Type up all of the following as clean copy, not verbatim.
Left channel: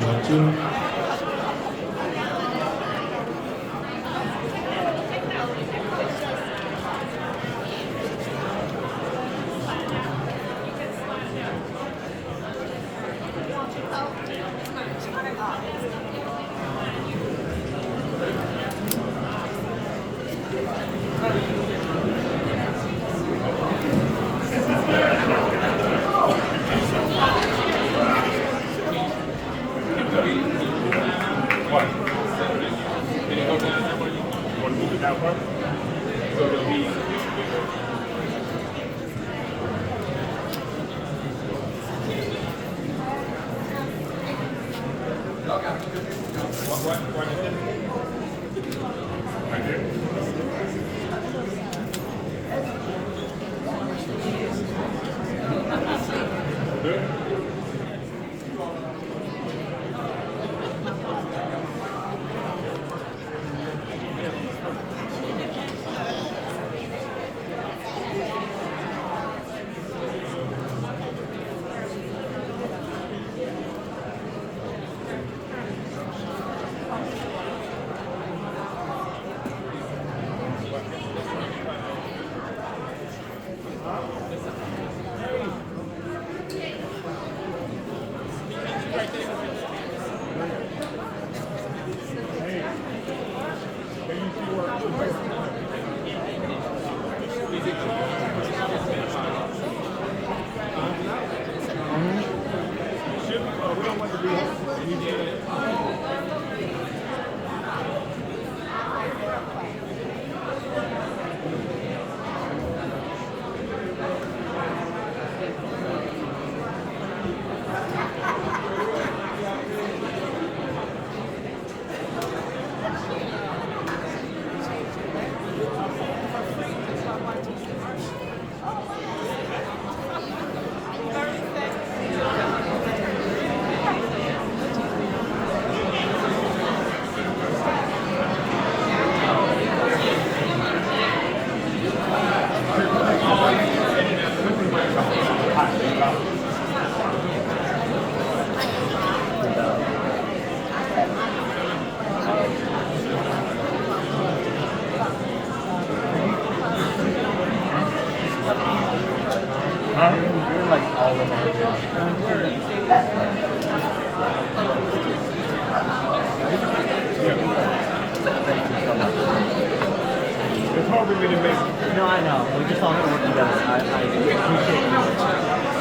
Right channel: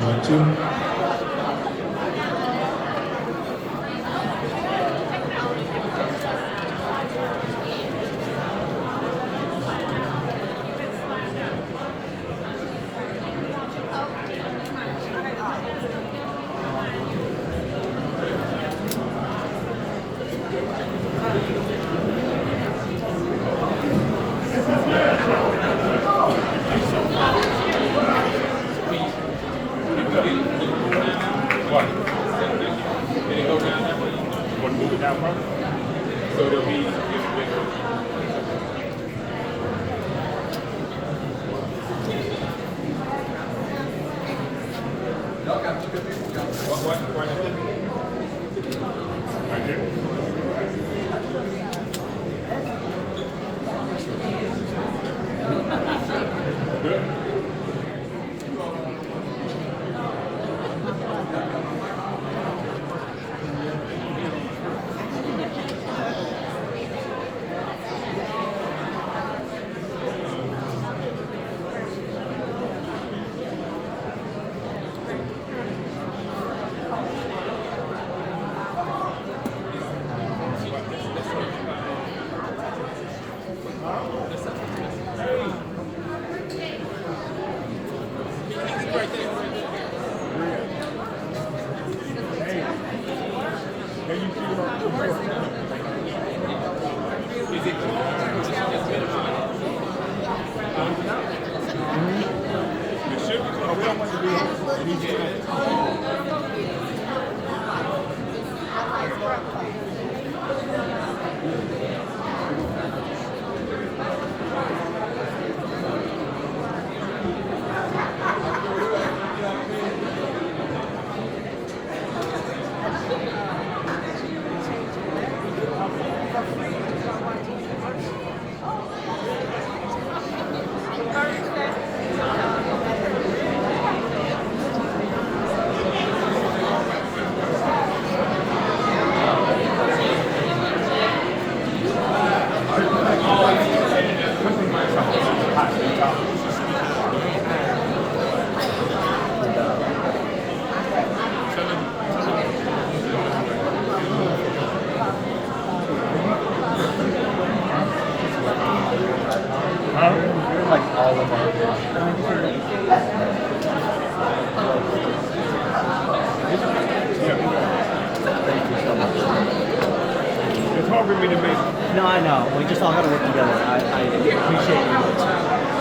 watching. No, I know. We just all have to work together. I appreciate you.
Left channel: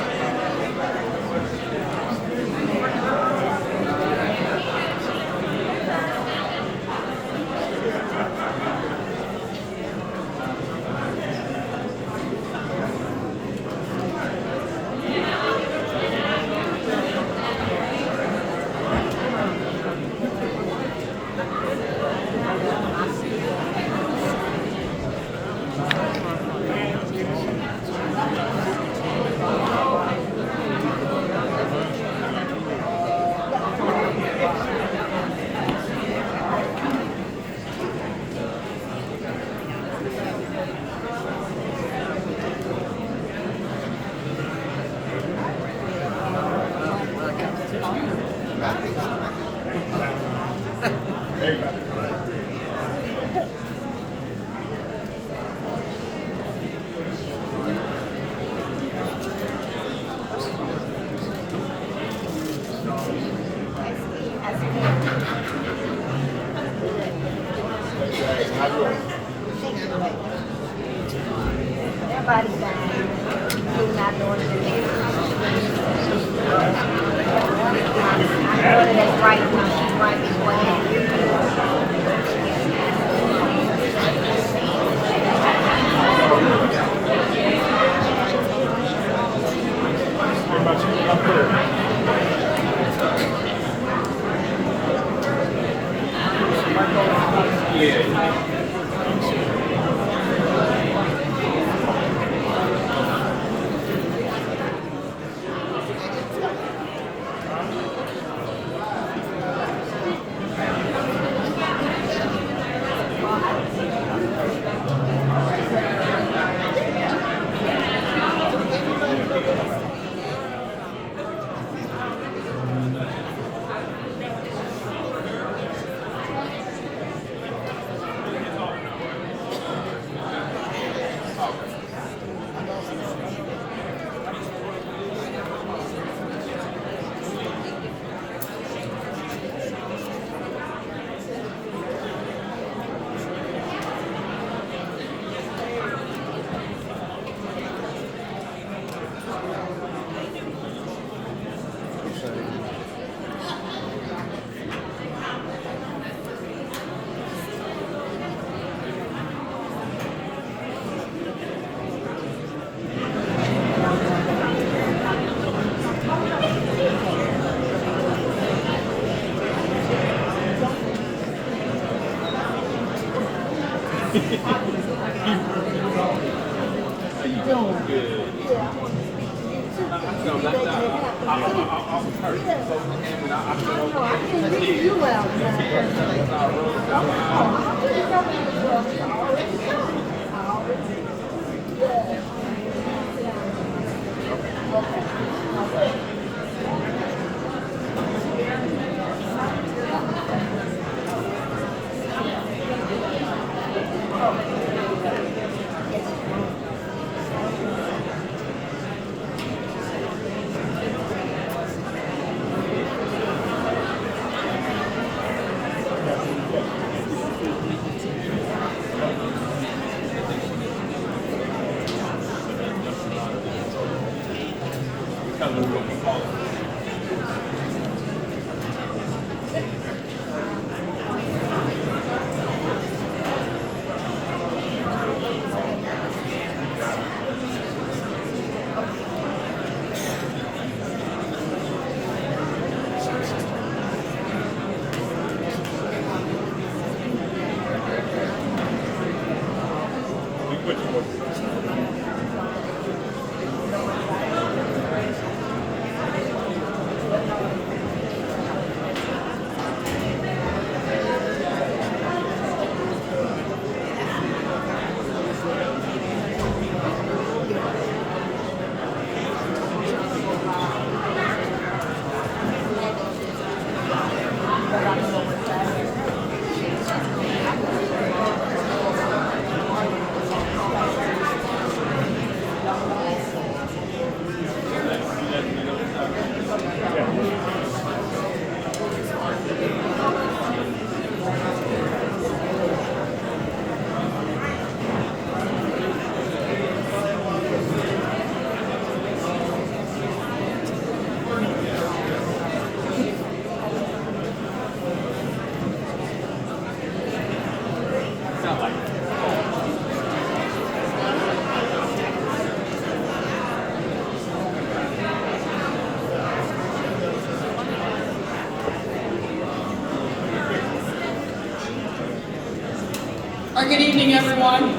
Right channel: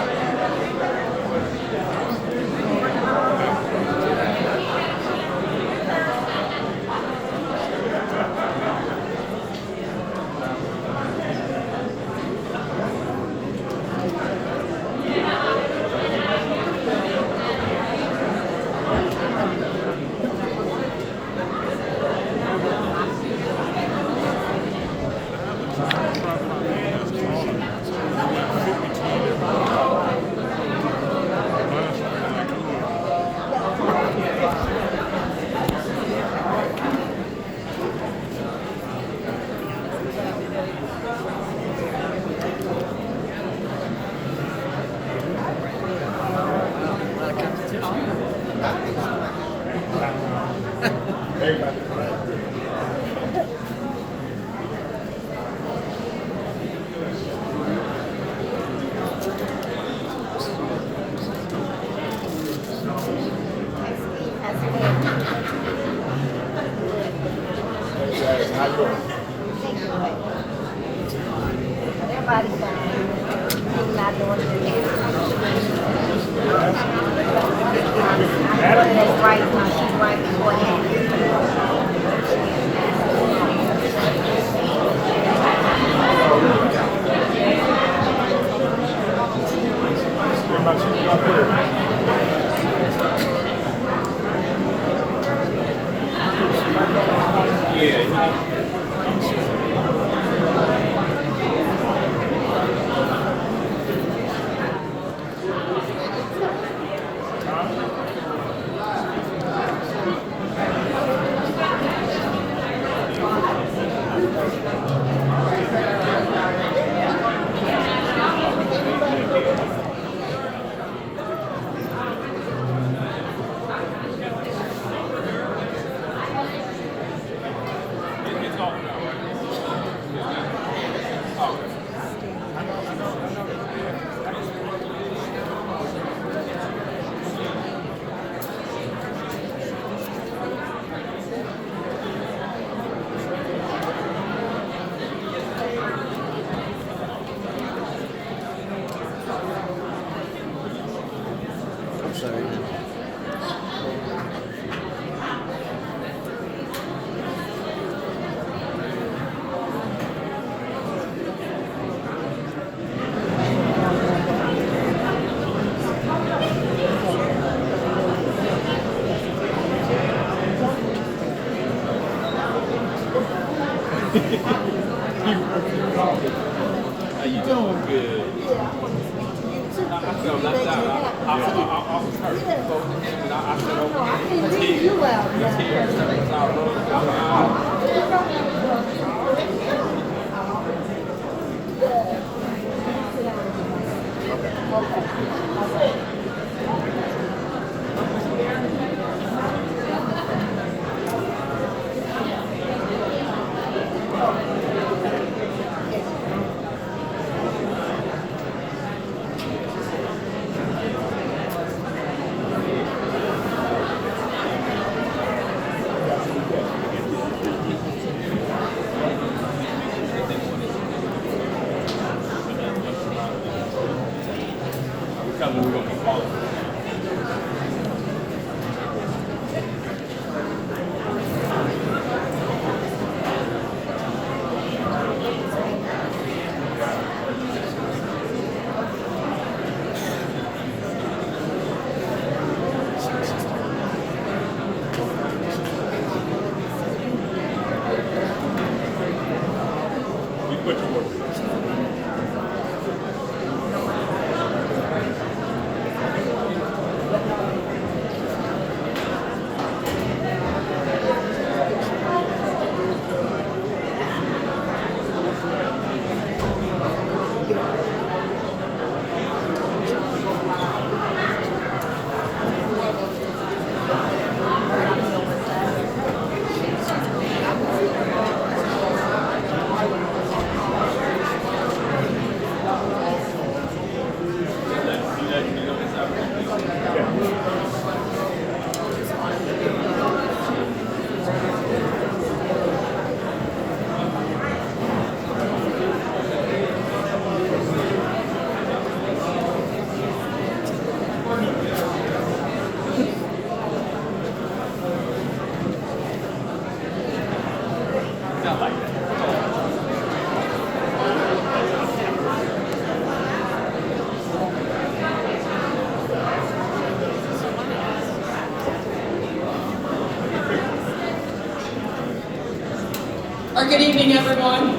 Good evening, everyone.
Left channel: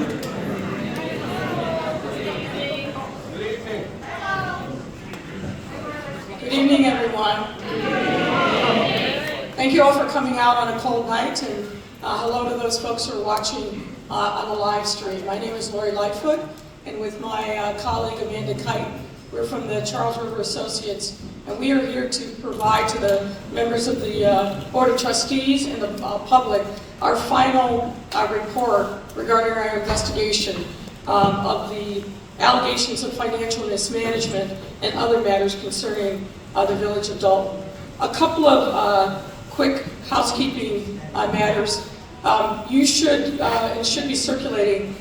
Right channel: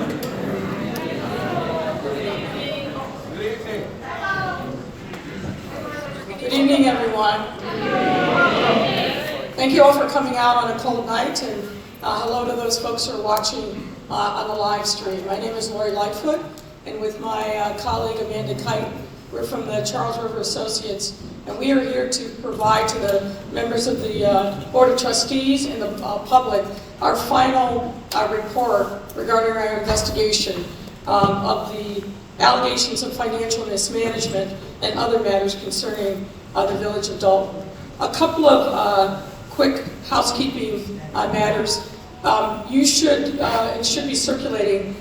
Good evening, everyone. Thank you all for coming out on a cold night, and hello to those folks who are watching on the live stream. My name is Lightfoot, and with my colleague Amanda Kite, we're from the Charles River Associates, and we are here to provide to the members of the Board of Trustees and the public our final report regarding our investigation of the allegations of financial mismanagement and other matters concerning the Village of Dolton. A couple of quick housekeeping matters. You should and should be circulating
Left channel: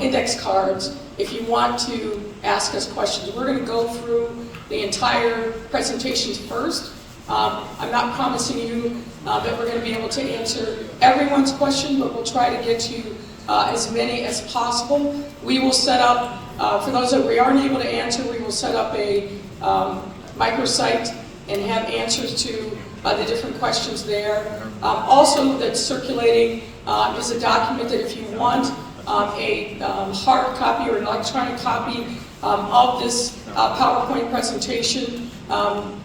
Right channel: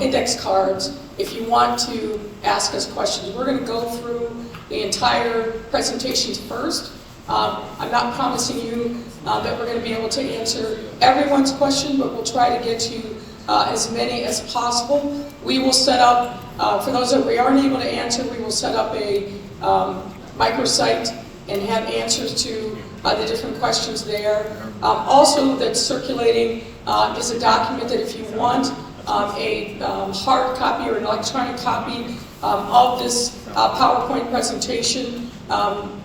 index cards if you want to ask us questions. We're going to go through the entire presentations first. I'm not promising you that we're going to be able to answer everyone's question, but we'll try to get to as many as possible. We will set up, for those that we aren't able to answer, we will set up a microsite and have answers to the different questions there. Also, that's circulating is a document that if you want a hard copy or an electronic copy of this PowerPoint presentation,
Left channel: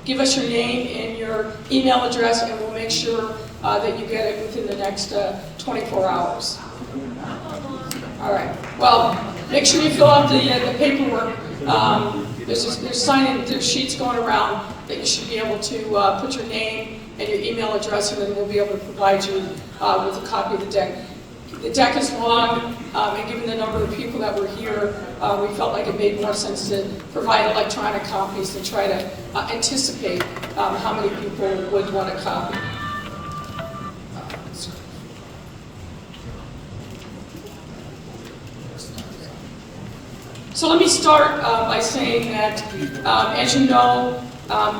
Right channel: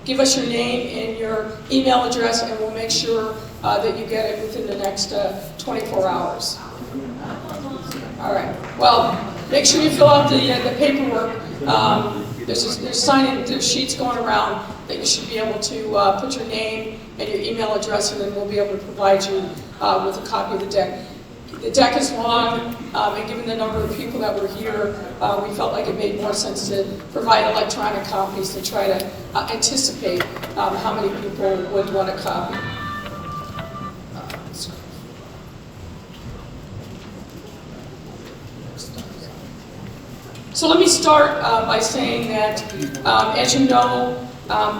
give us your name and your email address, and we'll make sure that you get it within the next 24 hours. All right. Well, make sure you fill out the paperwork. There's sheets going around that you should be able to put your name and your email address, and then we'll be able to provide you with a copy of the deck. The deck is long, and given the number of people that were here, we felt like it made more sense to provide electronic copies to try to anticipate how many people would want a copy. So let me start by saying that, as you know,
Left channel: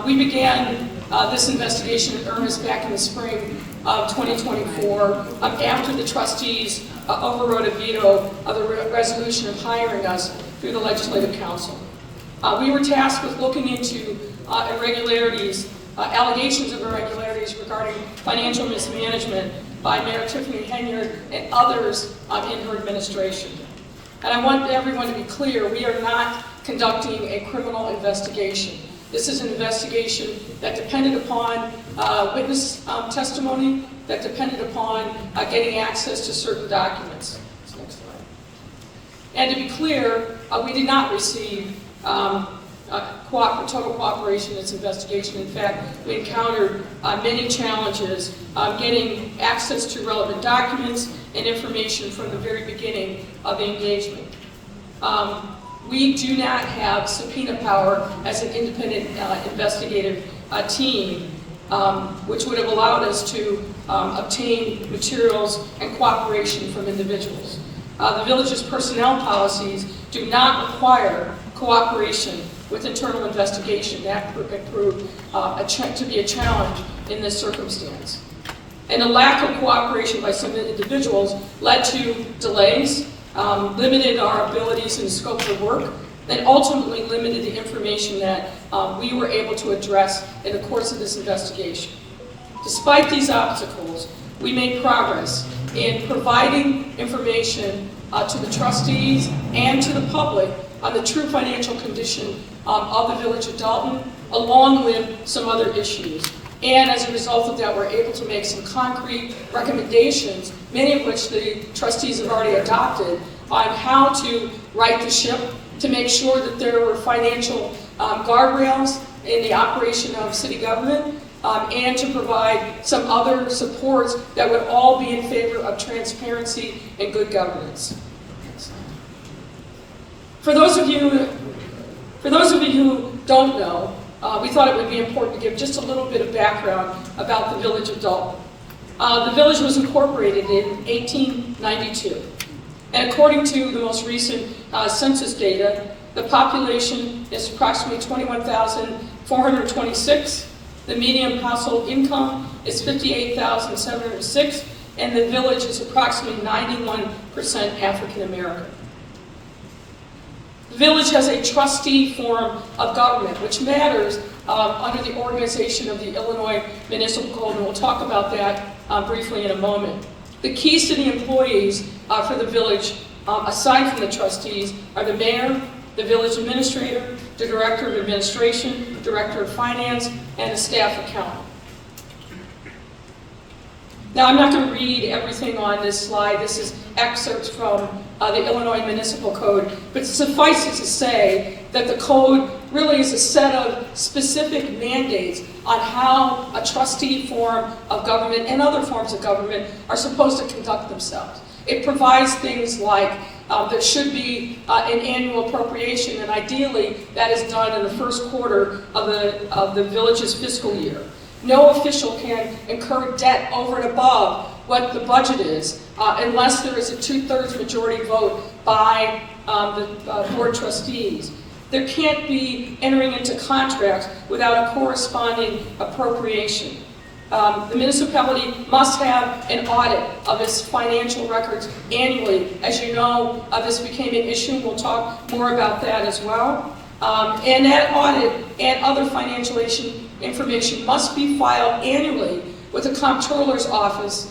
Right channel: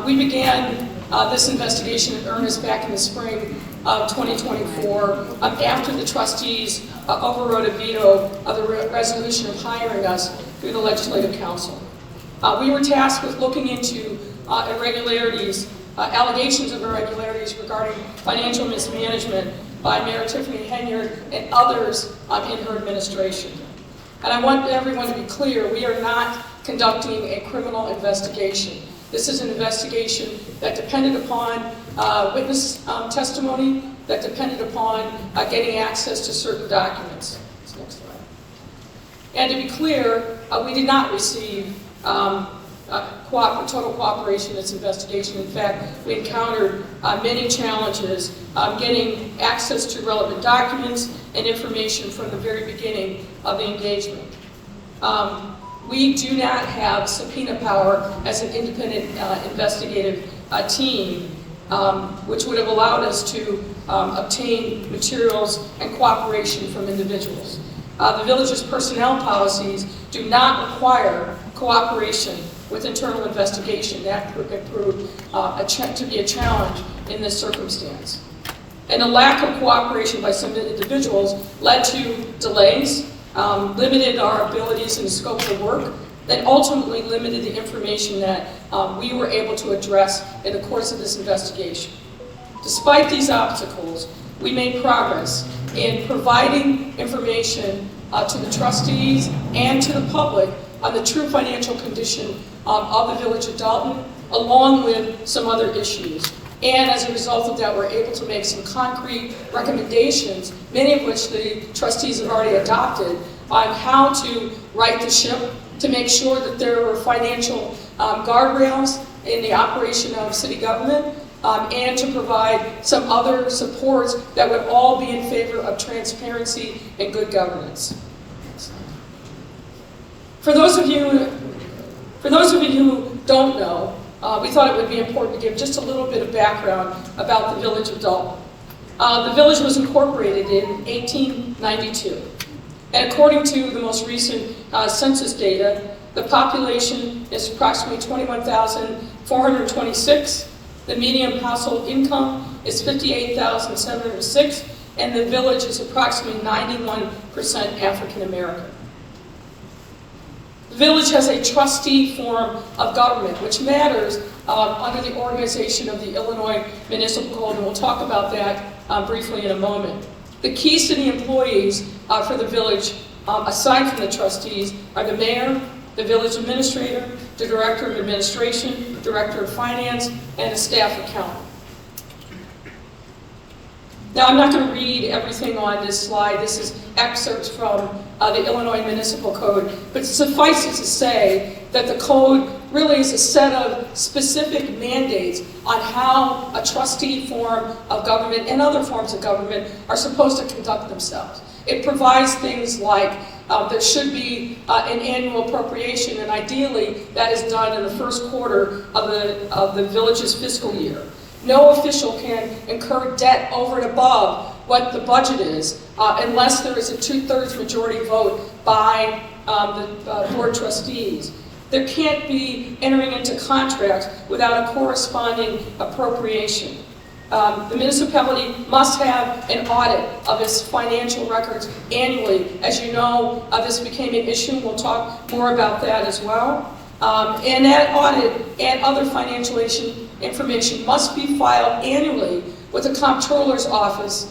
we began this investigation in earnest back in the spring of 2024 after the trustees overrode a veto of the resolution of hiring us through the Legislative Council. We were tasked with looking into irregularities, allegations of irregularities regarding financial mismanagement by Mayor Tiffany Henyard and others in her administration. And I want everyone to be clear, we are not conducting a criminal investigation. This is an investigation that depended upon witness testimony, that depended upon getting access to certain documents. Next slide. And to be clear, we did not receive total cooperation in this investigation. In fact, we encountered many challenges getting access to relevant documents and information from the very beginning of the engagement. We do not have subpoena power as an independent investigative team, which would have allowed us to obtain materials and cooperation from individuals. The village's personnel policies do not require cooperation with internal investigation. That proved to be a challenge in this circumstance. And the lack of cooperation by some individuals led to delays, limited our abilities and the scope of the work, and ultimately limited the information that we were able to address in the course of this investigation. Despite these obstacles, we made progress in providing information to the trustees and to the public on the true financial condition of the village of Dolton, along with some other issues. And as a result of that, we're able to make some concrete recommendations, many of which the trustees have already adopted, on how to right the ship, to make sure that there were financial guardrails in the operation of city government, and to provide some other supports that would all be in favor of transparency and good governance. For those of you who don't know, we thought it would be important to give just a little bit of background about the village of Dolton. The village was incorporated in 1892. And according to the most recent census data, the population is approximately 21,426. The median household income is 58,706, and the village is approximately 91% African American. The village has a trustee form of government, which matters under the organization of the Illinois Municipal Code, and we'll talk about that briefly in a moment. The key city employees for the village, aside from the trustees, are the mayor, the village administrator, the director of administration, director of finance, and a staff accountant. Now, I'm not going to read everything on this slide. This is excerpts from the Illinois Municipal Code, but suffice it to say that the code really is a set of specific mandates on how a trustee form of government and other forms of government are supposed to conduct themselves. It provides things like there should be an annual appropriation, and ideally that is done in the first quarter of the village's fiscal year. No official can incur debt over and above what the budget is unless there is a 2/3 majority vote by the board trustees. There can't be entering into contracts without a corresponding appropriation. The municipality must have an audit of its financial records annually. As you know, this became an issue. We'll talk more about that as well. And that audit and other financial information must be filed annually with the comptroller's office,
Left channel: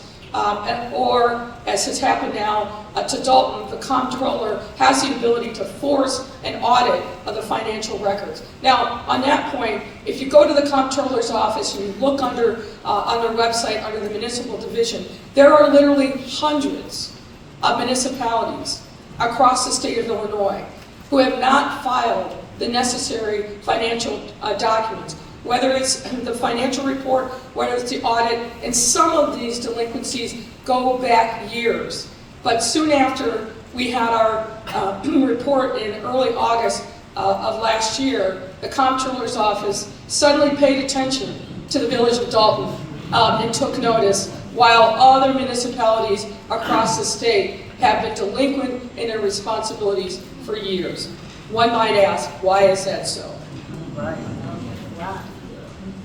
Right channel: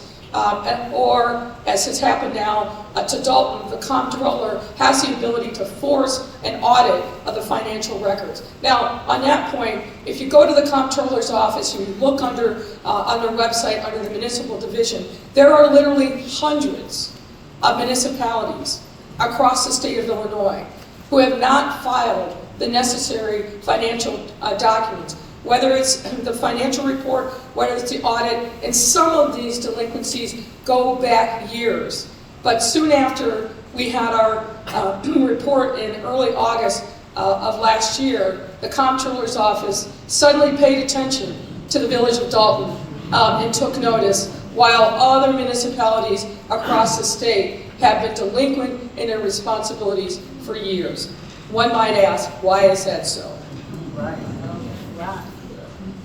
or, as has happened now to Dolton, the comptroller has the ability to force an audit of the financial records. Now, on that point, if you go to the comptroller's office and you look on their website under the municipal division, there are literally hundreds of municipalities across the state of Illinois who have not filed the necessary financial documents, whether it's the financial report, whether it's the audit, and some of these delinquencies go back years. But soon after we had our report in early August of last year, the comptroller's office suddenly paid attention to the village of Dolton and took notice, while other municipalities across the state have been delinquent in their responsibilities for years. One might ask, why is that so? Right.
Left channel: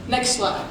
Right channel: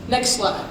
Next slide.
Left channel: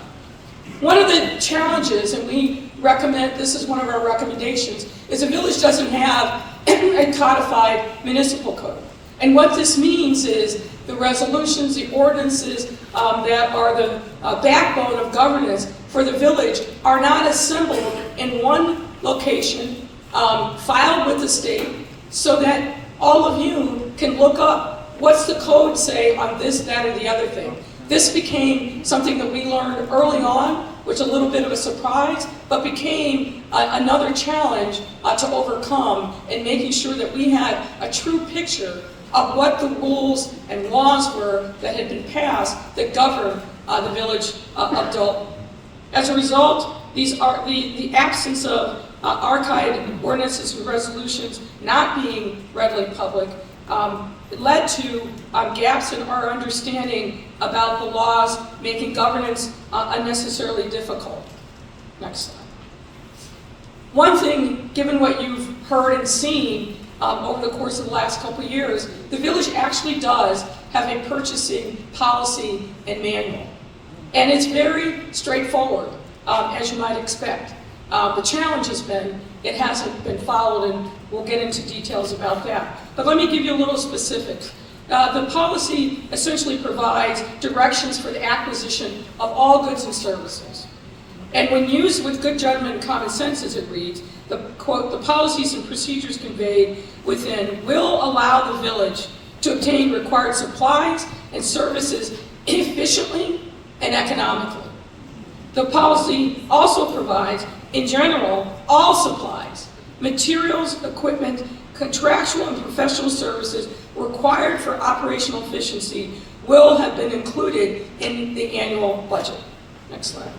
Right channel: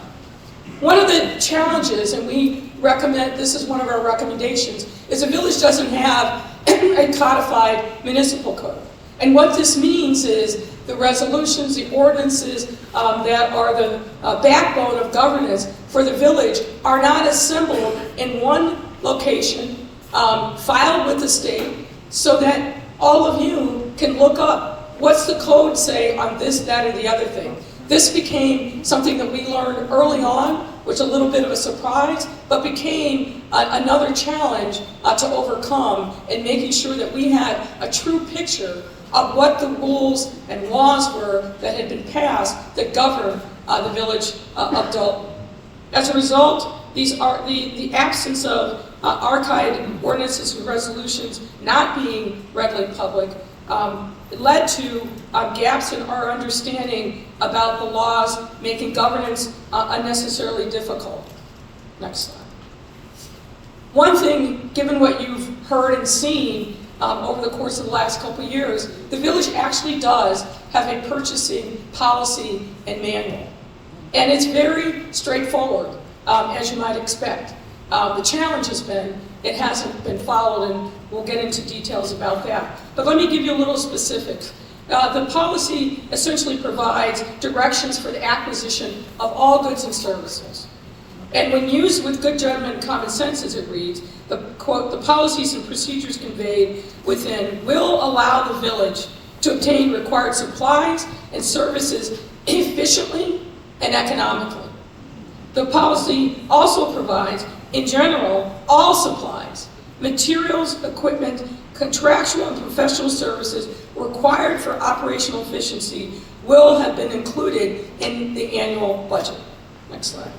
One of the challenges, and we recommend, this is one of our recommendations, is the village doesn't have a codified municipal code. And what this means is the resolutions, the ordinances that are the backbone of governance for the village are not assembled in one location, filed with the state, so that all of you can look up what's the code say on this, that, or the other thing. This became something that we learned early on, which was a little bit of a surprise, but became another challenge to overcome in making sure that we had a true picture of what the rules and laws were that had been passed that governed the village of Dolton. As a result, the absence of archived ordinances and resolutions not being readily public led to gaps in our understanding about the laws, making governance unnecessarily difficult. Next slide. One thing, given what you've heard and seen over the course of the last couple of years, the village actually does have a purchasing policy and manual. And it's very straightforward, as you might expect. The challenge has been it hasn't been followed, and we'll get into details about that. But let me give you a little specifics. The policy essentially provides directions for the acquisition of all goods and services. And when used with good judgment and common sense, as it reads, the quote, the policies and procedures conveyed within will allow the village to obtain required supplies and services efficiently and economically. The policy also provides, in general, all supplies, materials, equipment, contractual and professional services required for operational efficiency will have been included in the annual budget. Next slide.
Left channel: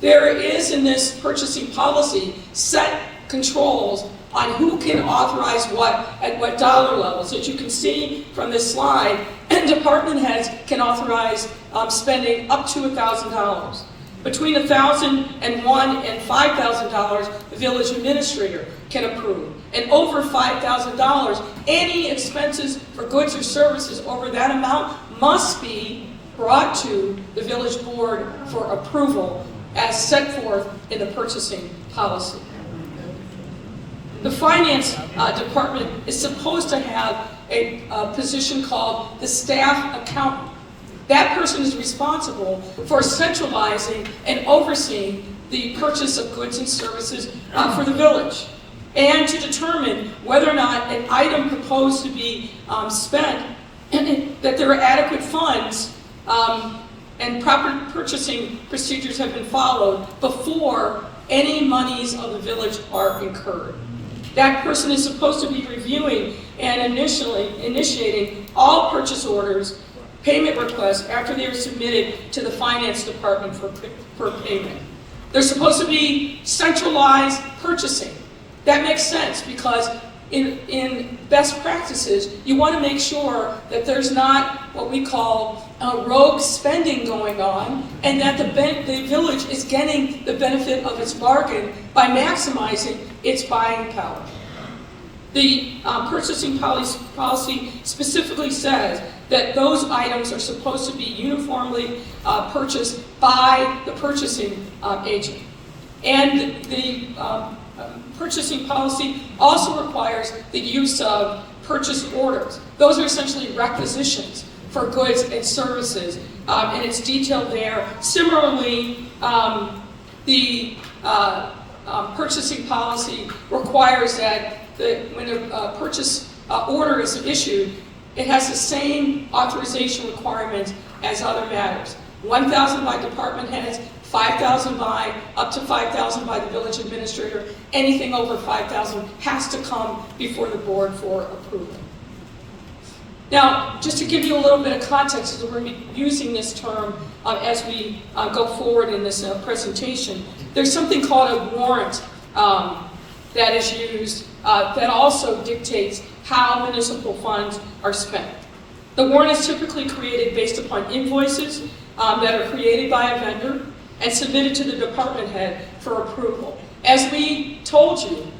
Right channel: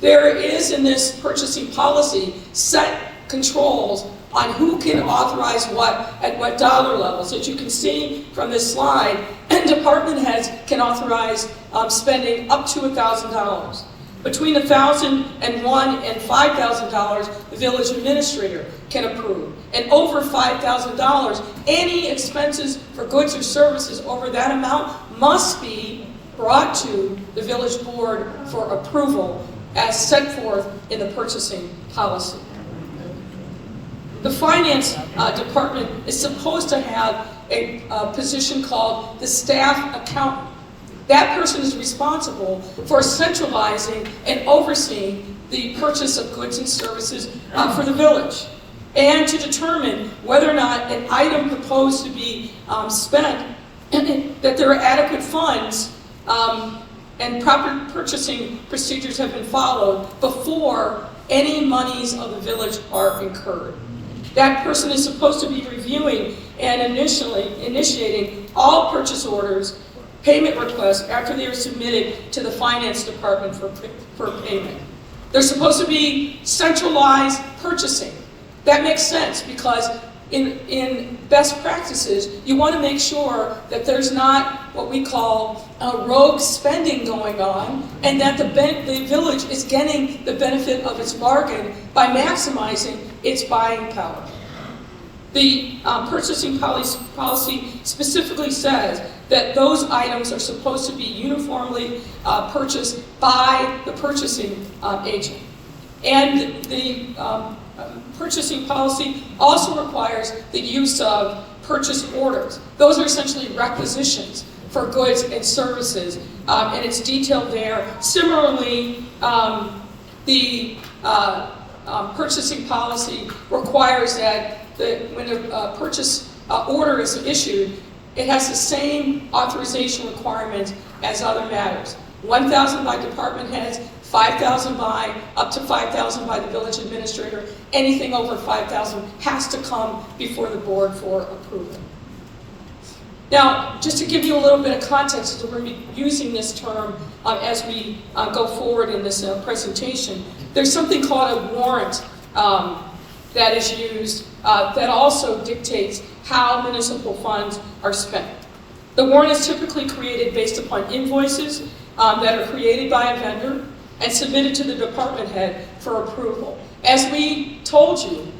There is in this purchasing policy set controls on who can authorize what at what dollar levels. As you can see from this slide, department heads can authorize spending up to $1,000. Between $1,001 and $5,000, the village administrator can approve. And over $5,000, any expenses for goods or services over that amount must be brought to the village board for approval as set forth in the purchasing policy. The finance department is supposed to have a position called the staff accountant. That person is responsible for centralizing and overseeing the purchase of goods and services for the village, and to determine whether or not an item proposed to be spent, that there are adequate funds and proper purchasing procedures have been followed before any monies of the village are incurred. That person is supposed to be reviewing and initiating all purchase orders, payment requests after they are submitted to the finance department for payment. There's supposed to be centralized purchasing. That makes sense because in best practices, you want to make sure that there's not what we call rogue spending going on, and that the village is getting the benefit of its bargain by maximizing its buying power. The purchasing policy specifically says that those items are supposed to be uniformly purchased by the purchasing agent. And the purchasing policy also requires the use of purchase orders. Those are essentially requisitions for goods and services, and it's detailed there. Similarly, the purchasing policy requires that when a purchase order is issued, it has the same authorization requirements as other matters. 1,000 by department heads, 5,000 by, up to 5,000 by the village administrator. Anything over 5,000 has to come before the board for approval. Now, just to give you a little bit of context, as we're going to be using this term as we go forward in this presentation, there's something called a warrant that is used that also dictates how municipal funds are spent. The warrant is typically created based upon invoices that are created by a vendor and submitted to the department head for approval. As we told you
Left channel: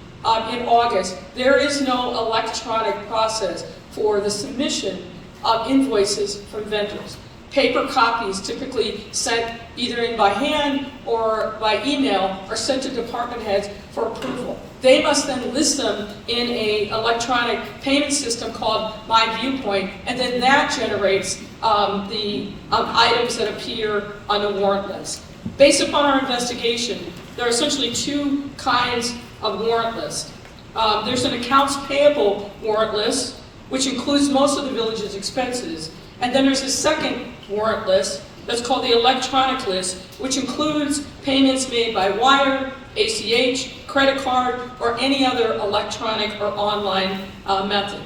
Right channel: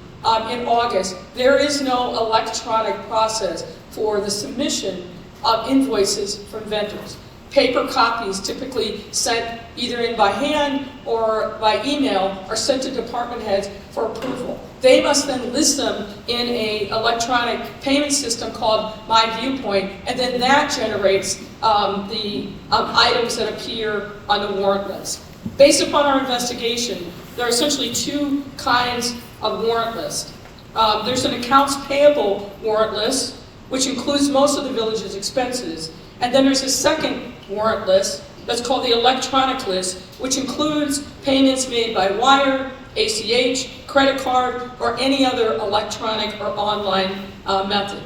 in August, there is no electronic process for the submission of invoices from vendors. Paper copies, typically sent either in by hand or by email, are sent to department heads for approval. They must then list them in an electronic payment system called My Viewpoint, and then that generates the items that appear on the warrant list. Based upon our investigation, there are essentially two kinds of warrant lists. There's an accounts payable warrant list, which includes most of the village's expenses, And then there's a second warrant list that's called the electronic list, which includes payments made by wire, ACH, credit card, or any other electronic or online method.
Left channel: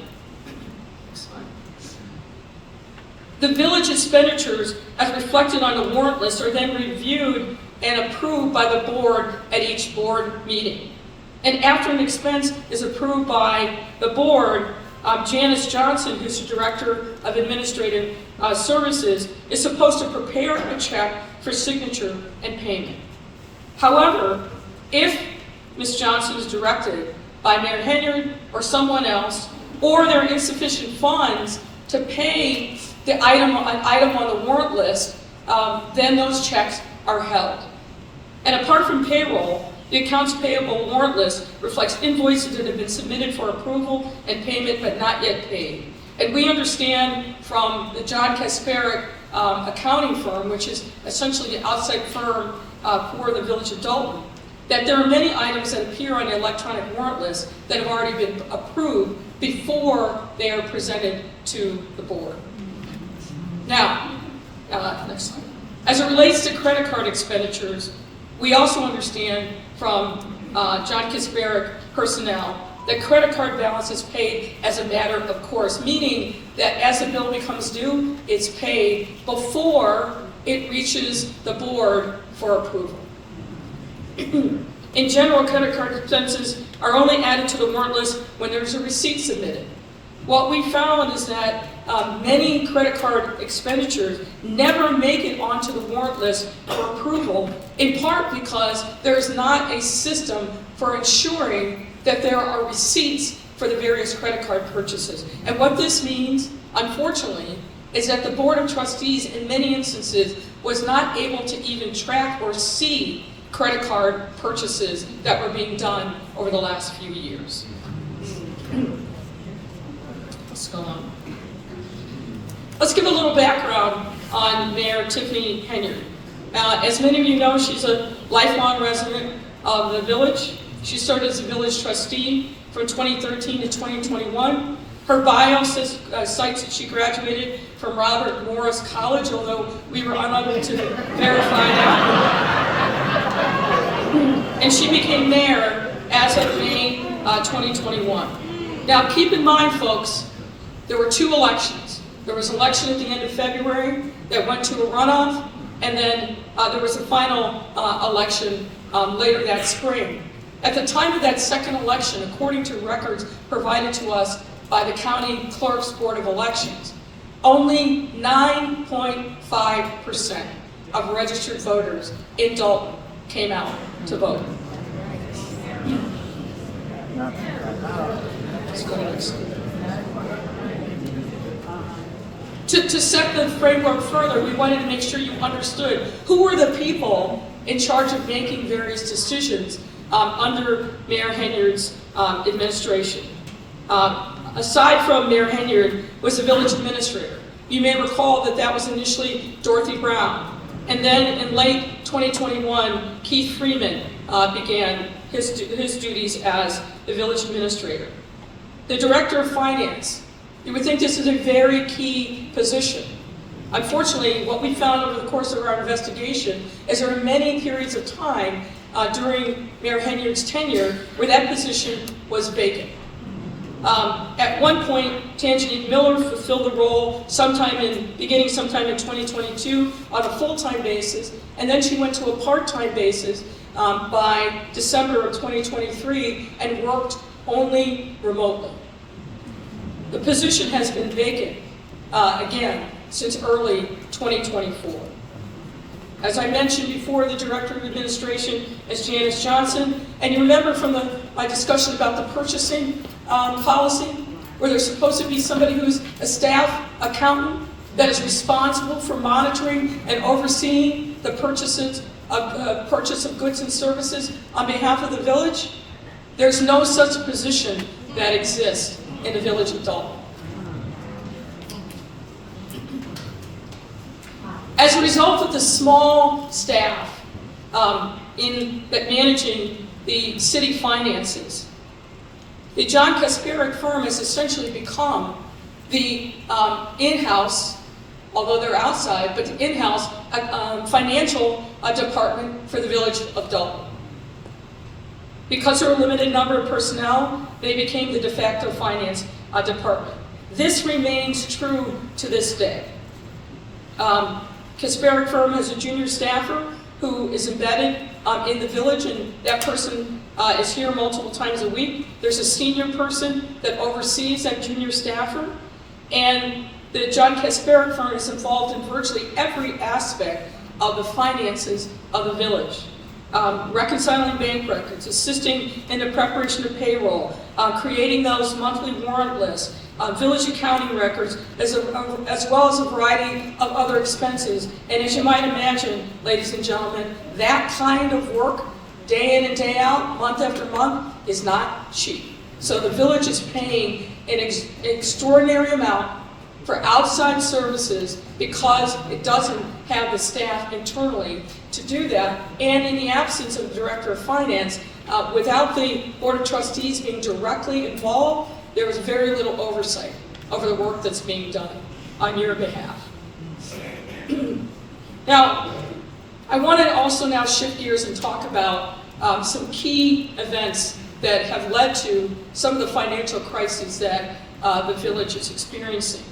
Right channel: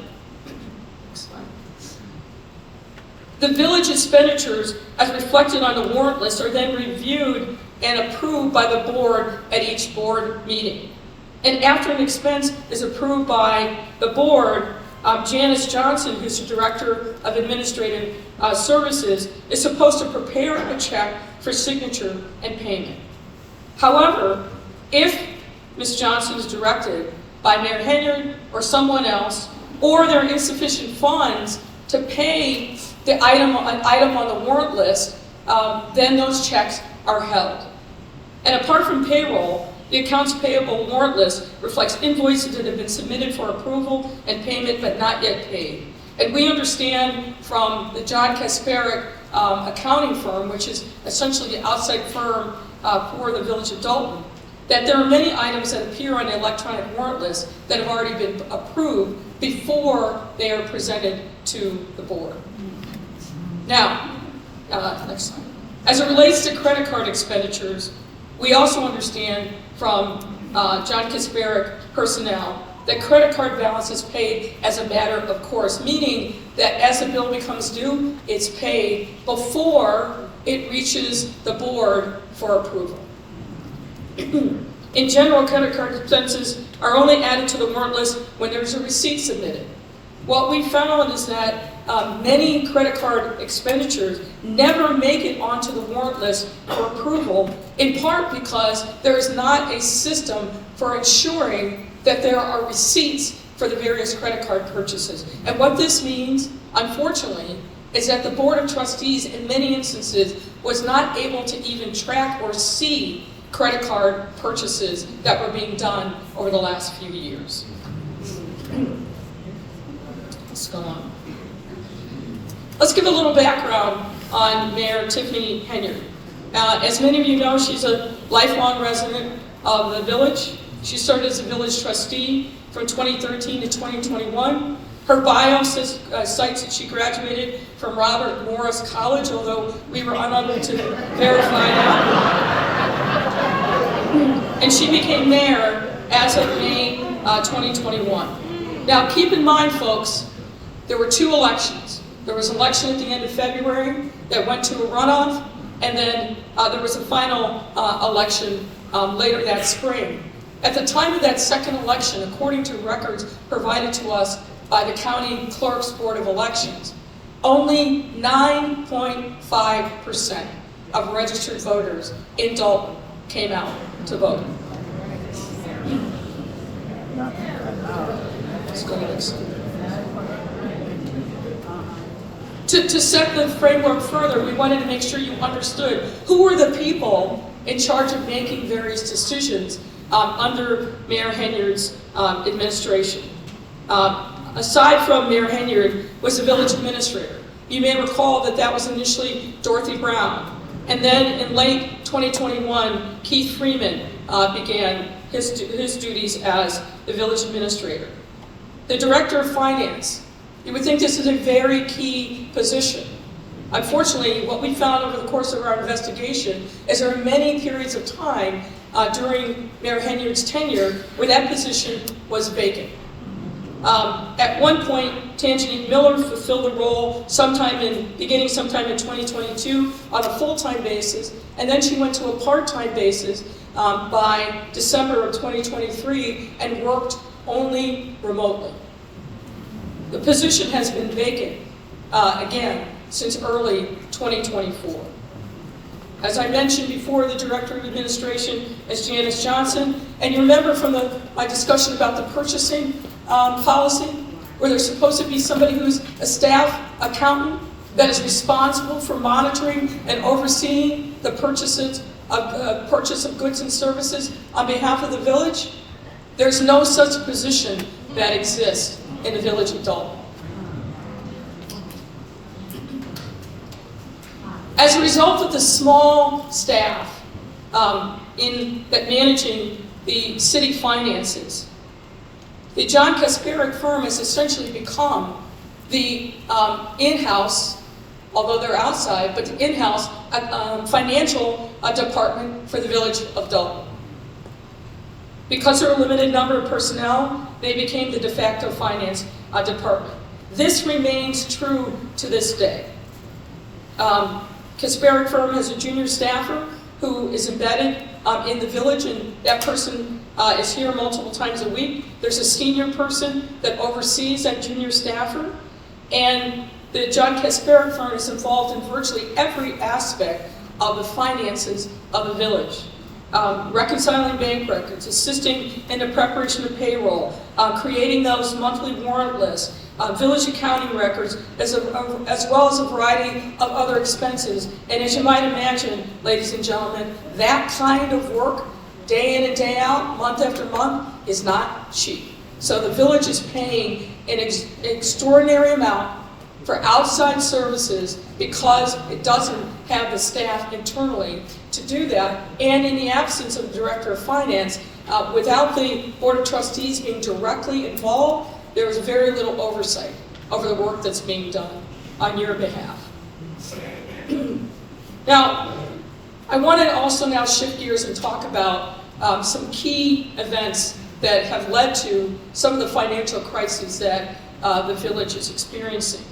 The village expenditures, as reflected on the warrant list, are then reviewed and approved by the board at each board meeting. And after an expense is approved by the board, Janice Johnson, who's the Director of Administrative Services, is supposed to prepare a check for signature and payment. However, if Ms. Johnson is directed by Mayor Henyard or someone else, or there are insufficient funds to pay an item on the warrant list, then those checks are held. And apart from payroll, the accounts payable warrant list reflects invoices that have been submitted for approval and payment but not yet paid. And we understand from the John Kasparic accounting firm, which is essentially the outside firm for the Village of Dolton, that there are many items that appear on the electronic warrant list that have already been approved before they are presented to the board. Now, next slide. As it relates to credit card expenditures, we also understand from John Kasparic personnel that credit card balance is paid as a matter of course, meaning that as the bill becomes due, it's paid before it reaches the board for approval. In general, credit card expenses are only added to the warrant list when there's a receipt submitted. What we found is that many credit card expenditures never make it onto the warrant list for approval, in part because there is not a system for ensuring that there are receipts for the various credit card purchases. And what this means, unfortunately, is that the Board of Trustees in many instances was not able to even track or see credit card purchases that were being done over the last few years. Let's go on. Let's give a little background on Mayor Tiffany Henyard. As many of you know, she's a lifelong resident of the village. She served as a village trustee from 2013 to 2021. Her bio cites that she graduated from Robert Morris College, although we were unable to verify that. And she became mayor as of May 2021. Now keep in mind, folks, there were two elections. There was an election at the end of February that went to a runoff, and then there was a final election later that spring. At the time of that second election, according to records provided to us by the County Clerk's Board of Elections, only 9.5% of registered voters in Dolton came out to vote. Let's go next. To set the framework further, we wanted to make sure you understood who were the people in charge of making various decisions under Mayor Henyard's administration. Aside from Mayor Henyard was the village administrator. You may recall that that was initially Dorothy Brown. And then in late 2021, Keith Freeman began his duties as the village administrator. The director of finance. You would think this is a very key position. Unfortunately, what we found over the course of our investigation is there are many periods of time during Mayor Henyard's tenure where that position was vacant. At one point, Tangine Miller fulfilled the role sometime in 2022 on a full-time basis, and then she went to a part-time basis by December of 2023 and worked only remotely. The position has been vacant, again, since early 2024. As I mentioned before, the Director of Administration is Janice Johnson, and you remember from my discussion about the purchasing policy, where there's supposed to be somebody who's a staff accountant that is responsible for monitoring and overseeing the purchase of goods and services on behalf of the village. There's no such position that exists in the village of Dolton. As a result of the small staff managing the city finances, the John Kasparic firm has essentially become the in-house although they're outside, but the in-house financial department for the village of Dolton. Because there were a limited number of personnel, they became the de facto finance department. This remains true to this day. Kasperick firm has a junior staffer who is embedded in the village, and that person is here multiple times a week. There's a senior person that oversees that junior staffer, and the John Kasperick firm is involved in virtually every aspect of the finances of the village. Reconciling bank records, assisting in the preparation of payroll, creating those monthly warrant lists, village accounting records, as well as a variety of other expenses. And as you might imagine, ladies and gentlemen, that kind of work, day in and day out, month after month, is not cheap. So the village is paying an extraordinary amount for outside services because it doesn't have the staff internally to do that. And in the absence of the director of finance, without the board of trustees being directly involved, there is very little oversight over the work that's being done on your behalf. Now, I want to also now shift gears and talk about some key events that have led to some of the financial crises that the village is experiencing.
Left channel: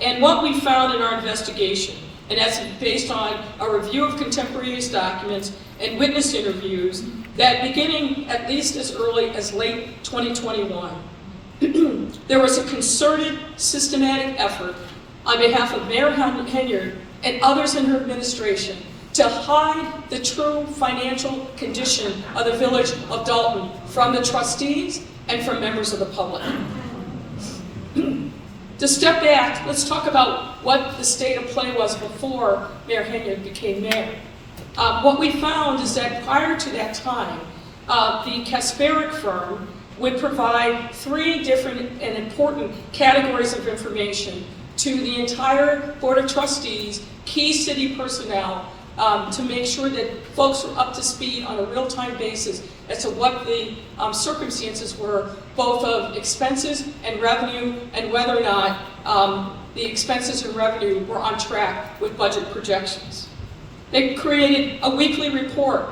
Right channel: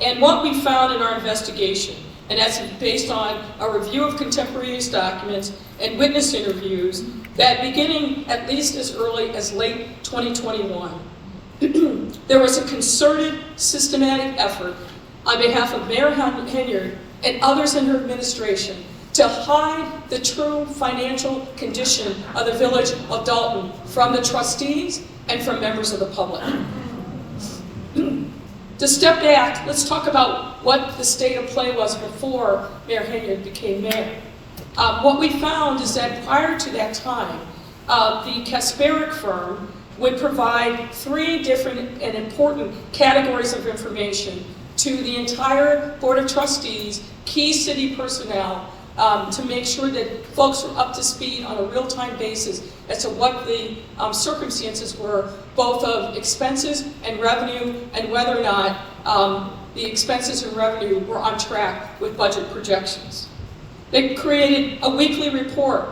And what we found in our investigation, and that's based on a review of contemporaneous documents and witness interviews, that beginning at least as early as late 2021, there was a concerted, systematic effort on behalf of Mayor Henyard and others in her administration to hide the true financial condition of the village of Dolton from the trustees and from members of the public. To step back, let's talk about what the state of play was before Mayor Henyard became mayor. What we found is that prior to that time, the Kasperick firm would provide 3 different and important categories of information to the entire Board of Trustees, key city personnel, to make sure that folks were up to speed on a real-time basis as to what the circumstances were, both of expenses and revenue, and whether or not the expenses and revenue were on track with budget projections. They created a weekly report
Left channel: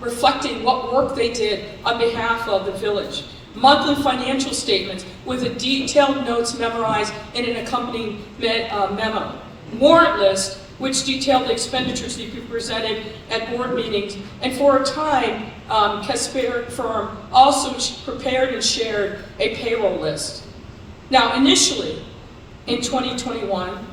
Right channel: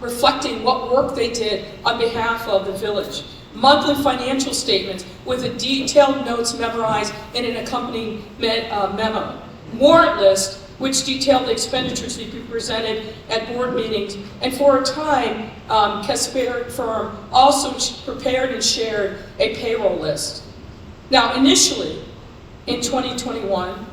reflecting what work they did on behalf of the village. Monthly financial statements with the detailed notes memorized in an accompanying memo. Warrant list, which detailed the expenditures to be presented at board meetings. And for a time, Kasperick firm also prepared and shared a payroll list. Now, initially, in 2021,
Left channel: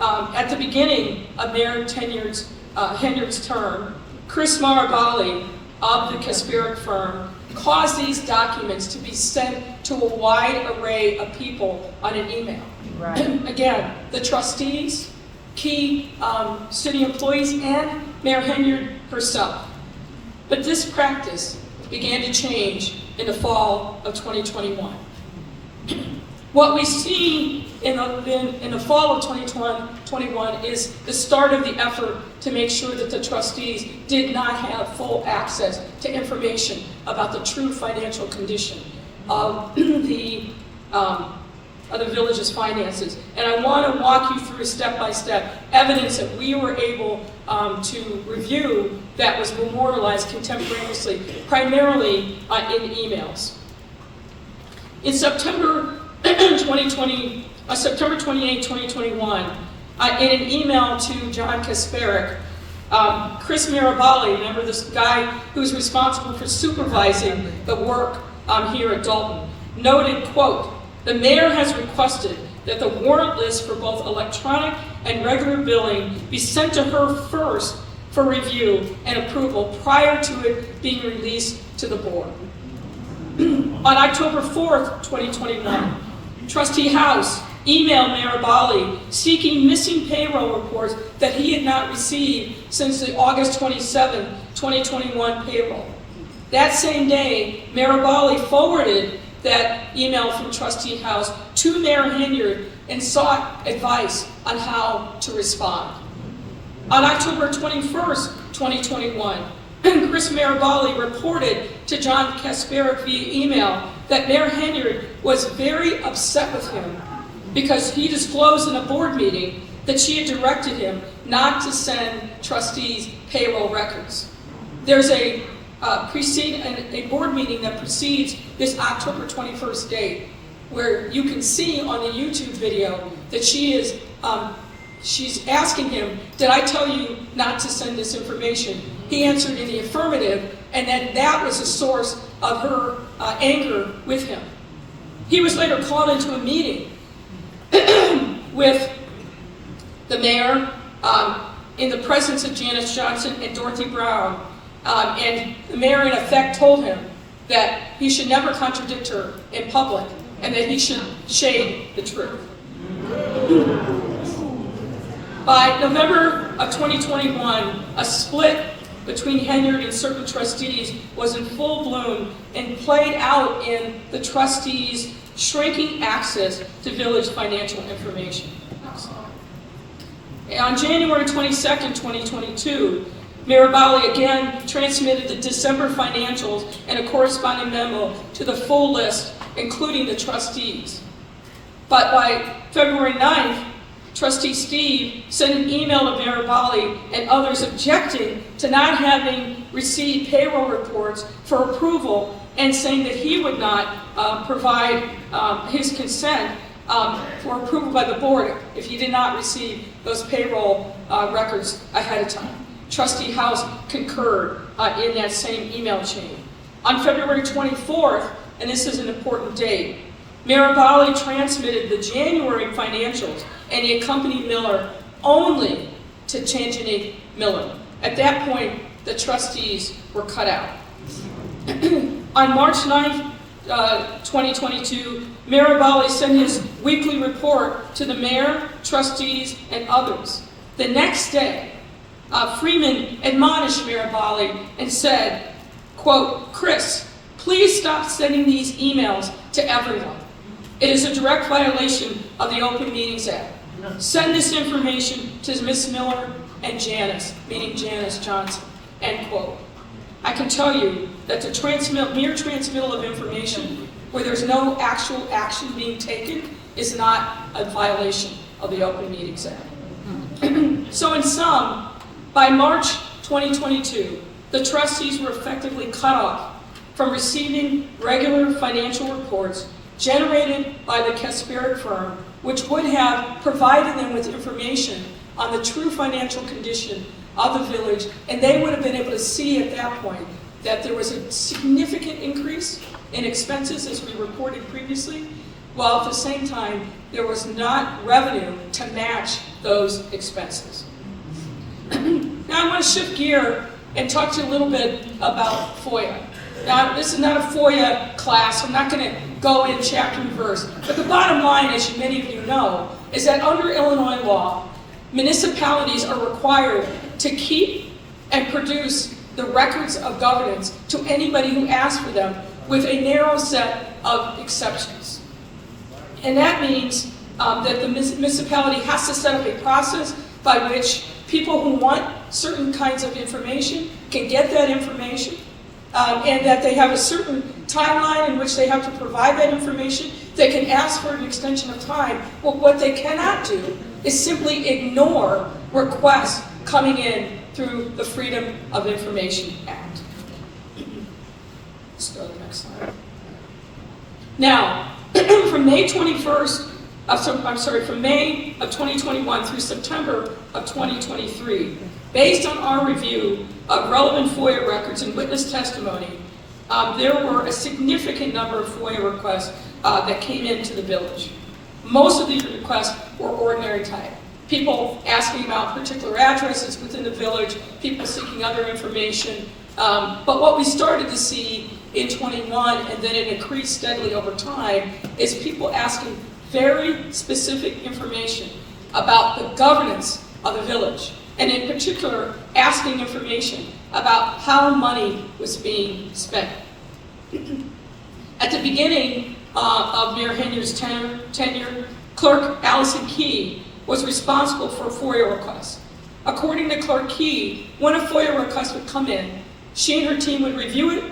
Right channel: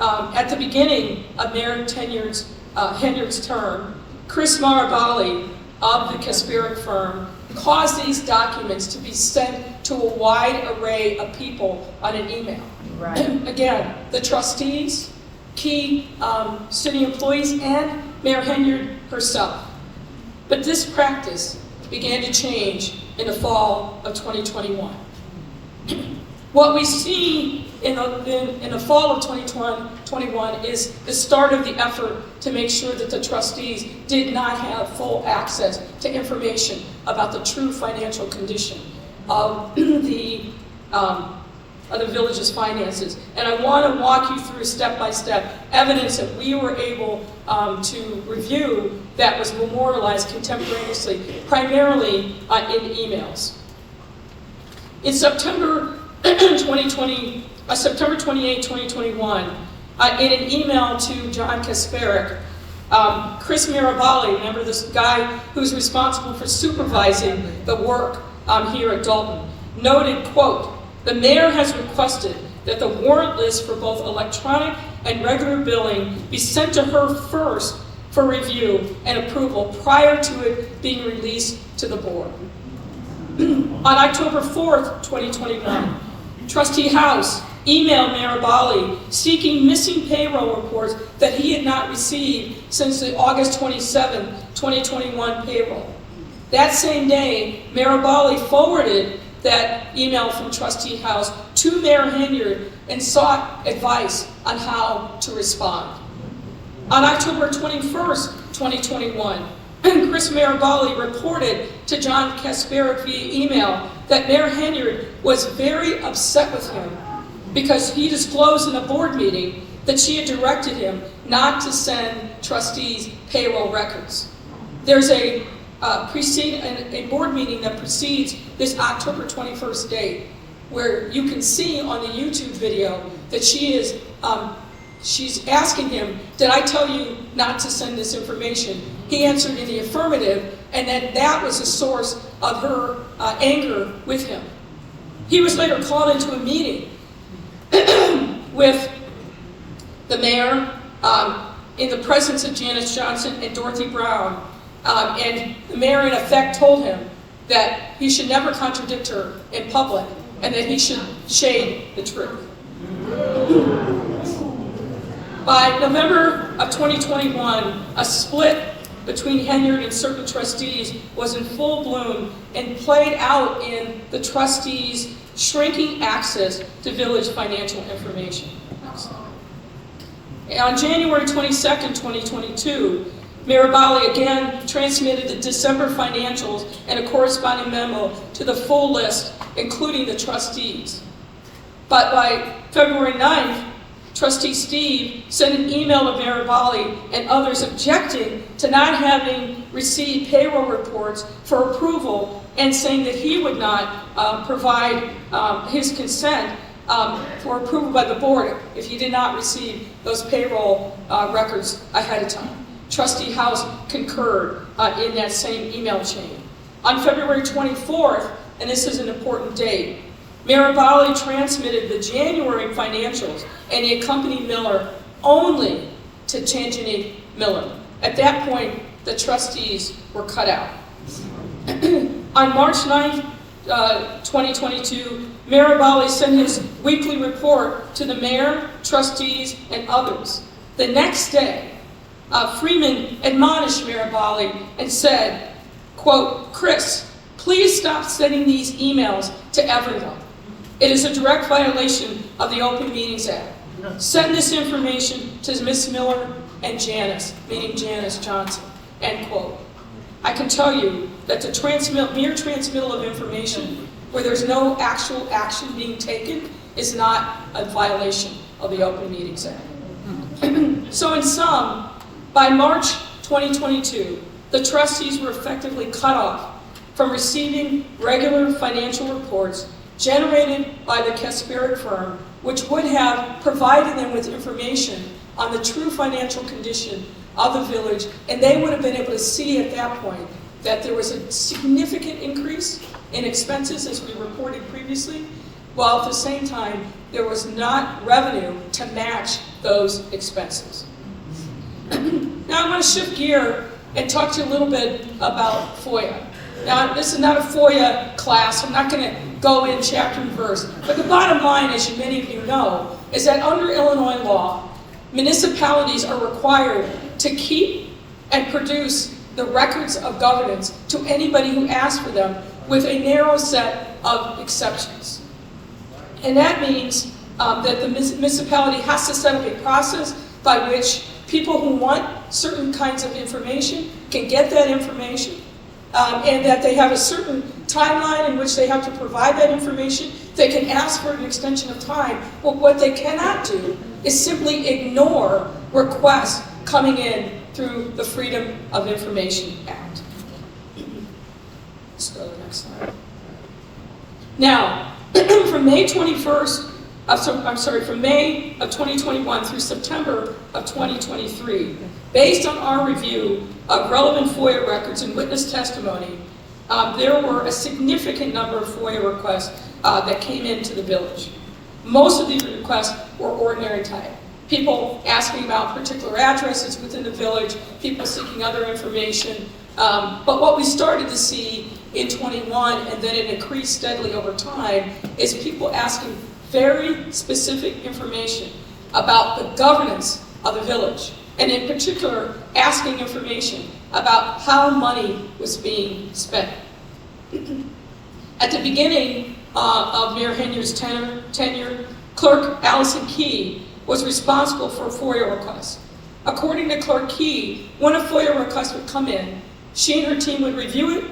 at the beginning of Mayor Henyard's term, Chris Marabali of the Kasperick firm caused these documents to be sent to a wide array of people on an email. Right. Again, the trustees, key city employees, and Mayor Henyard herself. But this practice began to change in the fall of 2021. What we see in the fall of 2021 is the start of the effort to make sure that the trustees did not have full access to information about the true financial condition of the village's finances. And I want to walk you through step-by-step evidence that we were able to review that was memorialized contemporaneously, primarily in emails. In September 28, 2021, in an email to John Kasperick, Chris Marabali, remember this guy who's responsible for supervising the work here at Dolton, noted, quote, "The mayor has requested that the warrant list for both electronic and regular billing be sent to her first for review and approval prior to it being released to the board." On October 4th, 2021, Trustee House emailed Marabali seeking missing payroll reports that he had not received since the August 27, 2021 payroll. That same day, Marabali forwarded that email from Trustee House to Mayor Henyard and sought advice on how to respond. On October 21st, 2021, Chris Marabali reported to John Kasperick via email that Mayor Henyard was very upset with him because he disclosed in a board meeting that she had directed him not to send trustees payroll records. There's a board meeting that precedes this October 21st date, where you can see on the YouTube video that she's asking him, did I tell you not to send this information? He answered in the affirmative, and then that was the source of her anger with him. He was later called into a meeting with the mayor in the presence of Janice Johnson and Dorothy Brown, and the mayor in effect told him that he should never contradict her in public and that he should shade the truth. By November of 2021, a split between Henyard and certain trustees was in full bloom and played out in the trustees' shrinking access to village financial information. On January 22nd, 2022, Mirabali again transmitted the December financials and a corresponding memo to the full list, including the trustees. But by February 9th, Trustee Steve sent an email to Mirabali and others objecting to not having received payroll reports for approval and saying that he would not provide his consent for approval by the board if he did not receive those payroll records ahead of time. Trustee House concurred in that same email chain. On February 24th, and this is an important date, Mirabali transmitted the January financials and the accompanied Miller only to Tanjani Miller. At that point, the trustees were cut out. On March 9th, 2022, Mirabali sent his weekly report to the mayor, trustees, and others. The next day, Freeman admonished Mirabali and said, quote, "Chris, please stop sending these emails to everyone. It is a direct violation of the Open Meetings Act. Send this information to Ms. Miller and Janice," meaning Janice Johnson, end quote. I can tell you that the mere transmittal of information where there's no actual action being taken is not a violation of the Open Meetings Act. So in sum, by March 2022, the trustees were effectively cut off from receiving regular financial reports generated by the Kasperic firm, which would have provided them with information on the true financial condition of the village, and they would have been able to see at that point that there was a significant increase in expenses, as we reported previously, while at the same time there was not revenue to match those expenses. Now I want to shift gear and talk to you a little bit about FOIA. Now, this is not a FOIA class. I'm not going to go in chapter and verse. But the bottom line, as many of you know, is that under Illinois law, municipalities are required to keep and produce the records of governance to anybody who asks for them, with a narrow set of exceptions. And that means that the municipality has to set up a process by which people who want certain kinds of information can get that information, and that they have a certain timeline in which they have to provide that information. They can ask for an extension of time. But what they cannot do is simply ignore requests coming in through the Freedom of Information Act. Let's go to the next slide. Now, from May 21st, from May of 2021 through September of 2023, based on our review of relevant FOIA records and witness testimony, there were a significant number of FOIA requests that came into the village. Most of these requests were ordinary type. People asking about particular addresses within the village, people seeking other information. But what we started to see in 21, and then it increased steadily over time, is people asking very specific information about the governance of the village, and in particular, asking information about how money was being spent. At the beginning of Mayor Henyard's tenure, Clerk Allison Key was responsible for FOIA requests. According to Clerk Key, when a FOIA request would come in, she and her team would review it,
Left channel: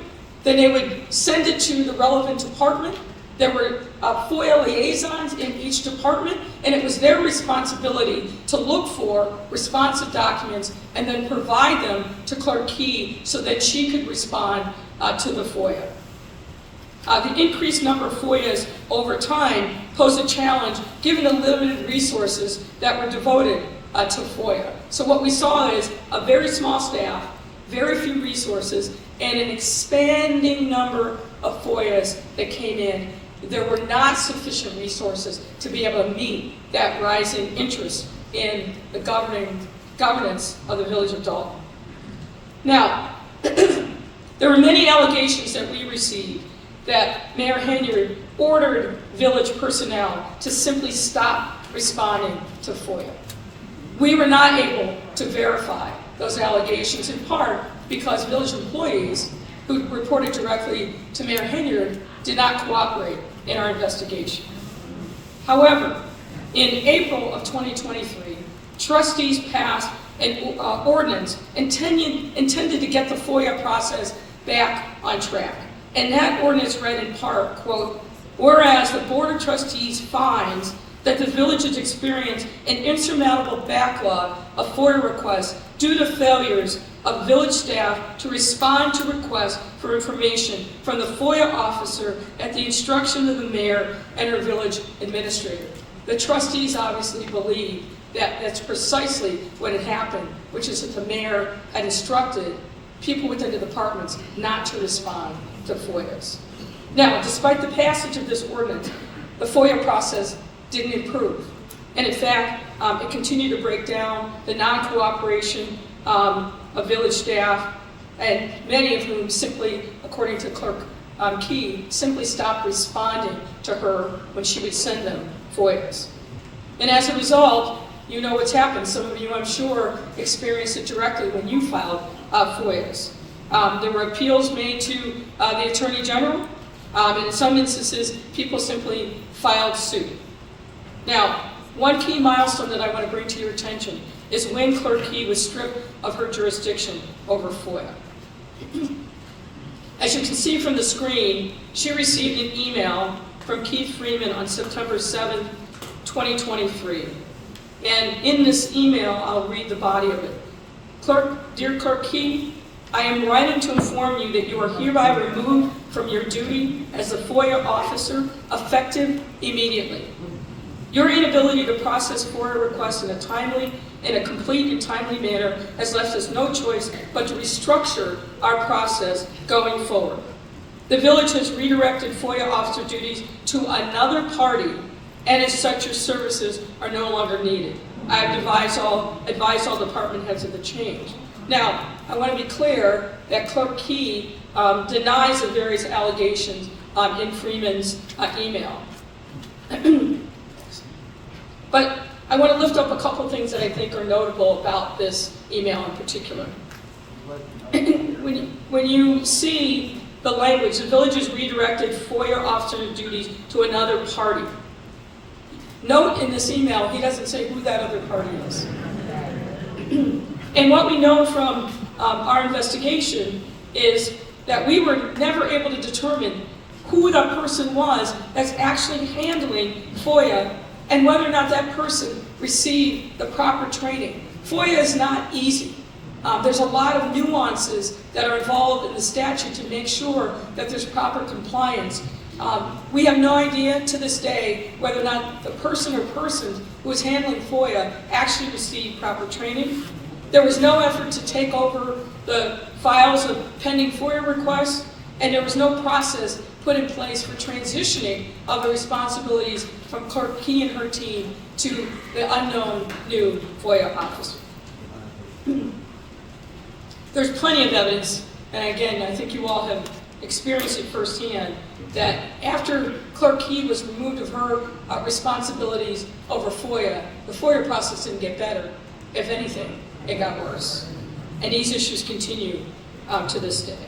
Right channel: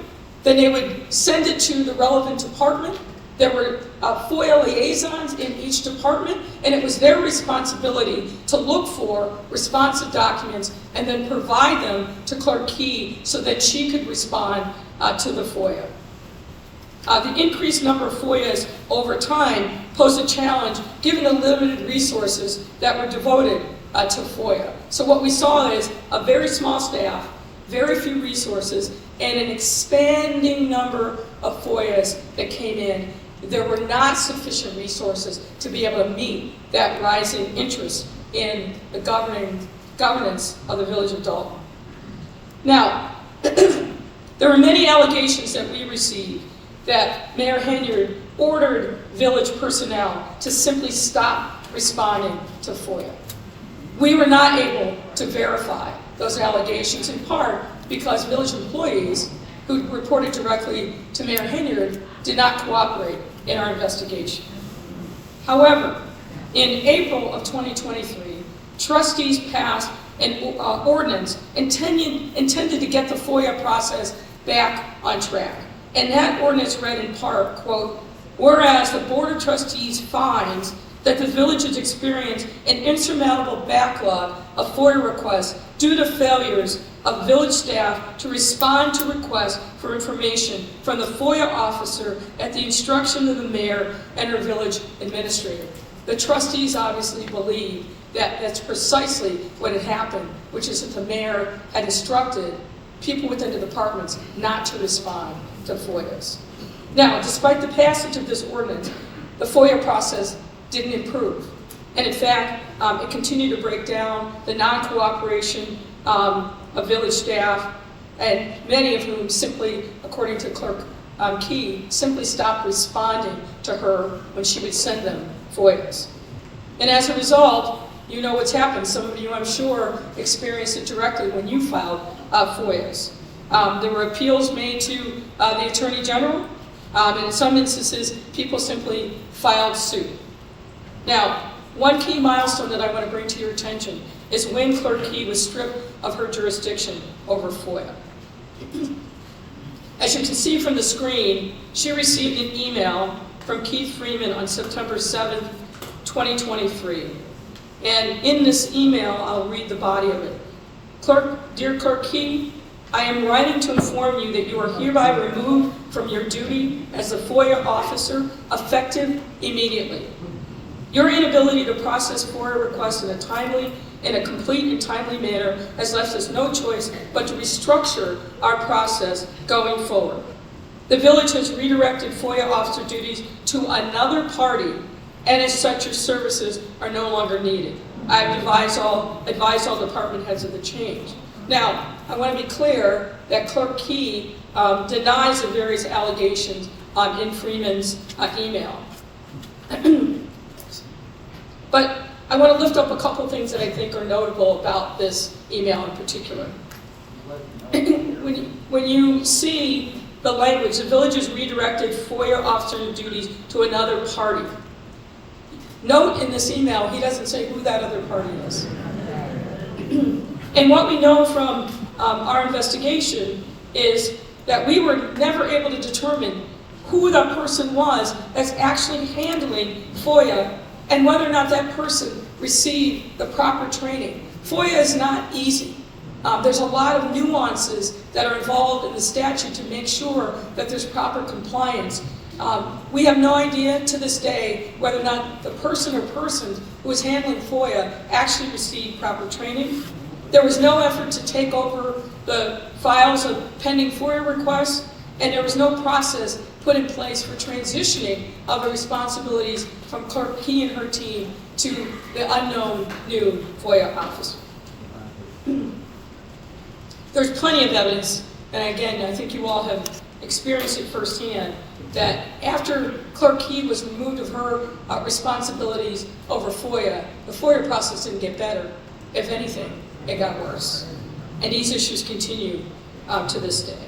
then they would send it to the relevant department. There were FOIA liaisons in each department, and it was their responsibility to look for responsive documents and then provide them to Clerk Key so that she could respond to the FOIA. The increased number of FOIAs over time posed a challenge given the limited resources that were devoted to FOIA. So what we saw is a very small staff, very few resources, and an expanding number of FOIAs that came in. There were not sufficient resources to be able to meet that rising interest in the governance of the Village of Dolton. Now, there were many allegations that we received that Mayor Henyard ordered village personnel to simply stop responding to FOIA. We were not able to verify those allegations, in part because village employees who reported directly to Mayor Henyard did not cooperate in our investigation. However, in April of 2023, trustees passed an ordinance intended to get the FOIA process back on track. And that ordinance read in part, quote, "Whereas the Board of Trustees finds that the village has experienced an insurmountable backlog of FOIA requests due to failures of village staff to respond to requests for information from the FOIA officer at the instruction of the mayor and her village administrator." The trustees obviously believe that that's precisely what had happened, which is that the mayor had instructed people within the departments not to respond to FOIAs. Now, despite the passage of this ordinance, the FOIA process didn't improve. And in fact, it continued to break down the non-cooperation of village staff, and many of whom simply, according to Clerk Key, simply stopped responding to her when she would send them FOIAs. And as a result, you know what's happened. Some of you, I'm sure, experienced it directly when you filed FOIAs. There were appeals made to the Attorney General, and in some instances, people simply filed suit. Now, one key milestone that I want to bring to your attention is when Clerk Key was stripped of her jurisdiction over FOIA. As you can see from the screen, she received an email from Keith Freeman on September 7th, 2023. And in this email, I'll read the body of it. Dear Clerk Key, I am writing to inform you that you are hereby removed from your duty as the FOIA officer, effective immediately. Your inability to process FOIA requests in a complete and timely manner has left us no choice but to restructure our process going forward. The village has redirected FOIA officer duties to another party, and as such, your services are no longer needed. I have advised all department heads of the change. Now, I want to be clear that Clerk Key denies the various allegations in Freeman's email. But I want to lift up a couple things that I think are notable about this email in particular. When you see the language, the village has redirected FOIA officer duties to another party. Note in this email, he doesn't say who that other party is. And what we know from our investigation is that we were never able to determine who the person was that's actually handling FOIA and whether or not that person received the proper training. FOIA is not easy. There's a lot of nuances that are involved in the statute to make sure that there's proper compliance. We have no idea to this day whether or not the person or persons who was handling FOIA actually received proper training. There was no effort to take over the files of pending FOIA requests, and there was no process put in place for transitioning of the responsibilities from Clerk Key and her team to the unknown new FOIA officer. There's plenty of evidence, and again, I think you all have experienced it firsthand, that after Clerk Key was removed of her responsibilities over FOIA, the FOIA process didn't get better. If anything, it got worse. And these issues continue to this day.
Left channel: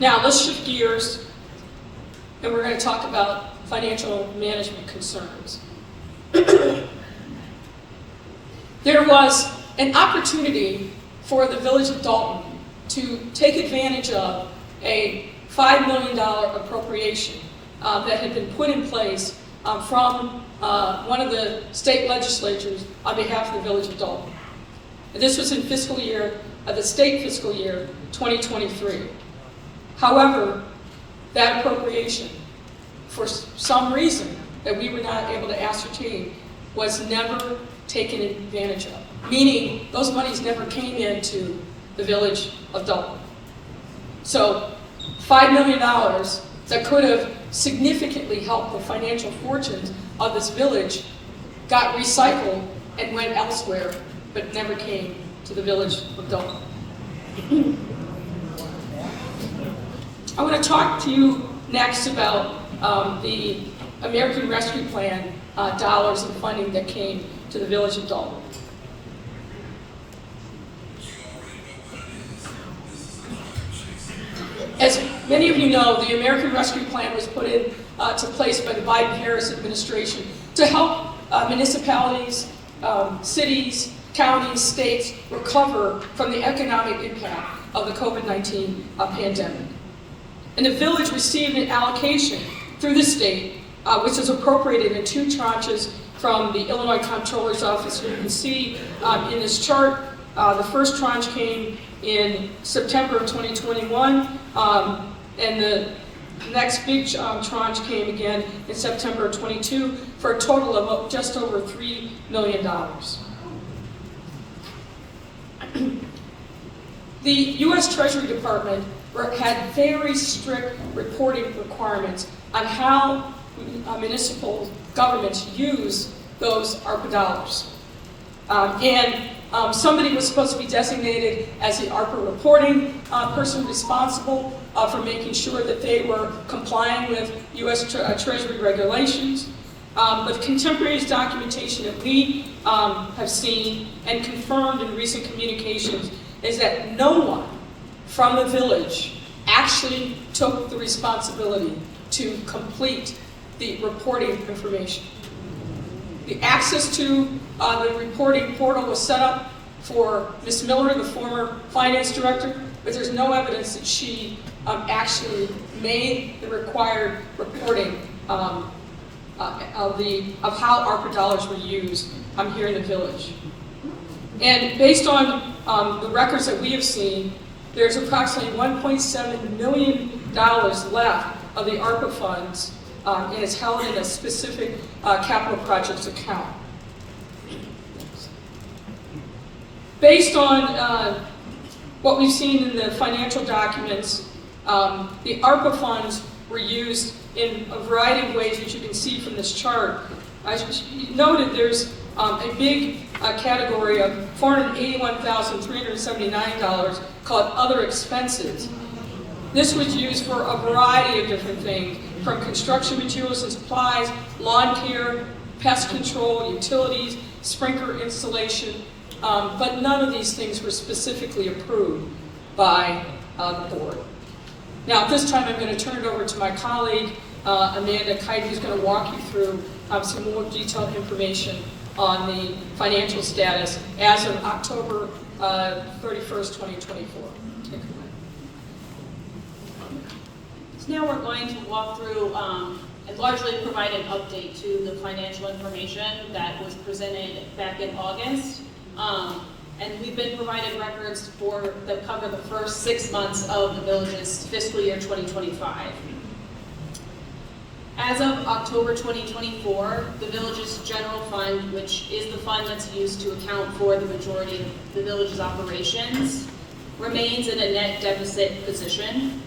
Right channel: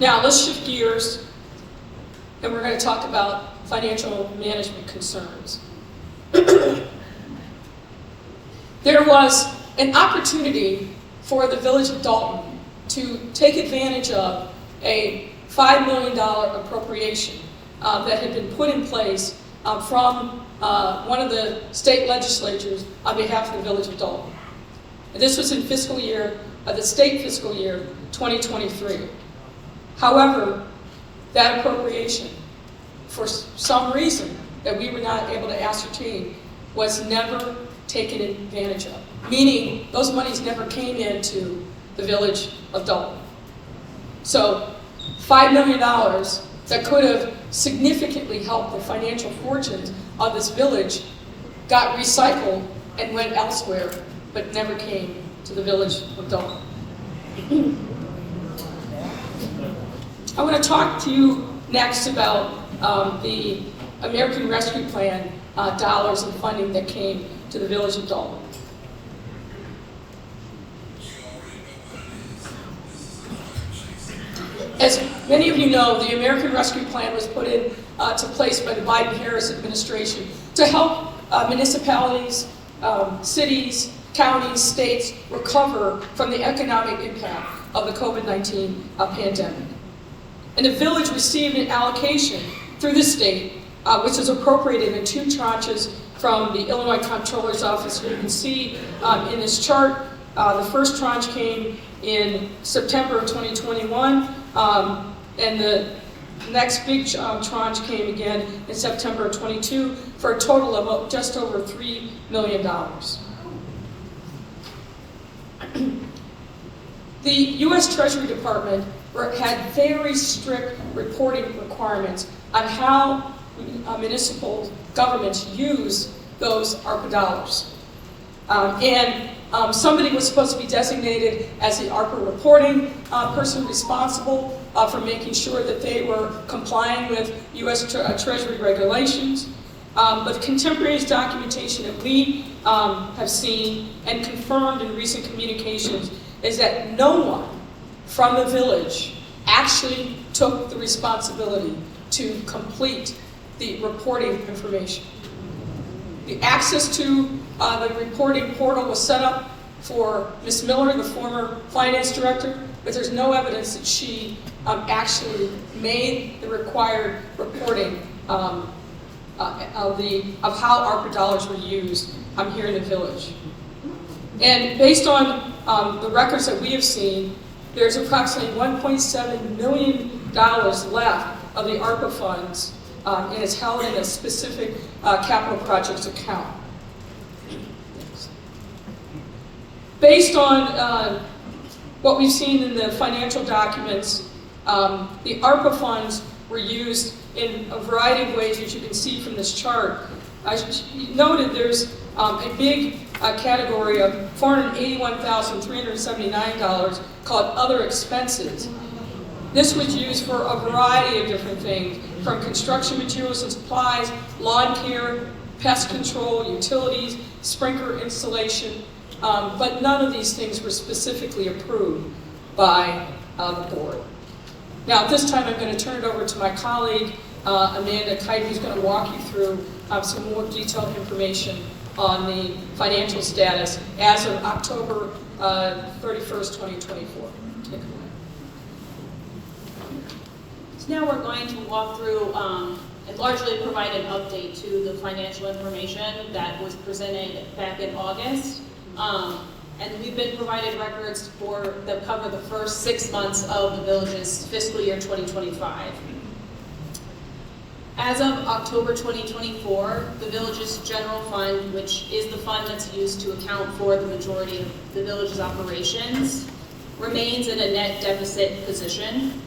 Now, let's shift gears, and we're going to talk about financial management concerns. There was an opportunity for the Village of Dolton to take advantage of a $5 million appropriation that had been put in place from one of the state legislatures on behalf of the Village of Dolton. And this was in the state fiscal year 2023. However, that appropriation, for some reason that we were not able to ascertain, was never taken advantage of. Meaning, those monies never came into the Village of Dolton. So, $5 million that could have significantly helped the financial fortunes of this village got recycled and went elsewhere, but never came to the Village of Dolton. I want to talk to you next about the American Rescue Plan dollars and funding that came to the Village of Dolton. As many of you know, the American Rescue Plan was put into place by the Biden-Harris administration to help municipalities, cities, counties, states recover from the economic impact of the COVID-19 pandemic. And the village received an allocation through the state, which was appropriated in 2 tranches from the Illinois Comptroller's Office. You can see in this chart, the first tranche came in September of 2021, and the next big tranche came again in September of 22 for a total of just over $3 million. The U.S. Treasury Department had very strict reporting requirements on how municipal governments use those ARPA dollars. Somebody was supposed to be designated as the ARPA reporting person responsible for making sure that they were complying with U.S. Treasury regulations. But contemporaneous documentation that we have seen and confirmed in recent communications is that no one from the village actually took the responsibility to complete the reporting information. The access to the reporting portal was set up for Ms. Miller, the former finance director, but there's no evidence that she actually made the required reporting of how ARPA dollars were used here in the village. And based on the records that we have seen, there's approximately $1.7 million left of the ARPA funds, and it's held in a specific capital projects account. Based on what we've seen in the financial documents, the ARPA funds were used in a variety of ways, which you can see from this chart. As you noted, there's a big category of $481,379 called other expenses. This was used for a variety of different things, from construction materials and supplies, lawn care, pest control, utilities, sprinkler installation, but none of these things were specifically approved by the board. Now, at this time, I'm going to turn it over to my colleague, Amanda Kite, who's going to walk you through some more detailed information on the financial status as of October 31st, 2024. So now we're going to walk through and largely provide an update to the financial information that was presented back in August. And we've been provided records that cover the first 6 months of the village's fiscal year 2025. As of October 2024, the village's general fund, which is the fund that's used to account for the majority of the village's operations, remains in a net deficit position.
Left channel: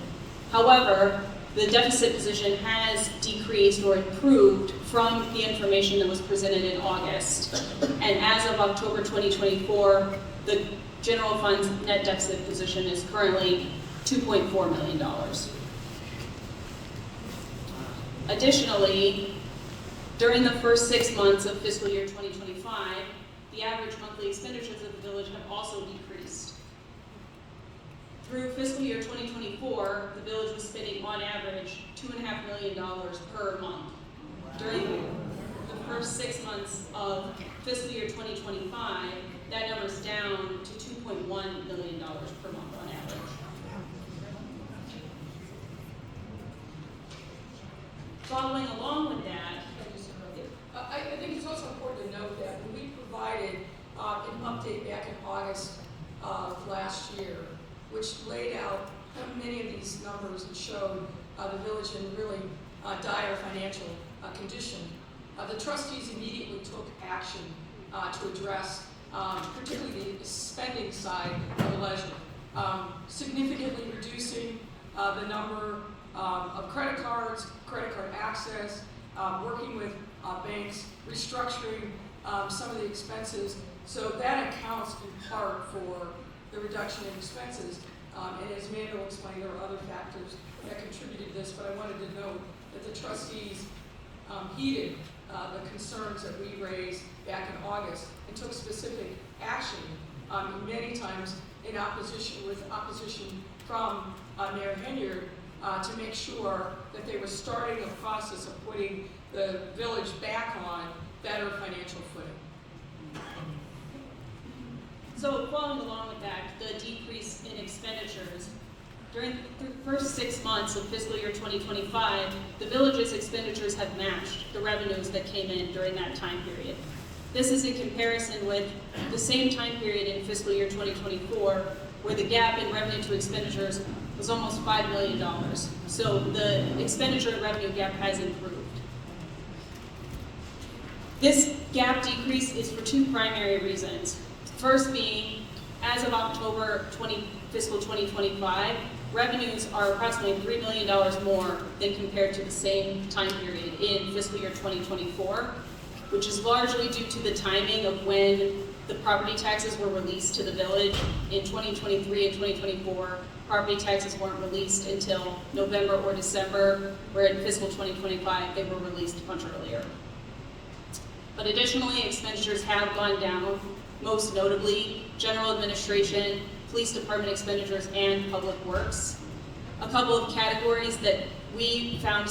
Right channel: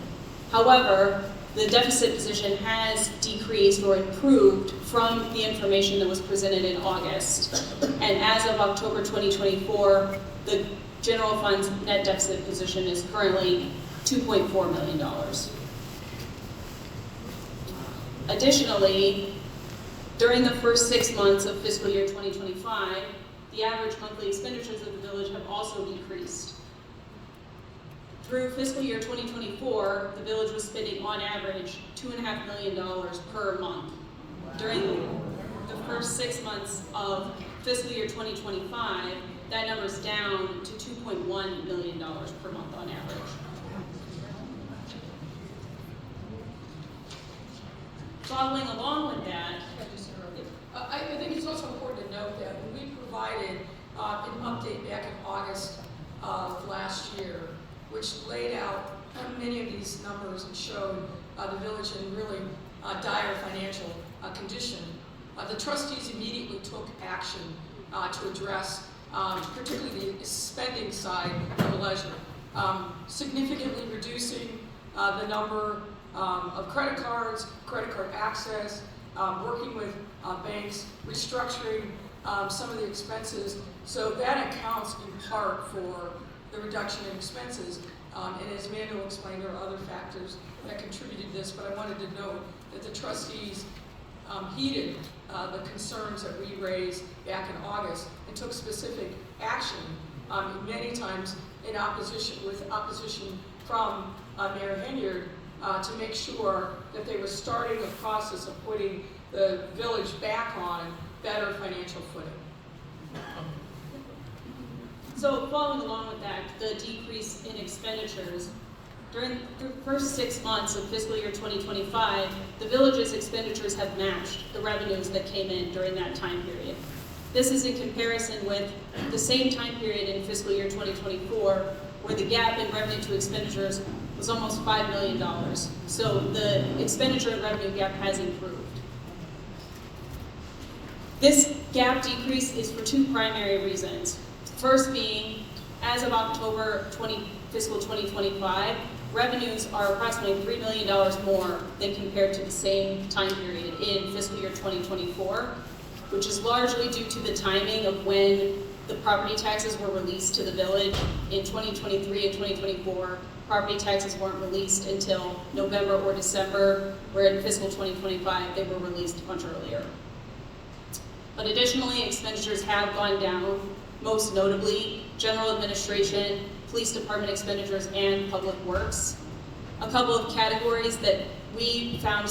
However, the deficit position has decreased or improved from the information that was presented in August. And as of October 2024, the general fund's net deficit position is currently $2.4 million. Additionally, during the first 6 months of fiscal year 2025, the average monthly expenditures of the village have also decreased. Through fiscal year 2024, the village was spending on average $2.5 million per month. During the first 6 months of fiscal year 2025, that number is down to $2.1 million per month on average. Following along with that, I think it's also important to note that when we provided an update back in August of last year, which laid out many of these numbers and showed the village in really dire financial condition, the trustees immediately took action to address particularly the spending side of the ledger, significantly reducing the number of credit cards, credit card access, working with banks, restructuring some of the expenses. So that accounts in part for the reduction in expenses. And as Amanda will explain, there are other factors that contributed to this, but I wanted to note that the trustees heeded the concerns that we raised back in August and took specific action, many times in opposition, with opposition from Mayor Henyard, to make sure that they were starting the process of putting the village back on better financial footing. so following along with that, the decrease in expenditures, during the first 6 months of fiscal year 2025, the village's expenditures have matched the revenues that came in during that time period. This is in comparison with the same time period in fiscal year 2024, where the gap in revenue to expenditures was almost $5 million. So the expenditure and revenue gap has improved. This gap decrease is for two primary reasons. First being, as of October fiscal 2025, revenues are approximately $3 million more than compared to the same time period in fiscal year 2024, which is largely due to the timing of when the property taxes were released to the village. In 2023 and 2024, property taxes weren't released until November or December, where in fiscal 2025 they were released much earlier. But additionally, expenditures have gone down, most notably general administration, police department expenditures, and public works. A couple of categories that we found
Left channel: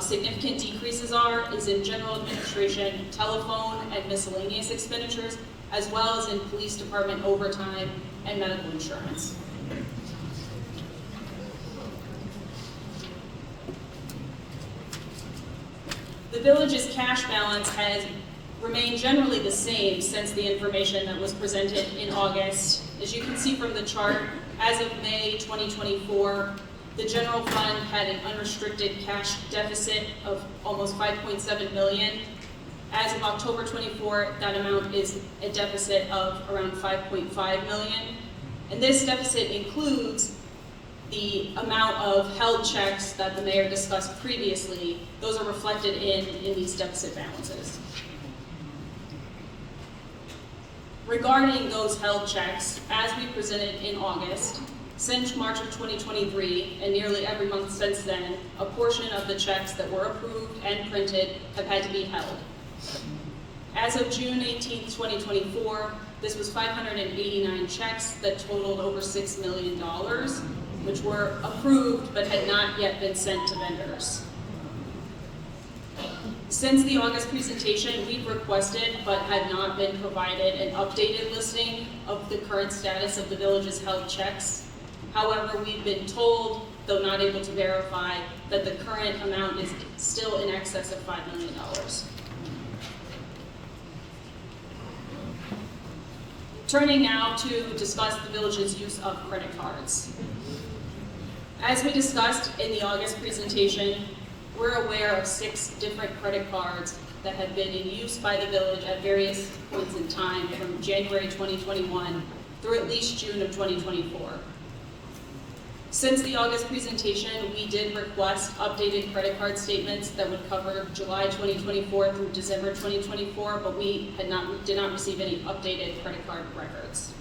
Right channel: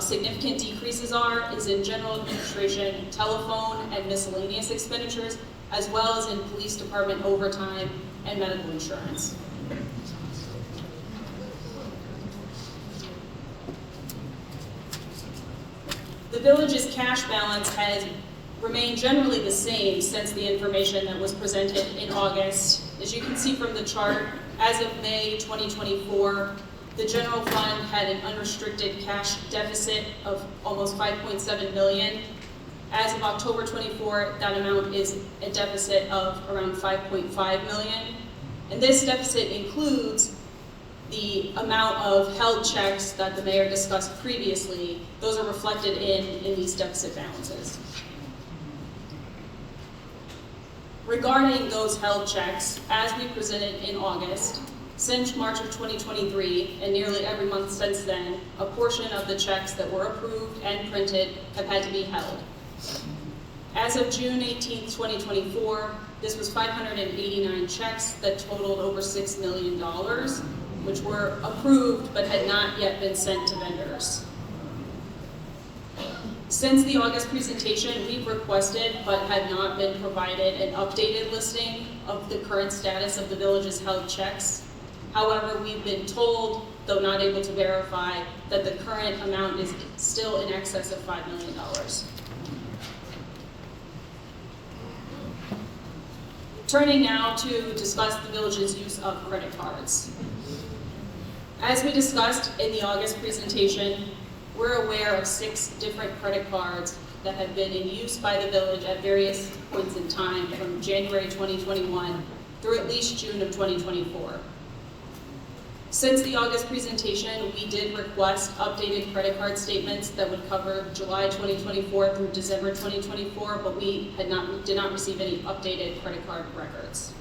significant decreases is in general administration, telephone, and miscellaneous expenditures, as well as in police department overtime and medical insurance. The village's cash balance has remained generally the same since the information that was presented in August. As you can see from the chart, as of May 2024, the general fund had an unrestricted cash deficit of almost $5.7 million. As of October 24, that amount is a deficit of around $5.5 million. And this deficit includes the amount of held checks that the mayor discussed previously. Those are reflected in these deficit balances. Regarding those held checks, as we presented in August, since March of 2023, and nearly every month since then, a portion of the checks that were approved and printed have had to be held. As of June 18, 2024, this was 589 checks that totaled over $6 million, which were approved but had not yet been sent to vendors. Since the August presentation, we've requested but had not been provided an updated listing of the current status of the village's held checks. However, we've been told, though not able to verify, that the current amount is still in excess of $5 million. Turning now to discuss the village's use of credit cards. As we discussed in the August presentation, we're aware of 6 different credit cards that have been in use by the village at various points in time from January 2021 through at least June of 2024. Since the August presentation, we did request updated credit card statements that would cover July 2024 through December 2024, but we did not receive any updated credit card records.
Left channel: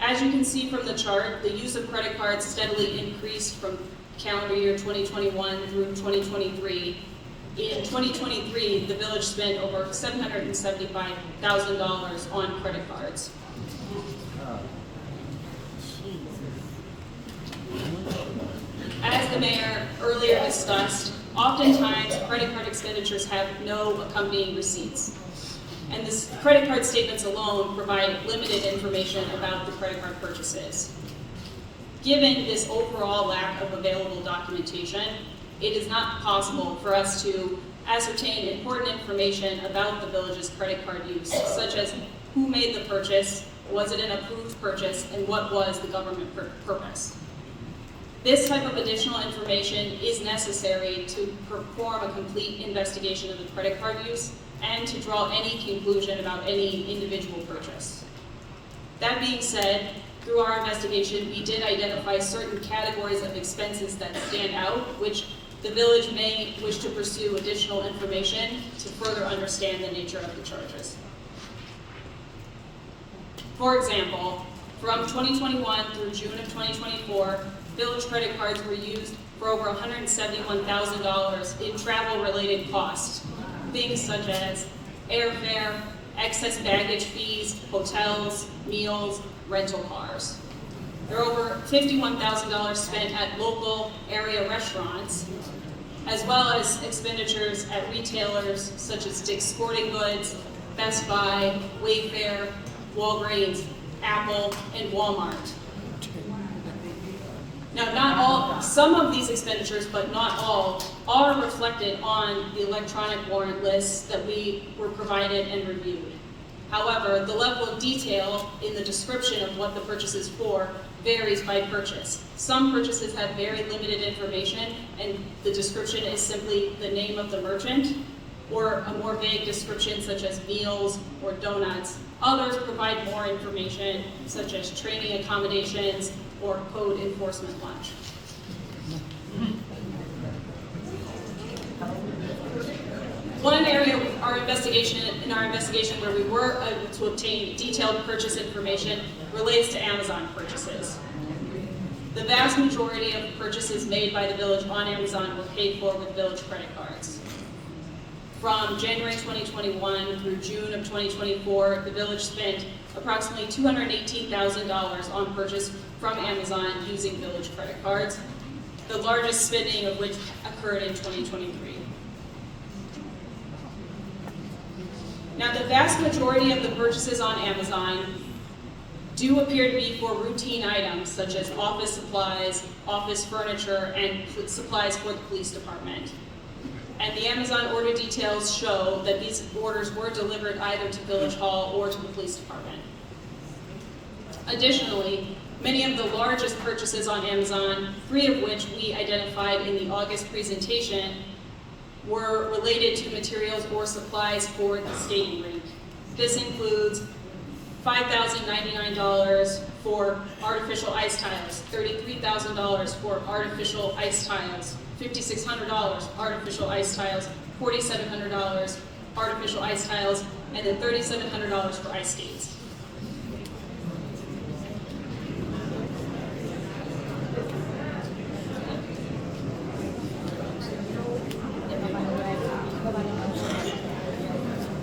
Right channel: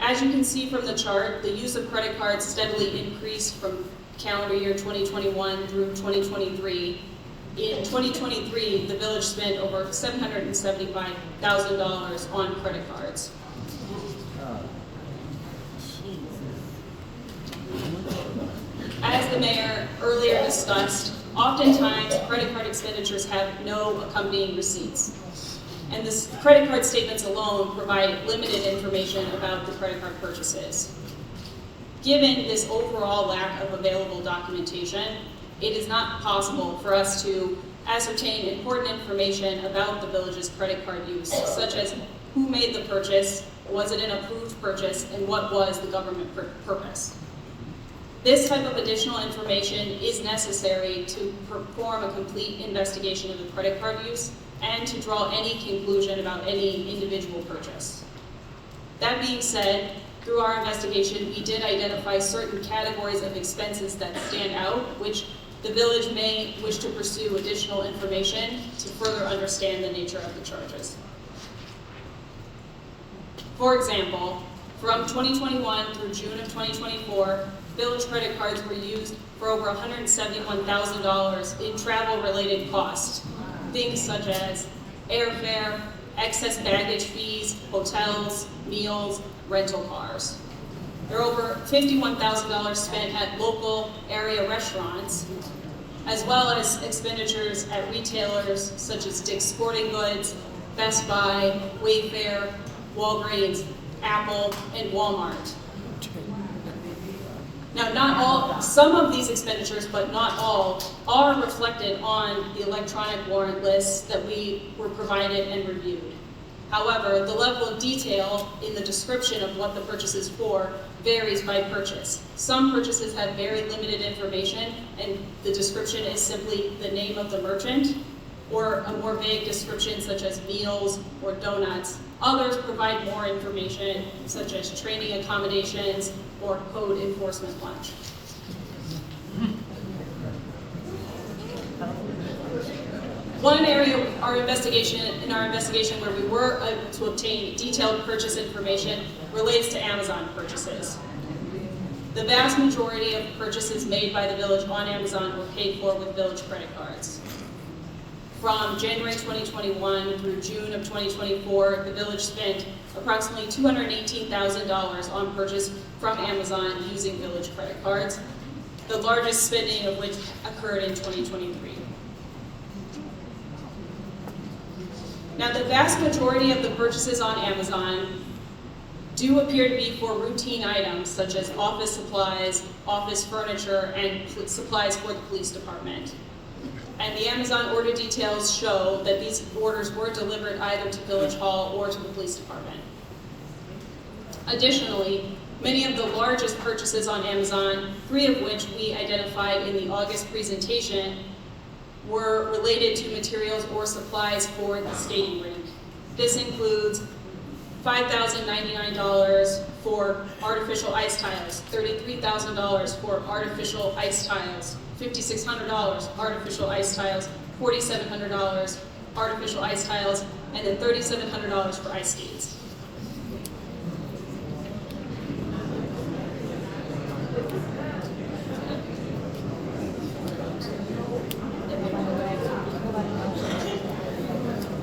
As you can see from the chart, the use of credit cards steadily increased from calendar year 2021 through 2023. In 2023, the village spent over $775,000 on credit cards. As the mayor earlier discussed, oftentimes credit card expenditures have no accompanying receipts. And this credit card statements alone provide limited information about the credit card purchases. Given this overall lack of available documentation, it is not possible for us to ascertain important information about the village's credit card use, such as who made the purchase, was it an approved purchase, and what was the government purpose. This type of additional information is necessary to perform a complete investigation of the credit card use and to draw any conclusion about any individual purchase. That being said, through our investigation, we did identify certain categories of expenses that stand out, which the village may wish to pursue additional information to further understand the nature of the charges. For example, from 2021 through June of 2024, village credit cards were used for over $171,000 in travel-related costs. Things such as airfare, excess baggage fees, hotels, meals, rental cars. There are over $51,000 spent at local area restaurants, as well as expenditures at retailers such as Dick's Sporting Goods, Best Buy, Wayfair, Walgreens, Apple, and Walmart. Now, some of these expenditures, but not all, are reflected on the electronic warrant lists that we were provided and reviewed. However, the level of detail in the description of what the purchase is for varies by purchase. Some purchases have very limited information, and the description is simply the name of the merchant, or a more vague description such as meals or donuts. Others provide more information, such as training accommodations or code enforcement lunch. One area in our investigation where we were able to obtain detailed purchase information relates to Amazon purchases. The vast majority of purchases made by the village on Amazon were paid for with village credit cards. From January 2021 through June of 2024, the village spent approximately $218,000 on purchase from Amazon using village credit cards, the largest spending of which occurred in 2023. Now, the vast majority of the purchases on Amazon do appear to be for routine items such as office supplies, office furniture, and supplies for the police department. And the Amazon order details show that these orders were delivered either to Village Hall or to the police department. Additionally, many of the largest purchases on Amazon, 3 of which we identified in the August presentation, were related to materials or supplies for the skating rink. This includes $5,099 for artificial ice tiles, $33,000 for artificial ice tiles, $5,600 artificial ice tiles, $4,700 artificial ice tiles, and then $3,700 for ice skates.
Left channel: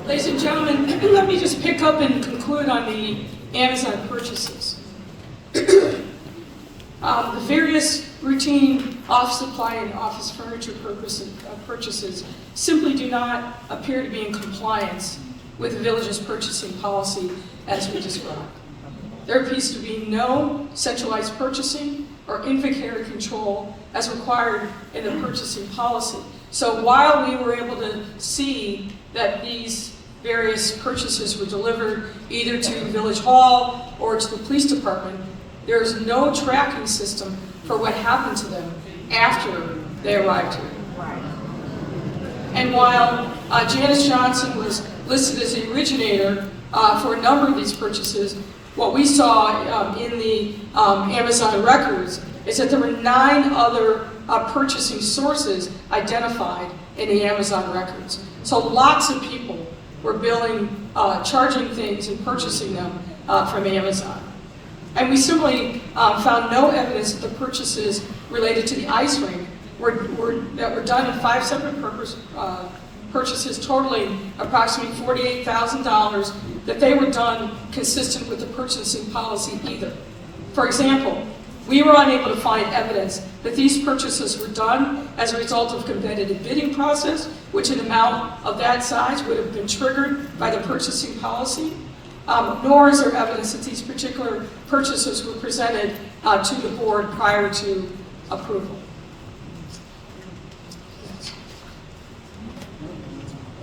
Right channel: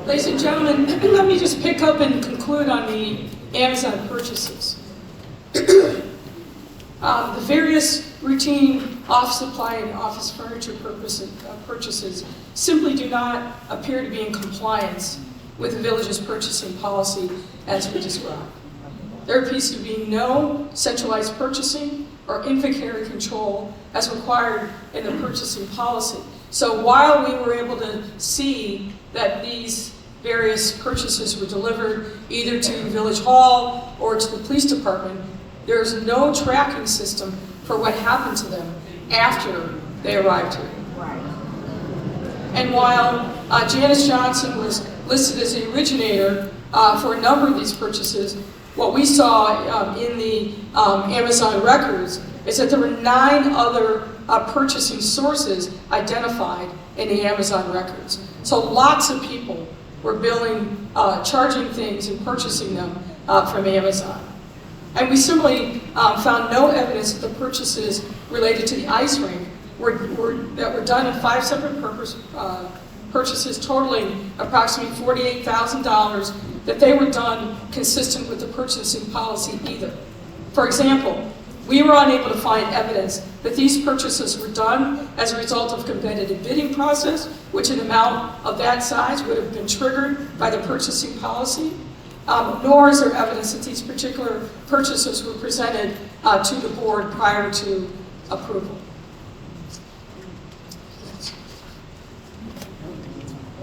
Ladies and gentlemen, let me just pick up and conclude on the Amazon purchases. The various routine office supply and office furniture purchases simply do not appear to be in compliance with the village's purchasing policy as we described. There appears to be no centralized purchasing or inventory control as required in the purchasing policy. So while we were able to see that these various purchases were delivered either to Village Hall or to the police department, there's no tracking system for what happened to them after they arrived here. And while Janice Johnson was listed as the originator for a number of these purchases, what we saw in the Amazon records is that there were 9 other purchasing sources identified in the Amazon records. So lots of people were charging things and purchasing them from Amazon. And we simply found no evidence that the purchases related to the ice rink that were done in 5 separate purchases totaling approximately $48,000, that they were done consistent with the purchasing policy either. For example, we were unable to find evidence that these purchases were done as a result of a competitive bidding process, which an amount of that size would have been triggered by the purchasing policy, nor is there evidence that these particular purchases were presented to the board prior to approval.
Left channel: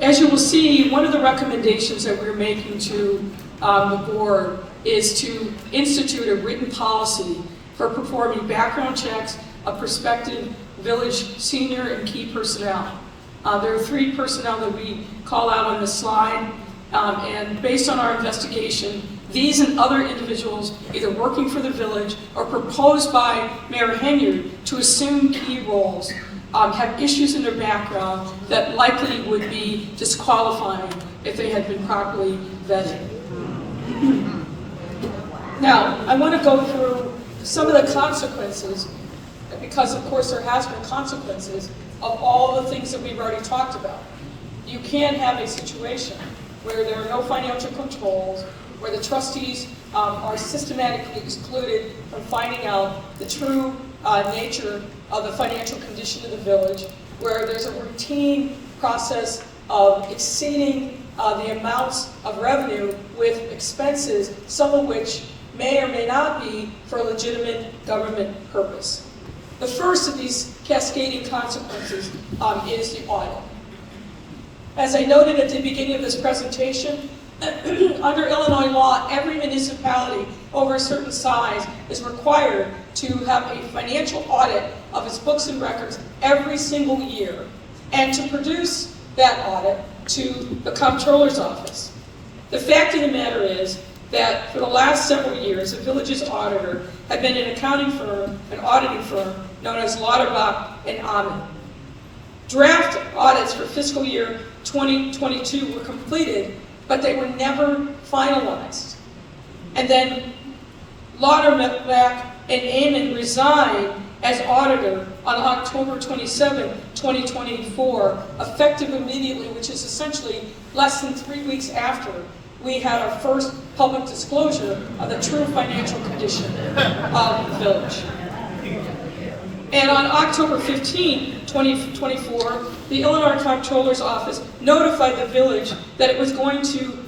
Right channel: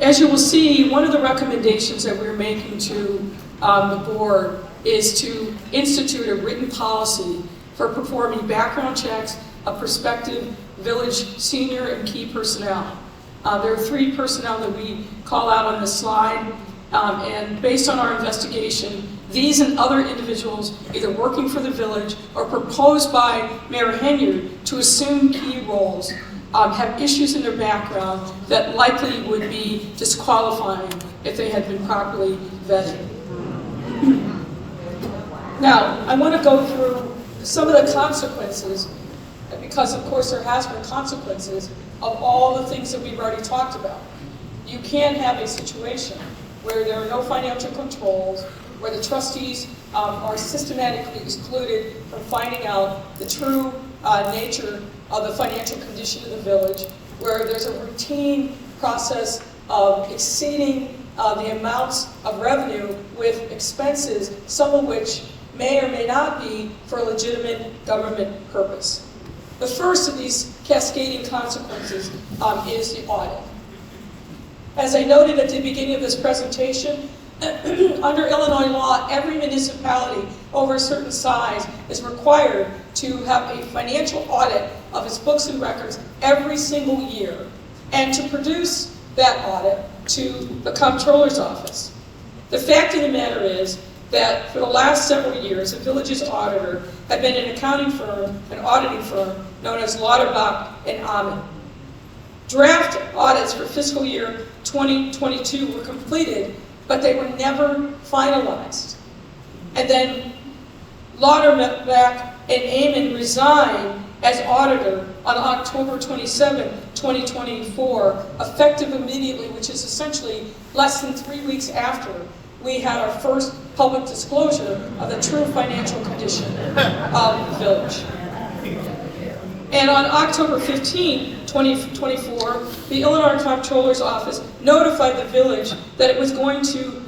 As you will see, one of the recommendations that we're making to the board is to institute a written policy for performing background checks of prospective village senior and key personnel. There are 3 personnel that we call out on this slide, and based on our investigation, these and other individuals either working for the village or proposed by Mayor Henyard to assume key roles have issues in their background that likely would be disqualifying if they had been properly vetted. Now, I want to go through some of the consequences, because of course there has been consequences of all the things that we've already talked about. You can't have a situation where there are no financial controls, where the trustees are systematically excluded from finding out the true nature of the financial condition of the village, where there's a routine process of exceeding the amounts of revenue with expenses, some of which may or may not be for a legitimate government purpose. The first of these cascading consequences is the audit. As I noted at the beginning of this presentation, under Illinois law, every municipality over a certain size is required to have a financial audit of its books and records every single year, and to produce that audit to the comptroller's office. The fact of the matter is that for the last several years, the village's auditor had been an accounting firm, an auditing firm known as Lauterbach and Amann. Draft audits for fiscal year 2022 were completed, but they were never finalized. And then Lauterbach and Amann resigned as auditor on October 27, 2024, effective immediately, which is essentially less than 3 weeks after we had our first public disclosure of the true financial condition of the village. And on October 15, 2024, the Illinois Comptroller's Office notified the village that it was going to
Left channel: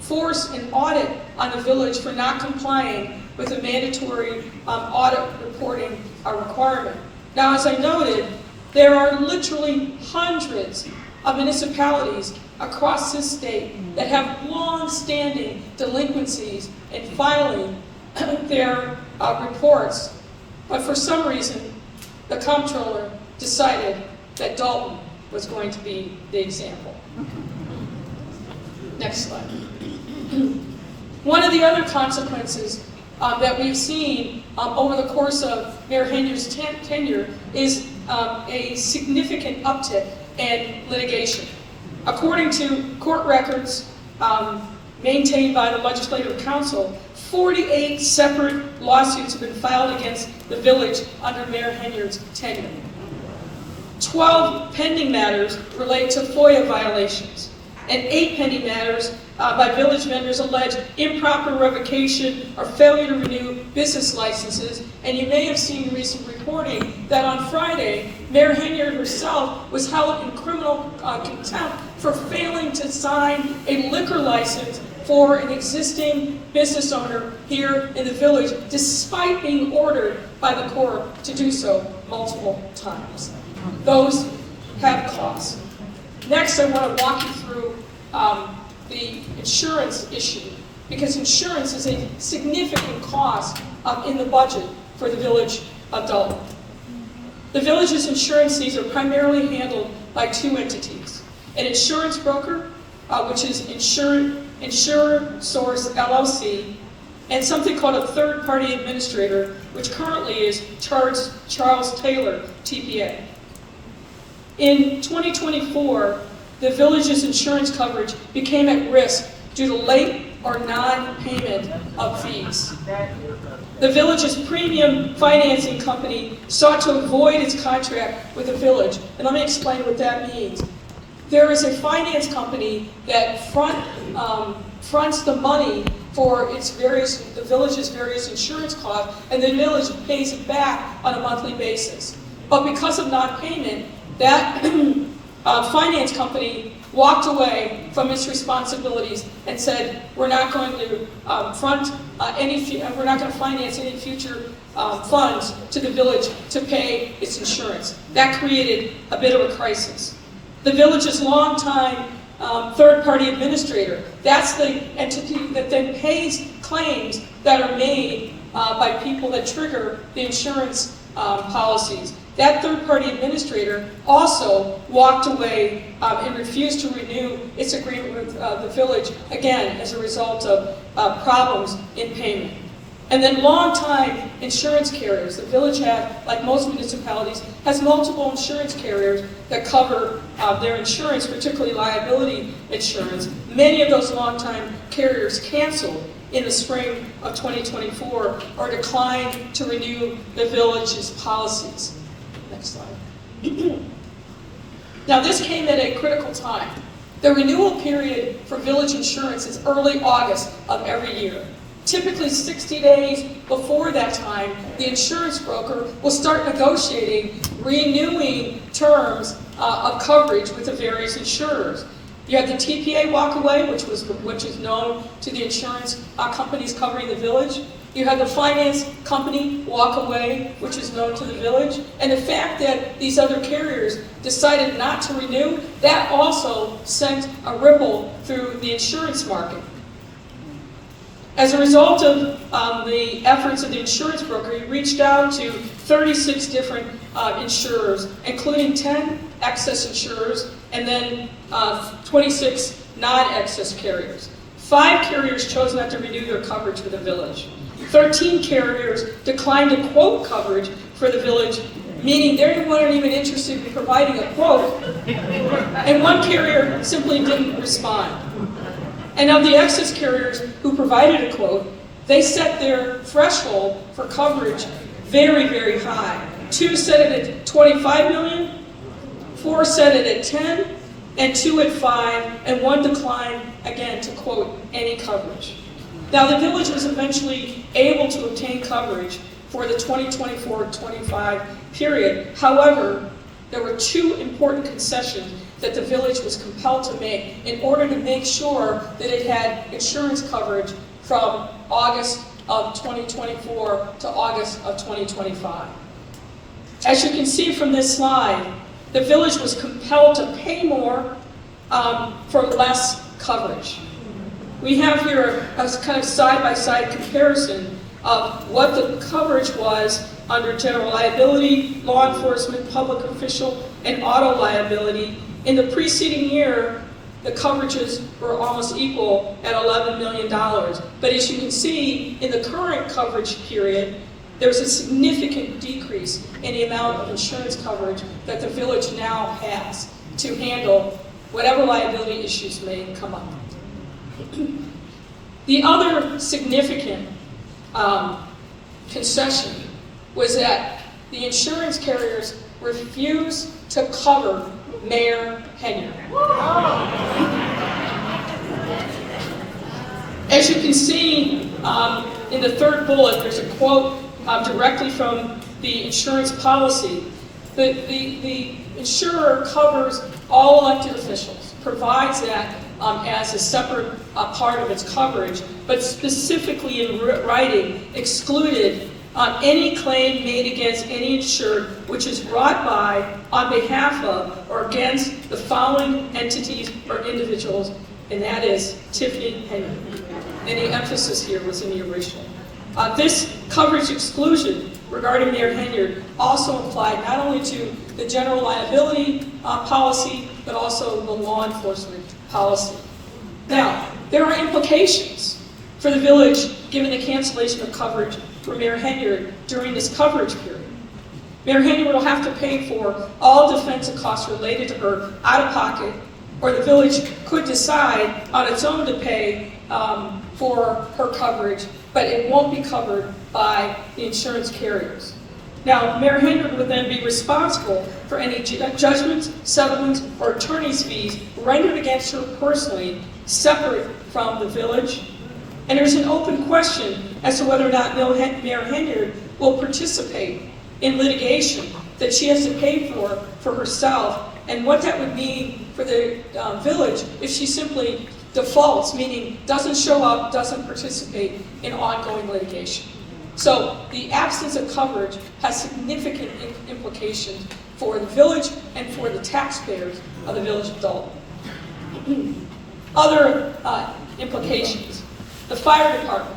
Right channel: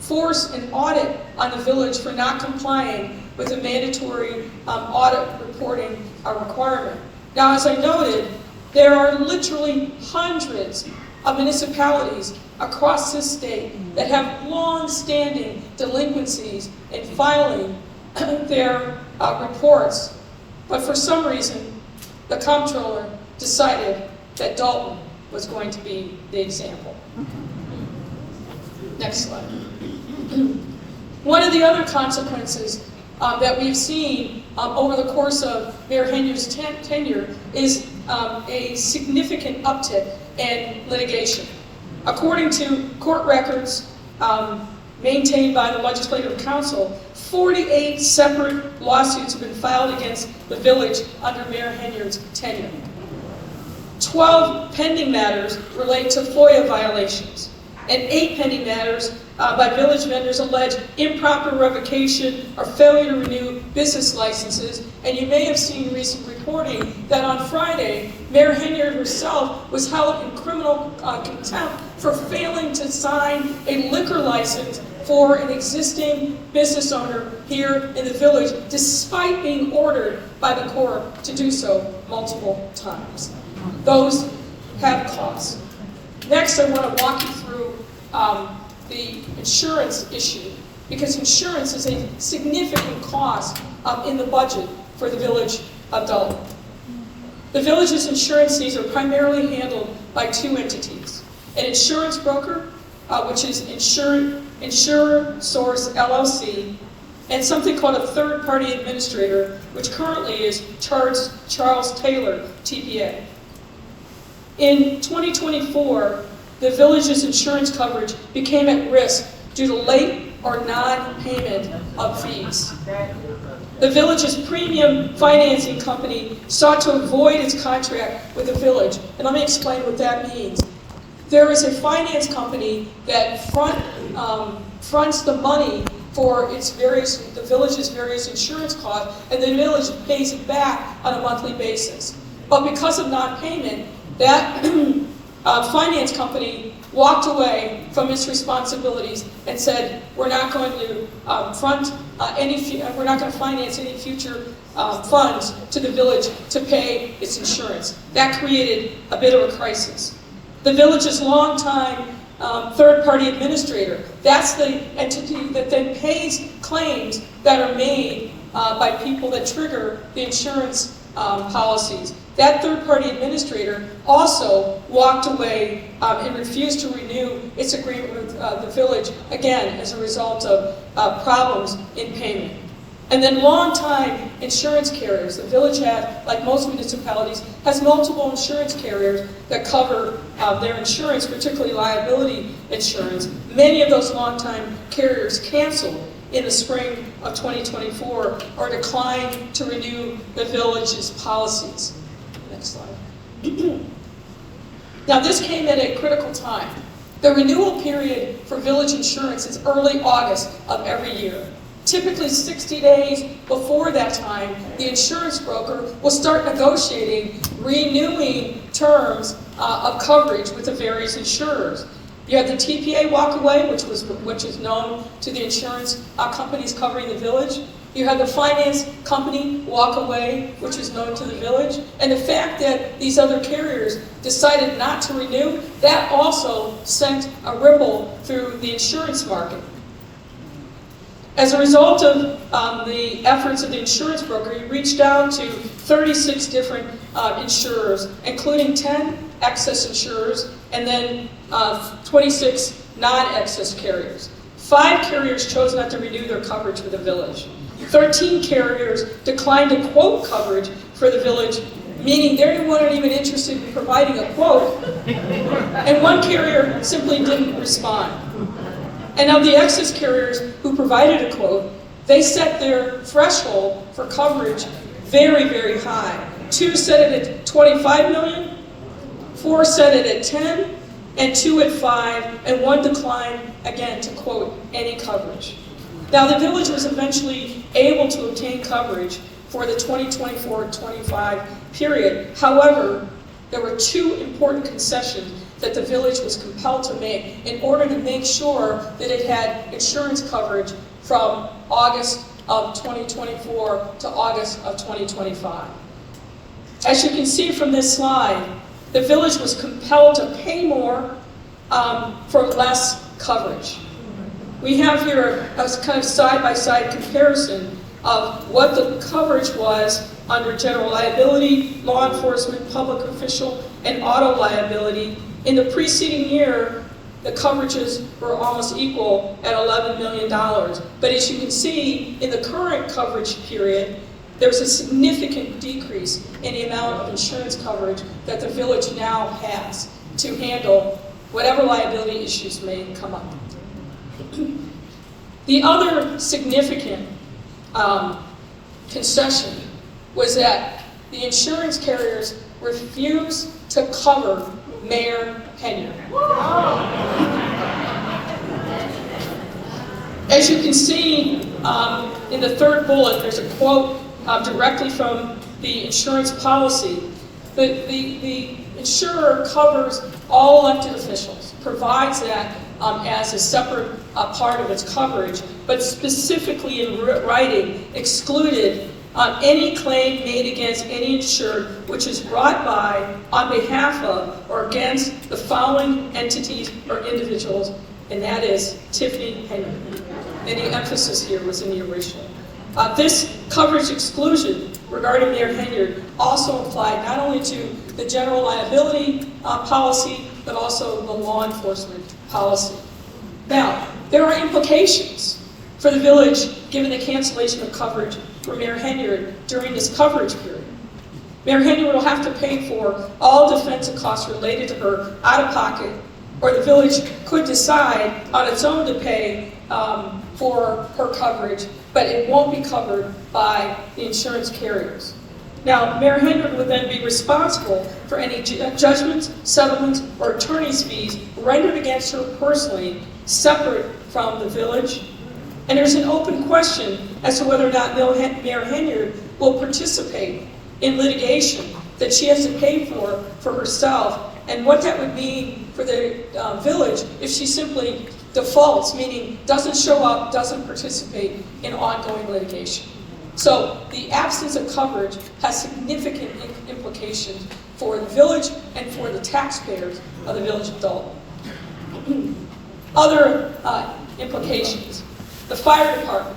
force an audit on the village for not complying with a mandatory audit reporting requirement. Now, as I noted, there are literally hundreds of municipalities across this state that have long-standing delinquencies in filing their reports. But for some reason, the comptroller decided that Dolton was going to be the example. Next slide. One of the other consequences that we've seen over the course of Mayor Henyard's tenure is a significant uptick in litigation. According to court records maintained by the Legislative Council, 48 separate lawsuits have been filed against the village under Mayor Henyard's tenure. 12 pending matters relate to FOIA violations, and 8 pending matters by village members allege improper revocation or failure to renew business licenses. And you may have seen recent reporting that on Friday, Mayor Henyard herself was held in criminal contempt for failing to sign a liquor license for an existing business owner here in the village, despite being ordered by the court to do so multiple times. Those have costs. Next, I want to walk you through the insurance issue, because insurance is a significant cost in the budget for the village of Dolton. The village's insurance needs are primarily handled by 2 entities: an insurance broker, which is Insurer Source LLC, and something called a third-party administrator, which currently is Charles Taylor, TPA. In 2024, the village's insurance coverage became at risk due to late or non-payment of fees. The village's premium financing company sought to avoid its contract with the village, and let me explain what that means. There is a finance company that fronts the money for the village's various insurance costs, and the village pays it back on a monthly basis. But because of non-payment, that finance company walked away from its responsibilities and said, "We're not going to we're not going to finance any future funds to the village to pay its insurance." That created a bit of a crisis. The village's longtime third-party administrator, that's the entity that then pays claims that are made by people that trigger the insurance policies. That third-party administrator also walked away and refused to renew its agreement with the village, again, as a result of problems in payment. And then long-time insurance carriers. The village had, like most municipalities, has multiple insurance carriers that cover their insurance, particularly liability insurance. Many of those long-time carriers canceled in the spring of 2024 or declined to renew the village's policies. Next slide. Now this came at a critical time. The renewal period for village insurance is early August of every year. Typically 60 days before that time, the insurance broker will start negotiating, renewing terms of coverage with the various insurers. You have the TPA walk away, which is known to the insurance companies covering the village. You have the finance company walk away, which is known to the village. And the fact that these other carriers decided not to renew, that also sent a ripple through the insurance market. As a result of the efforts of the insurance broker, he reached out to 36 different insurers, including 10 excess insurers and then 26 non-excess carriers. 5 carriers chose not to renew their coverage for the village. 13 carriers declined to quote coverage for the village, meaning they weren't even interested in providing a quote, and 1 carrier simply didn't respond. And of the excess carriers who provided a quote, they set their threshold for coverage very, very high. 2 set it at 25 million, 4 set it at 10, and 2 at 5, and 1 declined, again, to quote any coverage. Now, the village was eventually able to obtain coverage for the 2024-25 period. However, there were 2 important concessions that the village was compelled to make in order to make sure that it had insurance coverage from August of 2024 to August of 2025. As you can see from this slide, the village was compelled to pay more for less coverage. We have here a kind of side-by-side comparison of what the coverage was under general liability, law enforcement, public official, and auto liability. In the preceding year, the coverages were almost equal at $11 million. But as you can see, in the current coverage period, there's a significant decrease in the amount of insurance coverage that the village now has to handle whatever liability issues may come up. The other significant concession was that the insurance carriers refused to cover Mayor Henyard. As you can see in the third bullet, there's a quote directly from the insurance policy. The insurer covers all elected officials, provides that as a separate part of its coverage, but specifically in writing excluded any claim made against any insured which is brought by, on behalf of, or against the following entities or individuals, and that is Tiffany Henyard. And the emphasis here was in the original. This coverage exclusion regarding Mayor Henyard also applied not only to the general liability policy, but also the law enforcement policy. Now, there are implications for the village given the cancellation of coverage for Mayor Henyard during this coverage period. Mayor Henyard will have to pay for all defensive costs related to her out of pocket, or the village could decide on its own to pay for her coverage, but it won't be covered by the insurance carriers. Now, Mayor Henyard will then be responsible for any judgments, settlements, or attorney's fees rendered against her personally, separate from the village. And there's an open question as to whether or not Mayor Henyard will participate in litigation that she has to pay for herself, and what that would mean for the village if she simply defaults, meaning doesn't show up, doesn't participate in ongoing litigation. So the absence of coverage has significant implications for the village and for the taxpayers of the village of Dolton. Other implications. The fire department.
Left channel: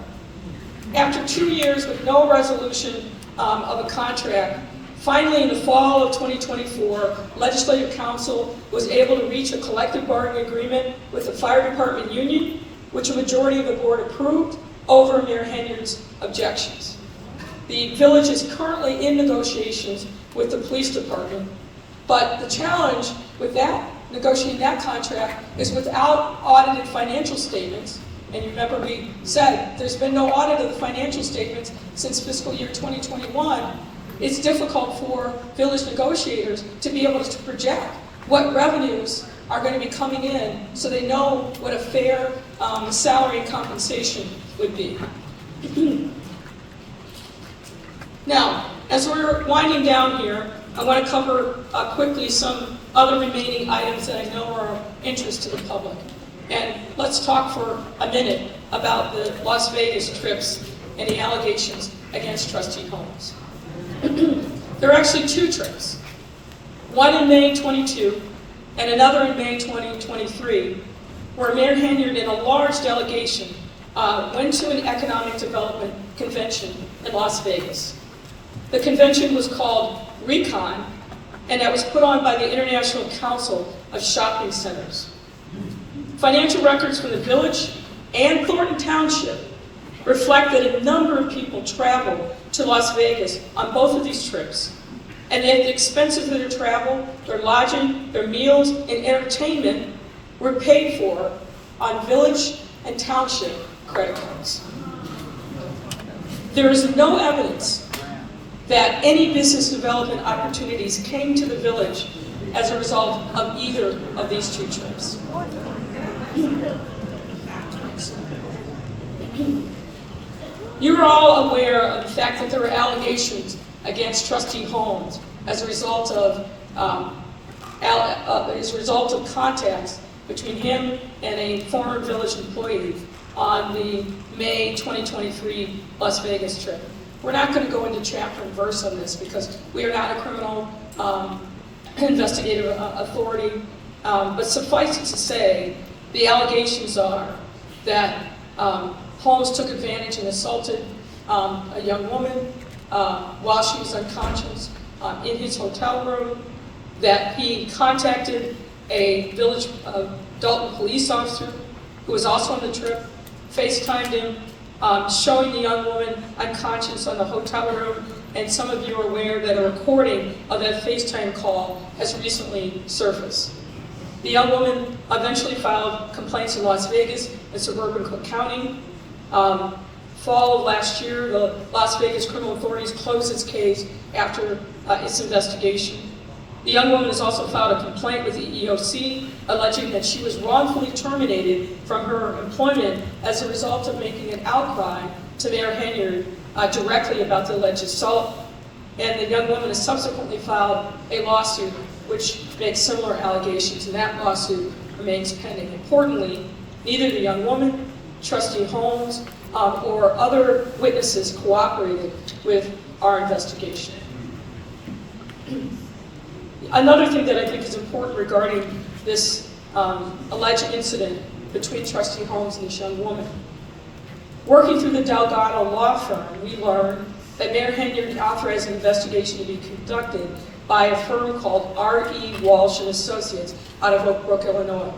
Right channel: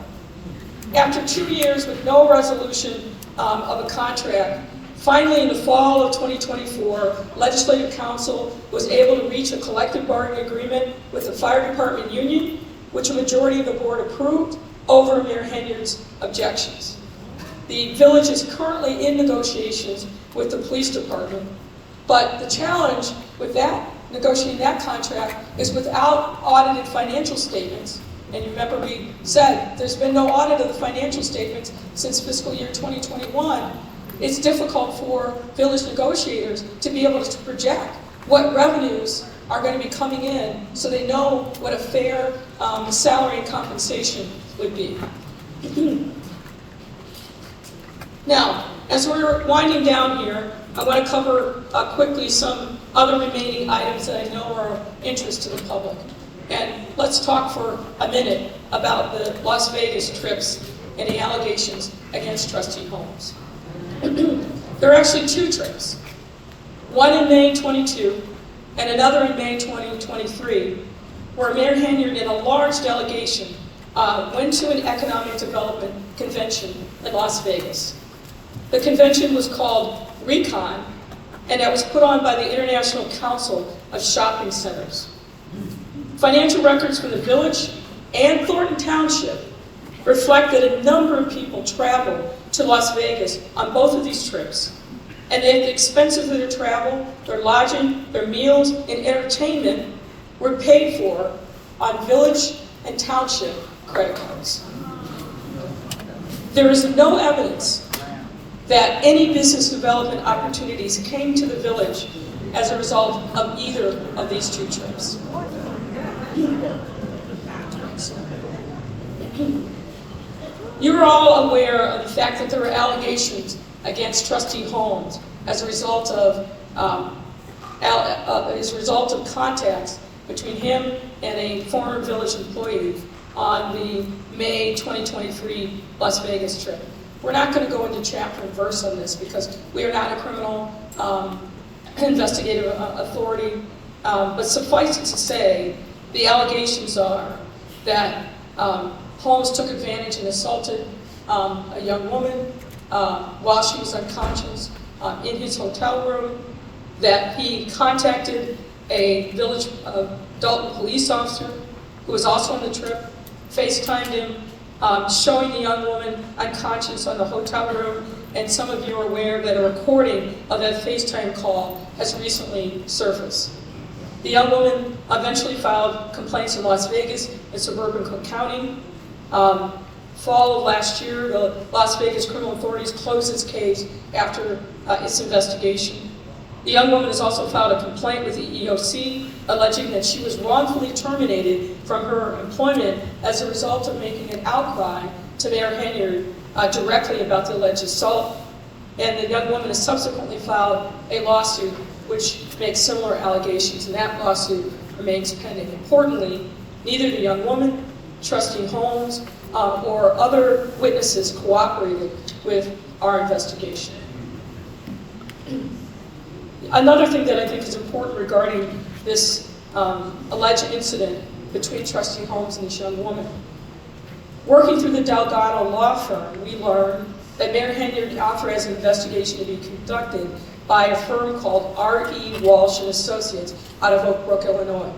After 2 years with no resolution of a contract, finally in the fall of 2024, Legislative Council was able to reach a collective bargaining agreement with the fire department union, which a majority of the board approved over Mayor Henyard's objections. The village is currently in negotiations with the police department, but the challenge with that, negotiating that contract, is without audited financial statements. And you remember we said there's been no audit of the financial statements since fiscal year 2021. It's difficult for village negotiators to be able to project what revenues are going to be coming in so they know what a fair salary and compensation would be. Now, as we're winding down here, I want to cover quickly some other remaining items that I know are of interest to the public. And let's talk for a minute about the Las Vegas trips and the allegations against Trustee Holmes. There are actually 2 trips, one in May 22 and another in May 2023, where Mayor Henyard and a large delegation went to an economic development convention in Las Vegas. The convention was called Recon, and that was put on by the International Council of Shopping Centers. Financial records for the village and Thornton Township reflect that a number of people traveled to Las Vegas on both of these trips, and that the expenses of their travel, their lodging, their meals, and entertainment were paid for on village and township credit cards. There is no evidence that any business development opportunities came to the village as a result of either of these 2 trips. You're all aware of the fact that there were allegations against Trustee Holmes as a result of contacts between him and a former village employee on the May 2023 Las Vegas trip. We're not going to go into chapter and verse on this because we are not a criminal investigative authority, but suffice it to say, the allegations are that Holmes took advantage and assaulted a young woman while she was unconscious in his hotel room, that he contacted a village Dolton police officer who was also on the trip, FaceTimed him, showing the young woman unconscious on the hotel room, and some of you are aware that a recording of that FaceTime call has recently surfaced. The young woman eventually filed complaints in Las Vegas and suburban Cook County. Fall of last year, the Las Vegas criminal authorities closed its case after its investigation. The young woman has also filed a complaint with the EEOC alleging that she was wrongfully terminated from her employment as a result of making an outcry to Mayor Henyard directly about the alleged assault. And the young woman has subsequently filed a lawsuit which makes similar allegations, and that lawsuit remains pending. Importantly, neither the young woman, Trustee Holmes, or other witnesses cooperated with our investigation. Another thing that I think is important regarding this alleged incident between Trustee Holmes and this young woman. Working through the Delgado law firm, we learned that Mayor Henyard authorized an investigation to be conducted by a firm called R.E. Walsh and Associates out of Oak Brook, Illinois.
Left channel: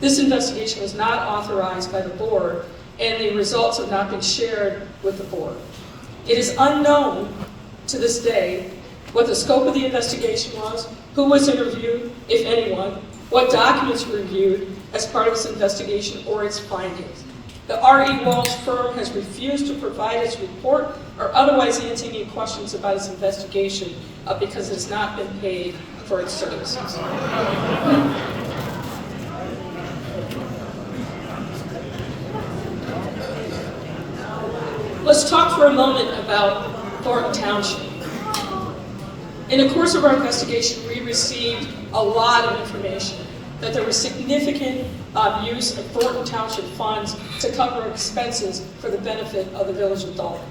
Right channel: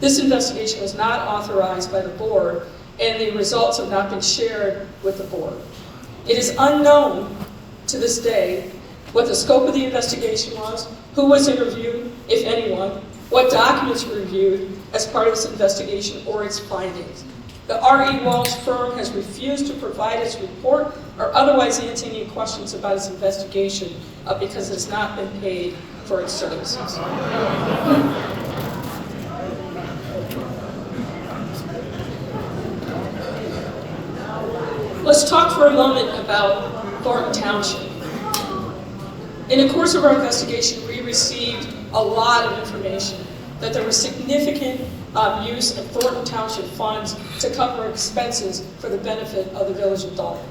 This investigation was not authorized by the board, and the results have not been shared with the board. It is unknown to this day what the scope of the investigation was, who was interviewed, if anyone, what documents were reviewed as part of this investigation or its findings. The R.E. Walsh firm has refused to provide its report or otherwise answer any questions about its investigation because it has not been paid for its services. Let's talk for a moment about Thornton Township. In the course of our investigation, we received a lot of information that there was significant use of Thornton Township funds to cover expenses for the benefit of the village of Dolton.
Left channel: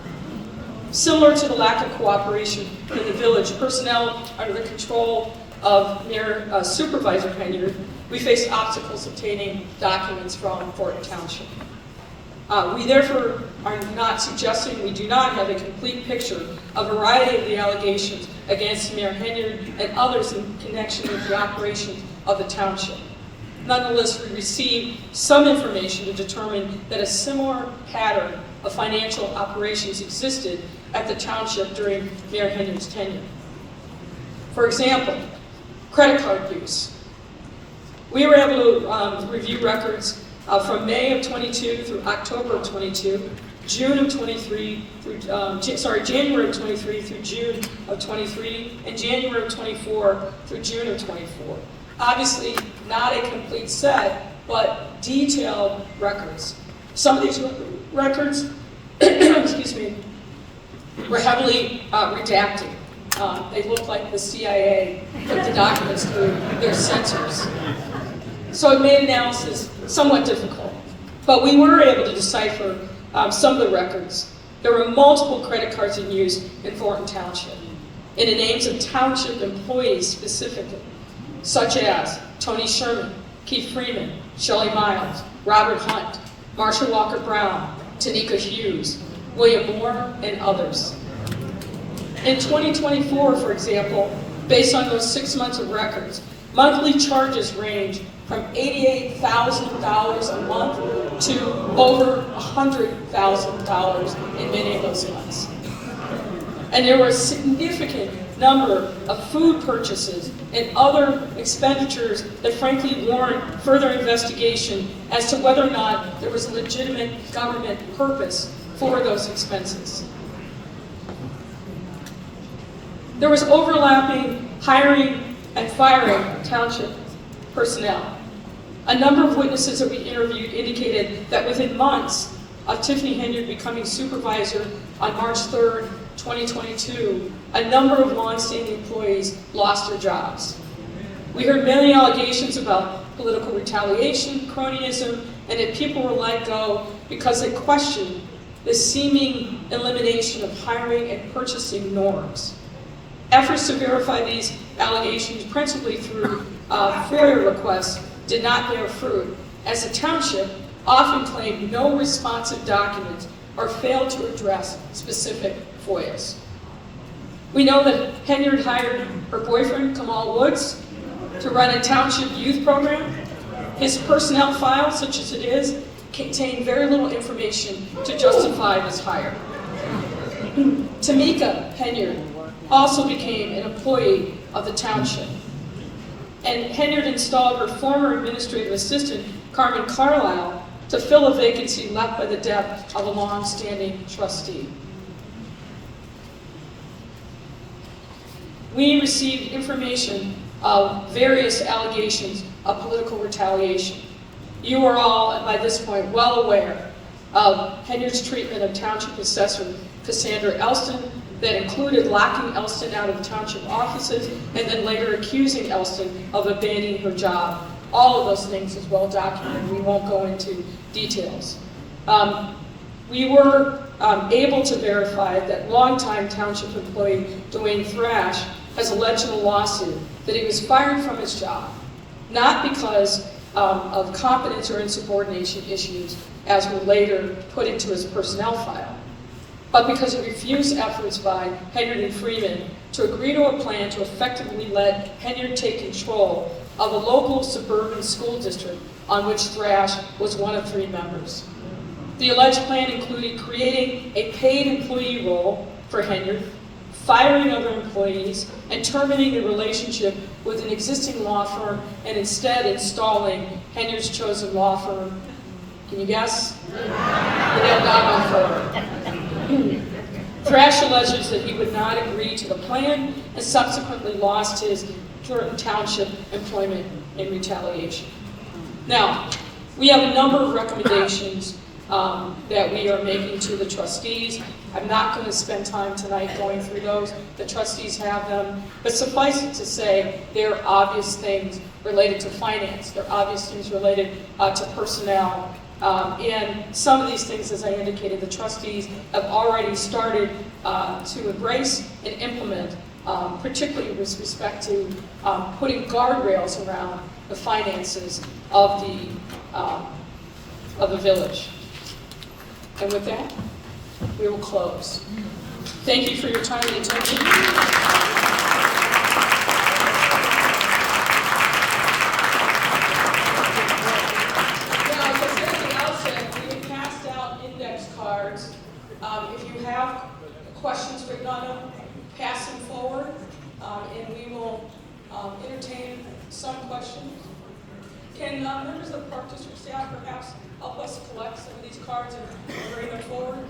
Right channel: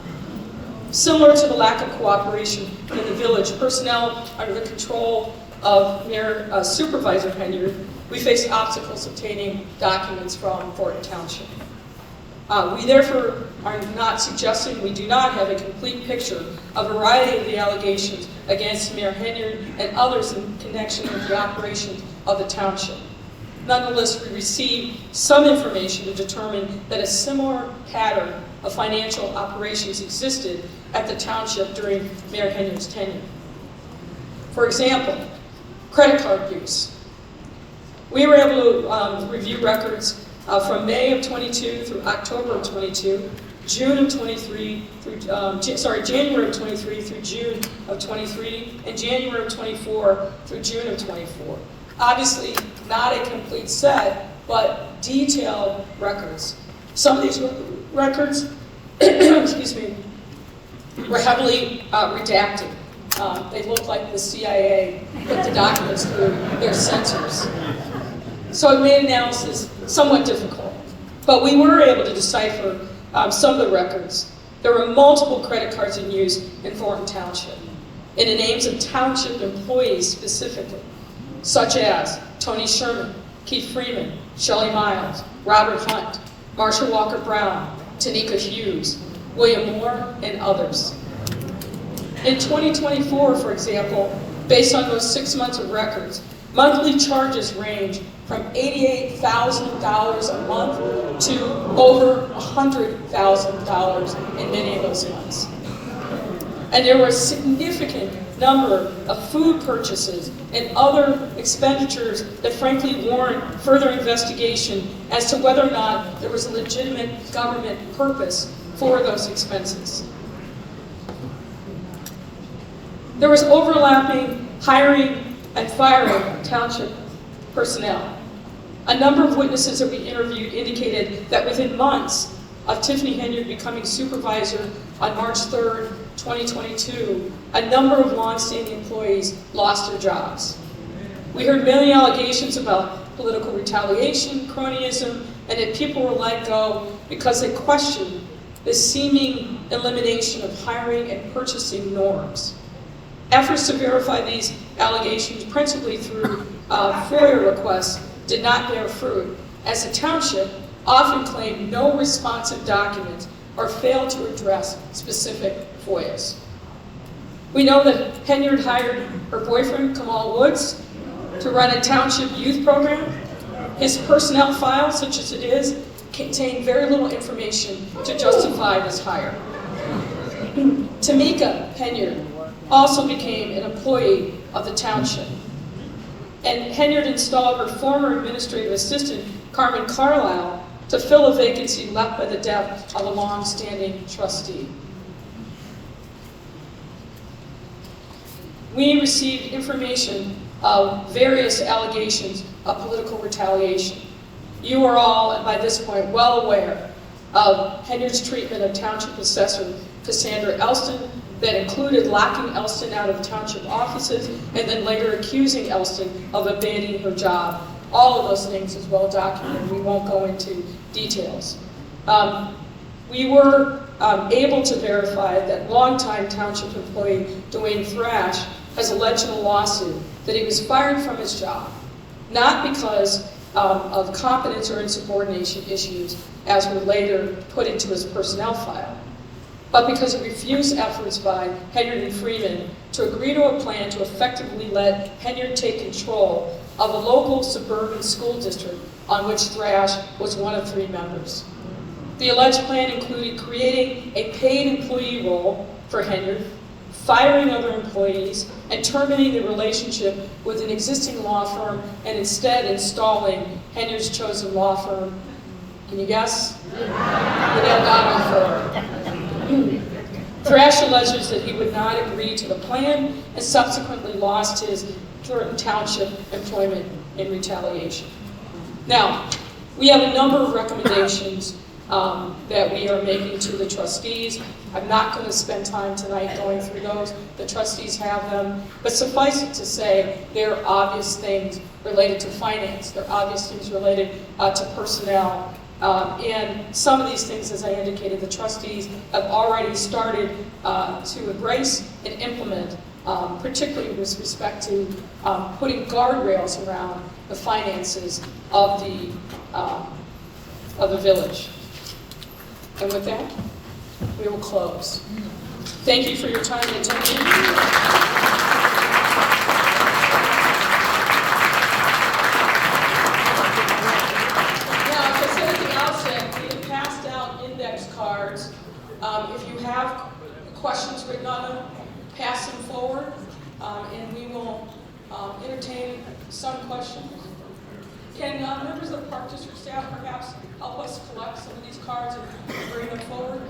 Similar to the lack of cooperation in the village, personnel under the control of Mayor Supervisor Henyard, we faced obstacles obtaining documents from Thornton Township. We therefore are not suggesting, we do not have a complete picture of a variety of the allegations against Mayor Henyard and others in connection with the operation of the township. Nonetheless, we received some information to determine that a similar pattern of financial operations existed at the township during Mayor Henyard's tenure. For example, credit card use. We were able to review records from May of 22 through October of 22, June of 23 through, January of 23 through June of 23, and January of 24 through June of 24. Obviously, not a complete set, but detailed records. Some of these records, excuse me, were heavily redacted. They look like the CIA put the documents through their censors. So it made analysis somewhat difficult. But we were able to decipher some of the records. There were multiple credit cards in use in Thornton Township, in the names of township employees specifically, such as Tony Sherman, Keith Freeman, Shelley Miles, Robert Hunt, Marsha Walker Brown, Tanika Hughes, William Moore, and others. In 2024, for example, based on those 6 months of records, monthly charges range from $88,000 a month to over $100,000 in many of those months. And there were a significant number of food purchases and other expenditures that frankly warrant further investigation as to whether or not there was legitimate government purpose for those expenses. There was overlapping hiring and firing of township personnel. A number of witnesses that we interviewed indicated that within months of Tiffany Henyard becoming supervisor on March 3rd, 2022, a number of longstanding employees lost their jobs. We heard many allegations about political retaliation, cronyism, and that people were let go because they questioned the seeming elimination of hiring and purchasing norms. Efforts to verify these allegations, principally through FOIA requests, did not bear fruit, as the township often claimed no responsive documents or failed to address specific FOIAs. We know that Henyard hired her boyfriend, Kamal Woods, to run a township youth program. His personnel file, such as it is, contained very little information to justify this hire. Tamika Henyard also became an employee of the township. And Henyard installed her former administrative assistant, Carmen Carlisle, to fill a vacancy left by the death of a long-standing trustee. We received information of various allegations of political retaliation. You are all, by this point, well aware of Henyard's treatment of Township Assessor Cassandra Elston that included locking Elston out of township offices and then later accusing Elston of abandoning her job. All of those things is well documented. We won't go into details. We were able to verify that longtime township employee Dwayne Thrash has alleged in a lawsuit that he was fired from his job, not because of competence or insubordination issues as were later put into his personnel file, but because of refused efforts by Henyard and Freeman to agree to a plan to effectively let Henyard take control of a local suburban school district on which Thrash was one of 3 members. The alleged plan included creating a paid employee role for Henyard, firing other employees, and terminating the relationship with an existing law firm and instead installing Henyard's chosen law firm. Can you guess? The Nail Dog firm. Thrash alleges that he would not agree to the plan and subsequently lost his Thornton Township employment in retaliation. Now, we have a number of recommendations that we are making to the trustees. I'm not going to spend time tonight going through those. The trustees have them. But suffice it to say, there are obvious things related to finance. There are obvious things related to personnel. And some of these things, as I indicated, the trustees have already started to embrace and implement, particularly with respect to putting guardrails around the finances of the village. And with that, we will close. Thank you for your time and attention. Cards. If you have questions written on them, pass them forward, and we will entertain some questions. Can members of the Park District staff perhaps help us collect some of these cards and bring them forward?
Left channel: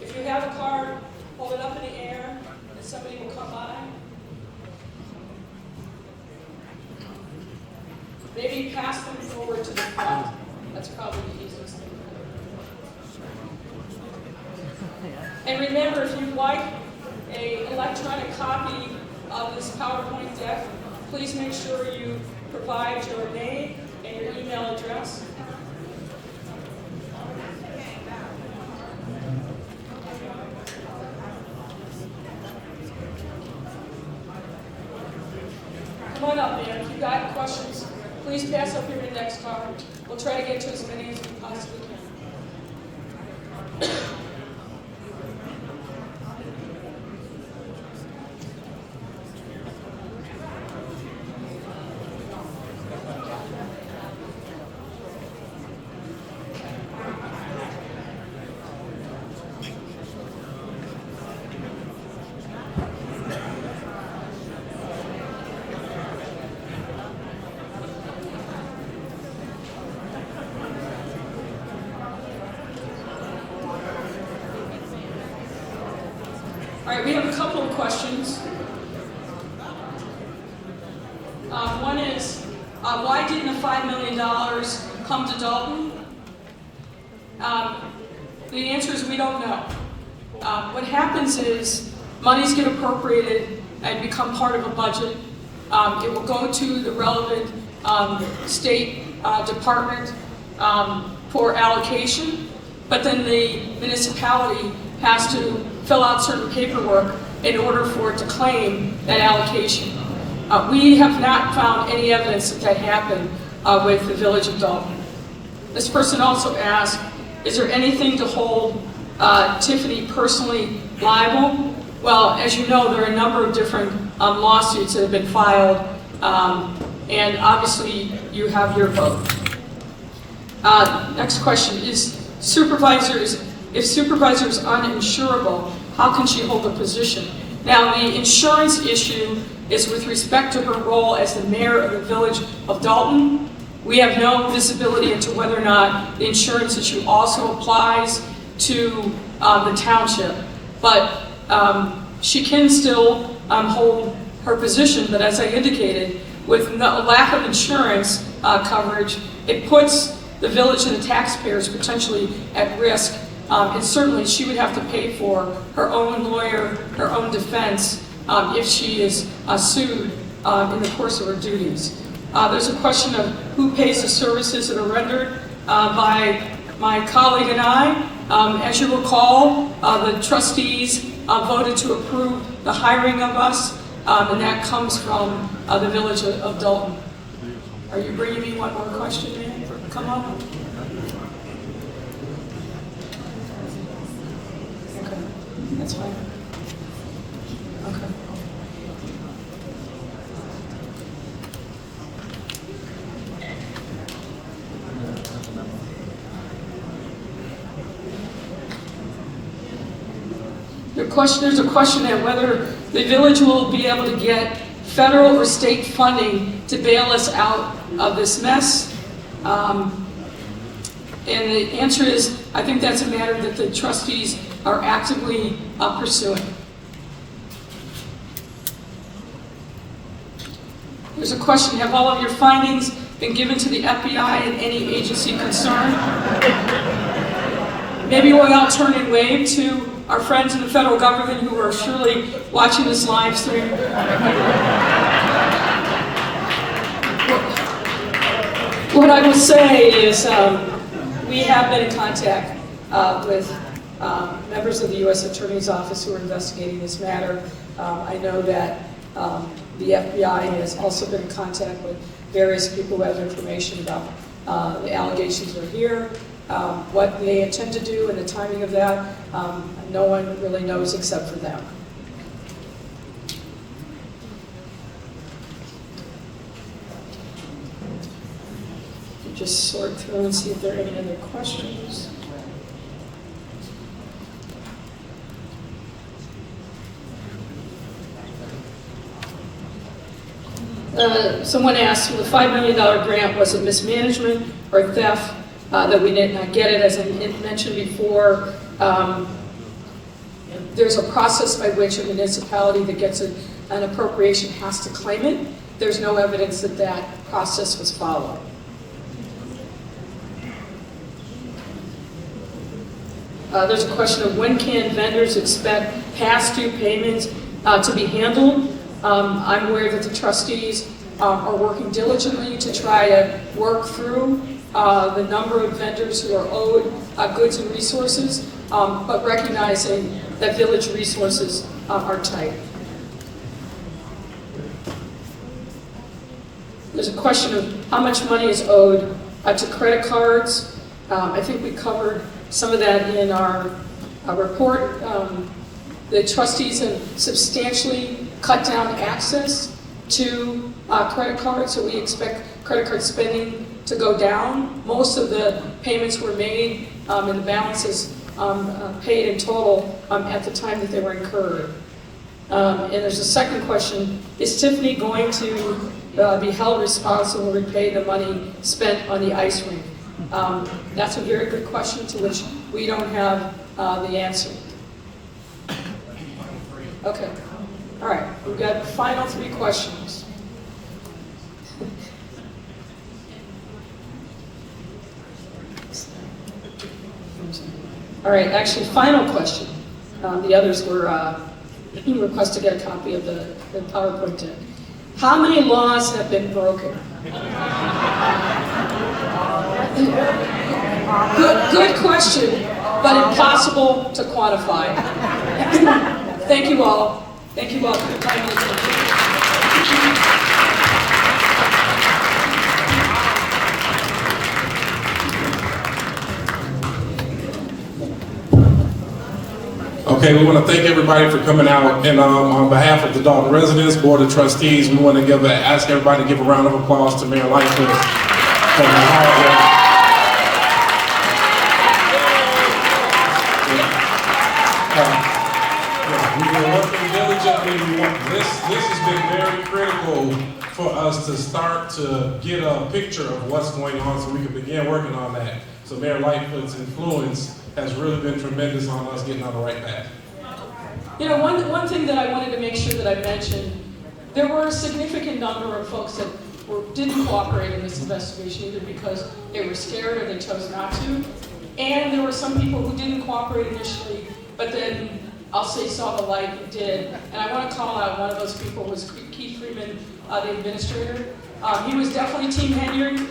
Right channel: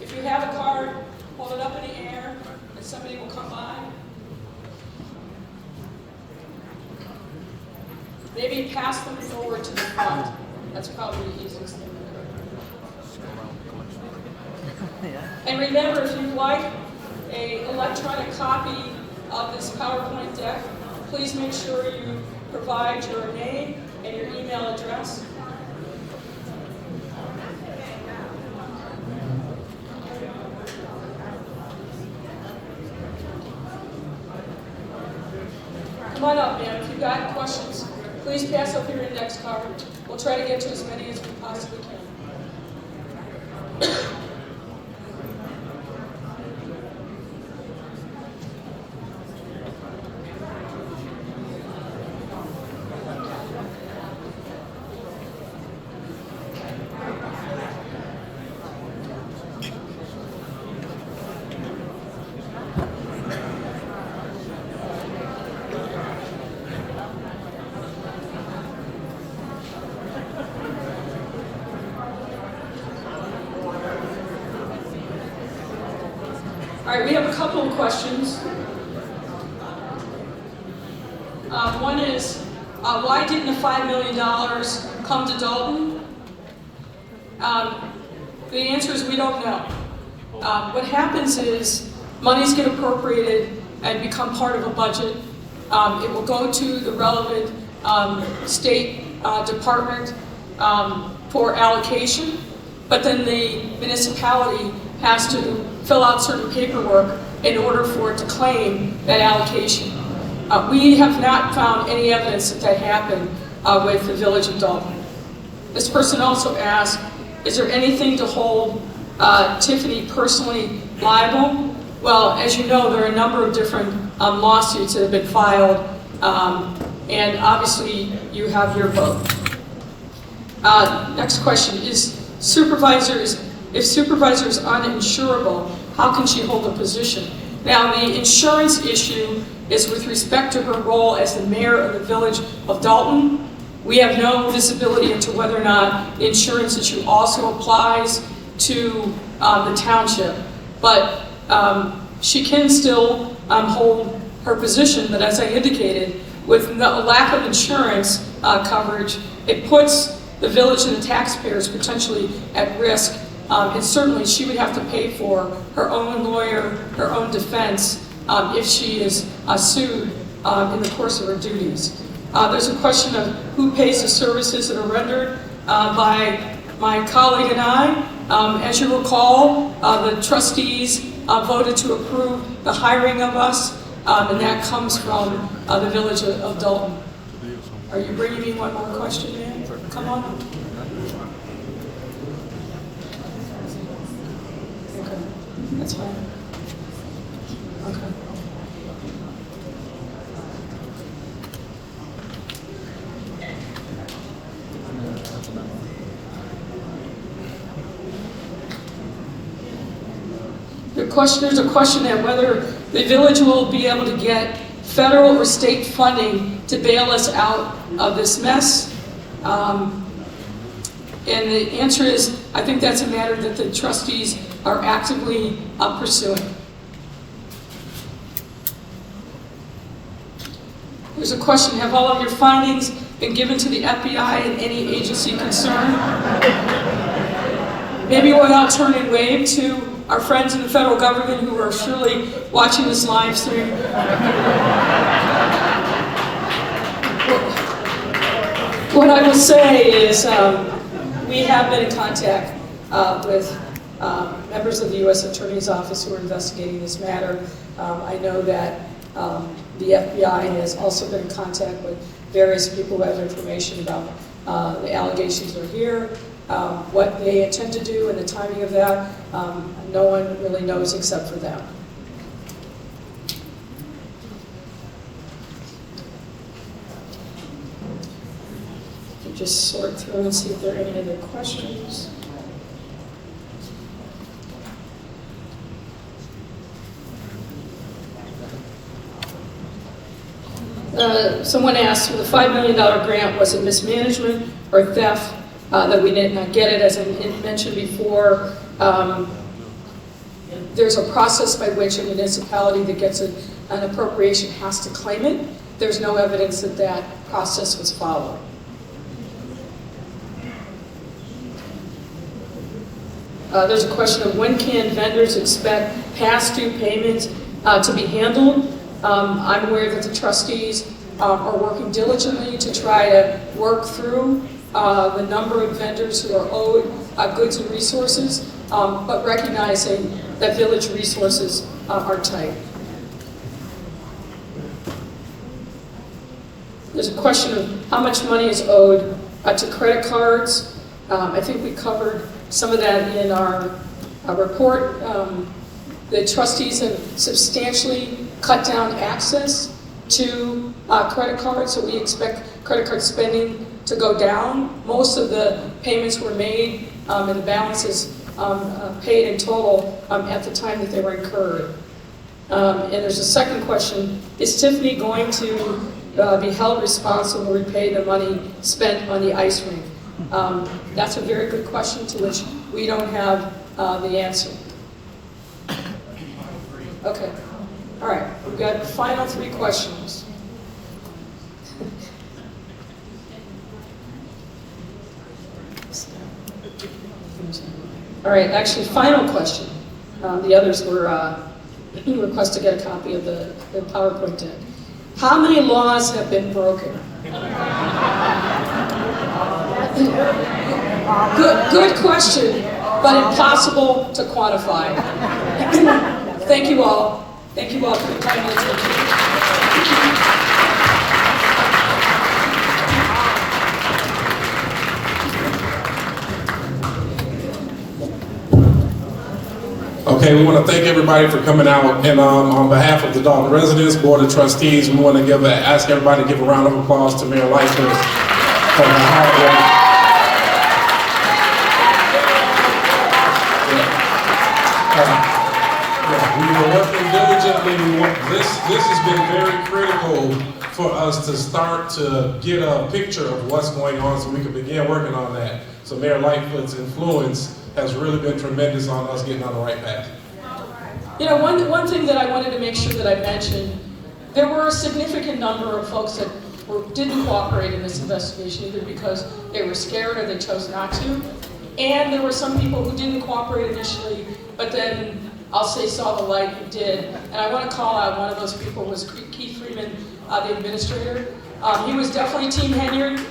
If you have a card, hold it up in the air, and somebody will come by. Maybe pass them forward to the front. That's probably the easiest thing. And remember, if you'd like an electronic copy of this PowerPoint deck, please make sure you provide your name and your email address. Come on up, man. If you've got questions, please pass up your index card. We'll try to get to as many as we possibly can. All right, we have a couple of questions. One is, why didn't the $5 million come to Dolton? The answer is we don't know. What happens is monies get appropriated and become part of a budget. It will go to the relevant state department for allocation, but then the municipality has to fill out certain paperwork in order for it to claim that allocation. We have not found any evidence that that happened with the Village of Dolton. This person also asked, is there anything to hold Tiffany personally liable? Well, as you know, there are a number of different lawsuits that have been filed, and obviously you have your vote. Next question is, if supervisor is uninsurable, how can she hold a position? Now, the insurance issue is with respect to her role as the mayor of the Village of Dolton. We have no visibility into whether or not the insurance issue also applies to the township. But she can still hold her position, but as I indicated, with no lack of insurance coverage, it puts the village and the taxpayers potentially at risk. And certainly she would have to pay for her own lawyer, her own defense, if she is sued in the course of her duties. There's a question of who pays the services that are rendered by my colleague and I. As you recall, the trustees voted to approve the hiring of us, and that comes from the Village of Dolton. Are you bringing me one more question, man? Come on. Okay, that's fine. Okay. There's a question that whether the village will be able to get federal or state funding to bail us out of this mess. And the answer is, I think that's a matter that the trustees are actively pursuing. There's a question, have all of your findings been given to the FBI and any agency concerned? Maybe we'll now turn and wave to our friends in the federal government who are surely watching this live stream. What I will say is we have been in contact with members of the U.S. Attorney's Office who are investigating this matter. I know that the FBI has also been in contact with various people who have information about the allegations are here. What they intend to do and the timing of that, no one really knows except for them. Just sort through and see if there are any other questions. Someone asked, the $5 million grant, was it mismanagement or theft that we did not get it? As I mentioned before, there's a process by which a municipality that gets an appropriation has to claim it. There's no evidence that that process was followed. There's a question of when can vendors expect past due payments to be handled. I'm aware that the trustees are working diligently to try to work through the number of vendors who are owed goods and resources, but recognizing that village resources are tight. There's a question of how much money is owed to credit cards. I think we covered some of that in our report. The trustees have substantially cut down access to credit cards, so we expect credit card spending to go down. Most of the payments were made and the balances paid in total at the time that they were incurred. And there's a second question, is Tiffany going to be held responsible to repay the money spent on the ice rink? That's a very good question to which we don't have the answer. Okay. All right. We've got the final 3 questions. All right. Actually, final question. The others were request to get a copy of the PowerPoint deck. How many laws have been broken? Good question, but impossible to quantify. Thank you all. Thank you all for your time and attention. Okay, we want to thank everybody for coming out, and on behalf of the Dolton residents, Board of Trustees, we want to ask everybody to give a round of applause to Mayor Lightfoot for the hard work. We were working diligently. This has been very critical for us to start to get a picture of what's going on so we can begin working on that. So Mayor Lightfoot's influence has really been tremendous on us getting on the right path. You know, one thing that I wanted to make sure that I mentioned, there were a significant number of folks that didn't cooperate in this investigation, either because they were scared or they chose not to. And there were some people who didn't cooperate initially, but then I'll say saw the light and did. And I want to call out one of those people was Keith Freeman, the administrator. He was definitely Team Henry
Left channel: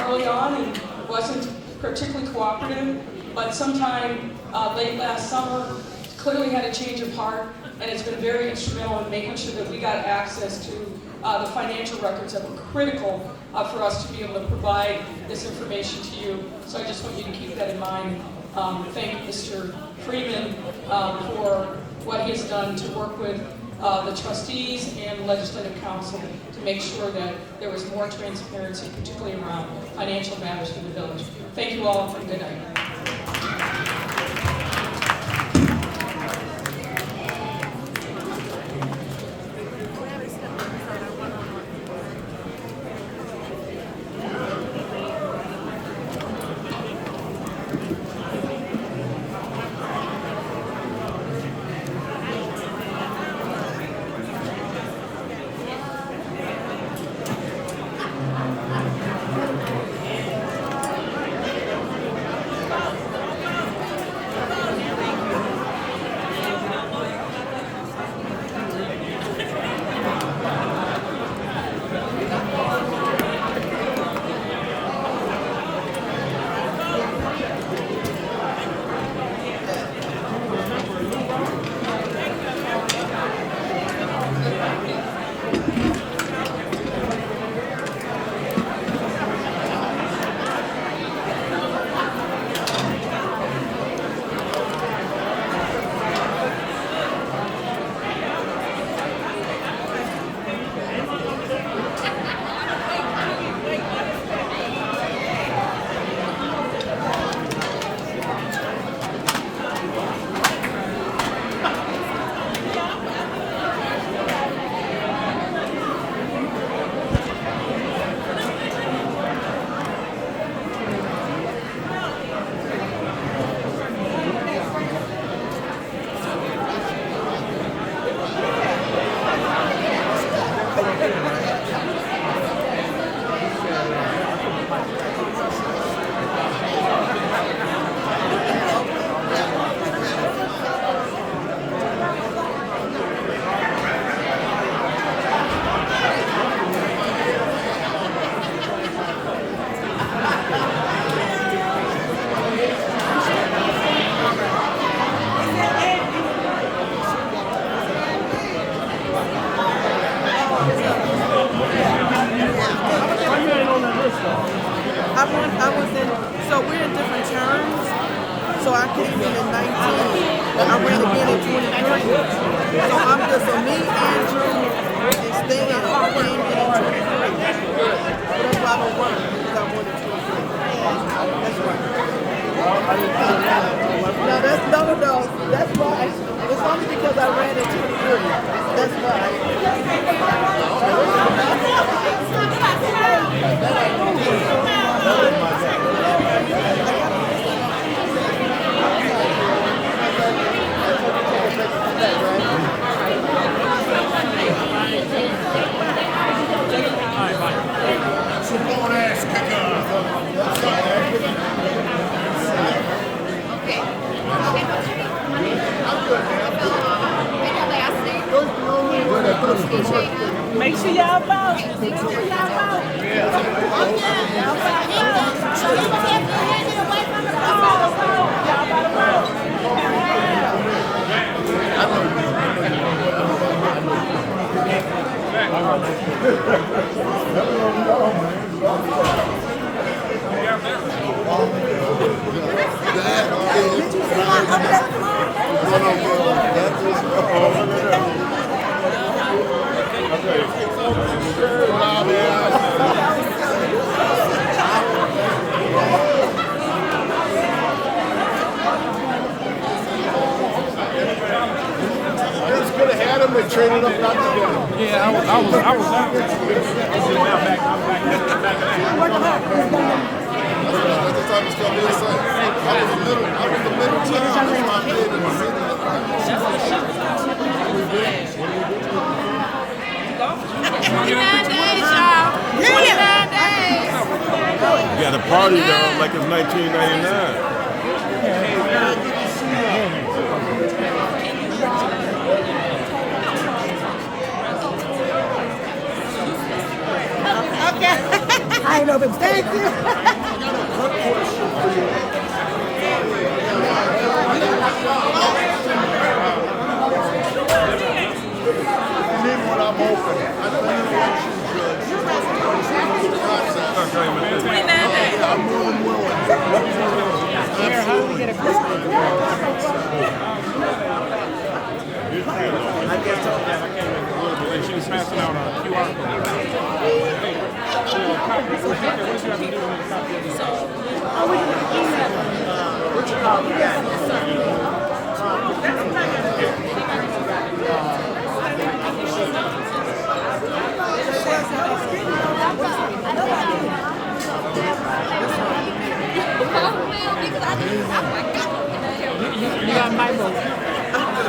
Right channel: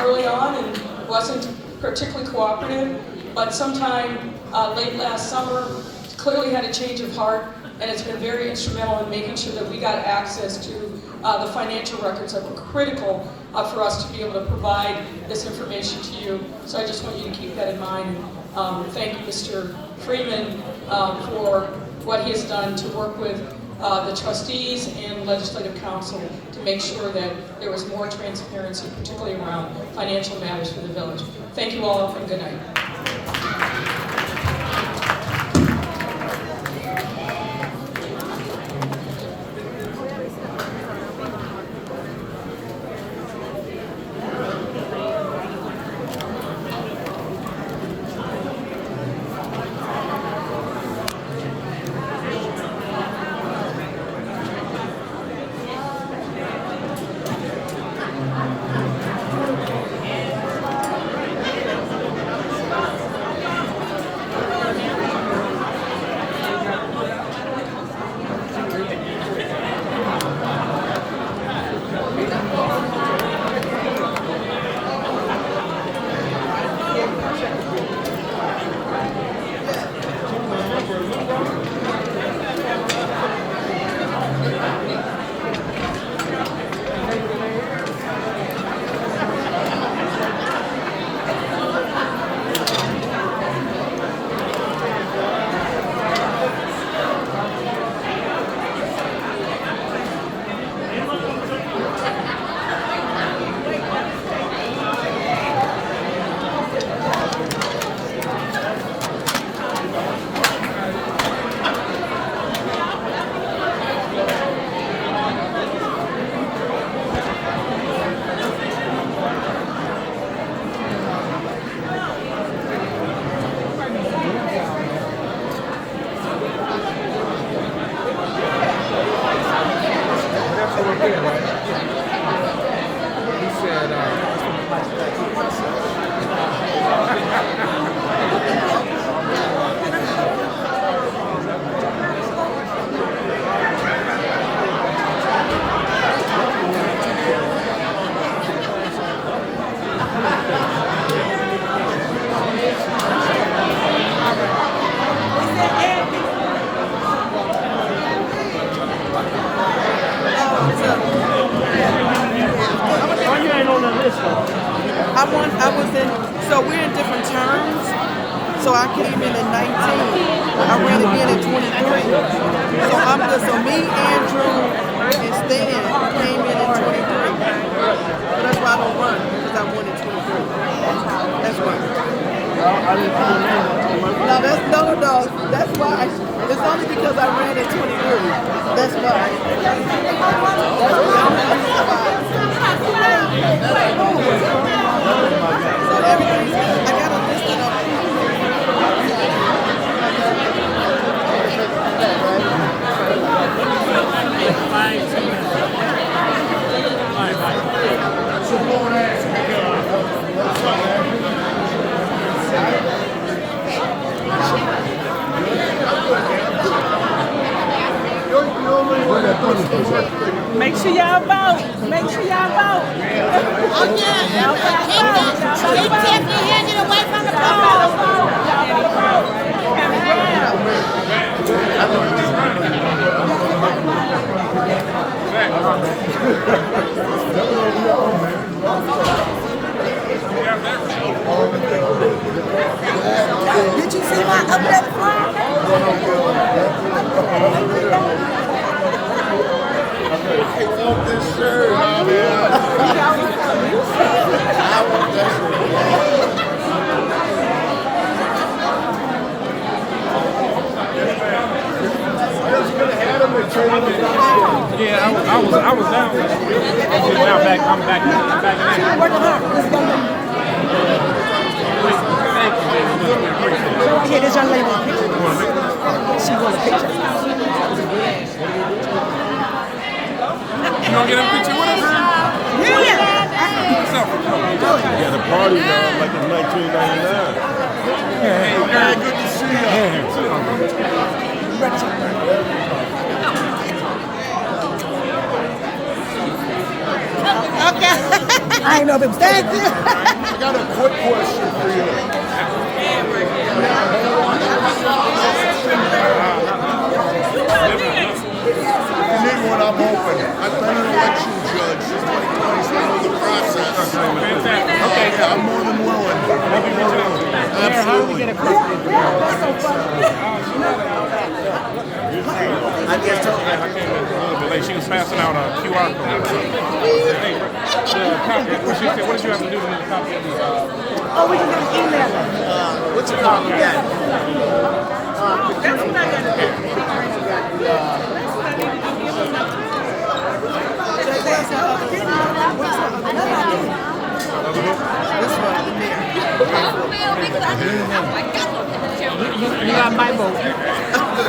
early on and wasn't particularly cooperative, but sometime late last summer clearly had a change of heart, and it's been very instrumental in making sure that we got access to the financial records that were critical for us to be able to provide this information to you. So I just want you to keep that in mind. Thank Mr. Freeman for what he has done to work with the trustees and legislative council to make sure that there was more transparency, particularly around financial matters for the village. Thank you all, and good night. I ran again in 23. So I'm just, so me, Andrew, and Stan came in 23. So that's why I don't run, because I won in 23. That's why. No, that's why. It's only because I ran in 23. That's why. All right, bye. Make sure y'all vote. Make sure y'all vote. Did you see my update flyer? Yeah, I was down last week. I'm just now back. I'm back in. Working hard. Okay, this young lady. She wants a picture. You want to get a picture with us? Yeah. You got a party now, like in 1999. Hey, man, good to see I didn't know if it was I that. got a quick question for you. Me when I'm open, I've been an election judge. I know the process. Yeah, I'm more than willing. Claire, how do we get a copy of the She was passing out a QR code. Hey, she said, what you have to do to make a copy of this? Oh, we can get an email. What you copy that? You got my vote.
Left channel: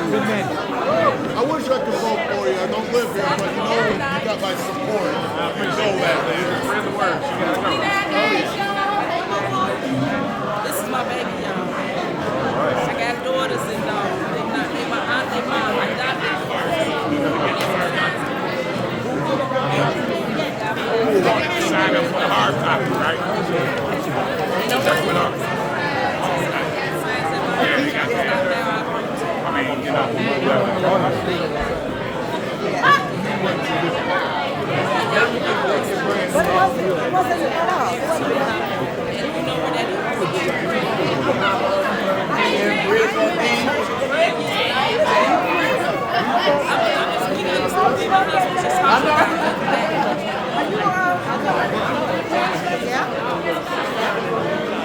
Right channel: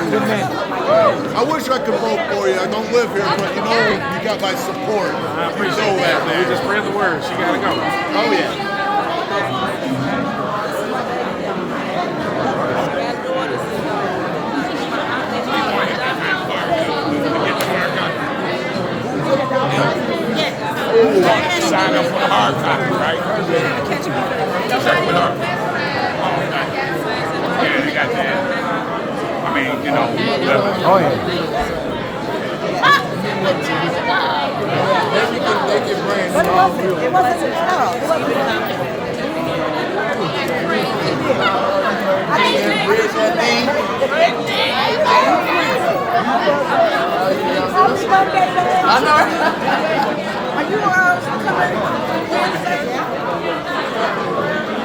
Good man. I wish I could vote for you. I don't live here, but you know you got my support. I appreciate that. You just spread the word. She got to go. Oh, yeah. Sign up for the hard copy, right? That's what our... I mean, you know, But it wasn't. It wasn't at all. It wasn't at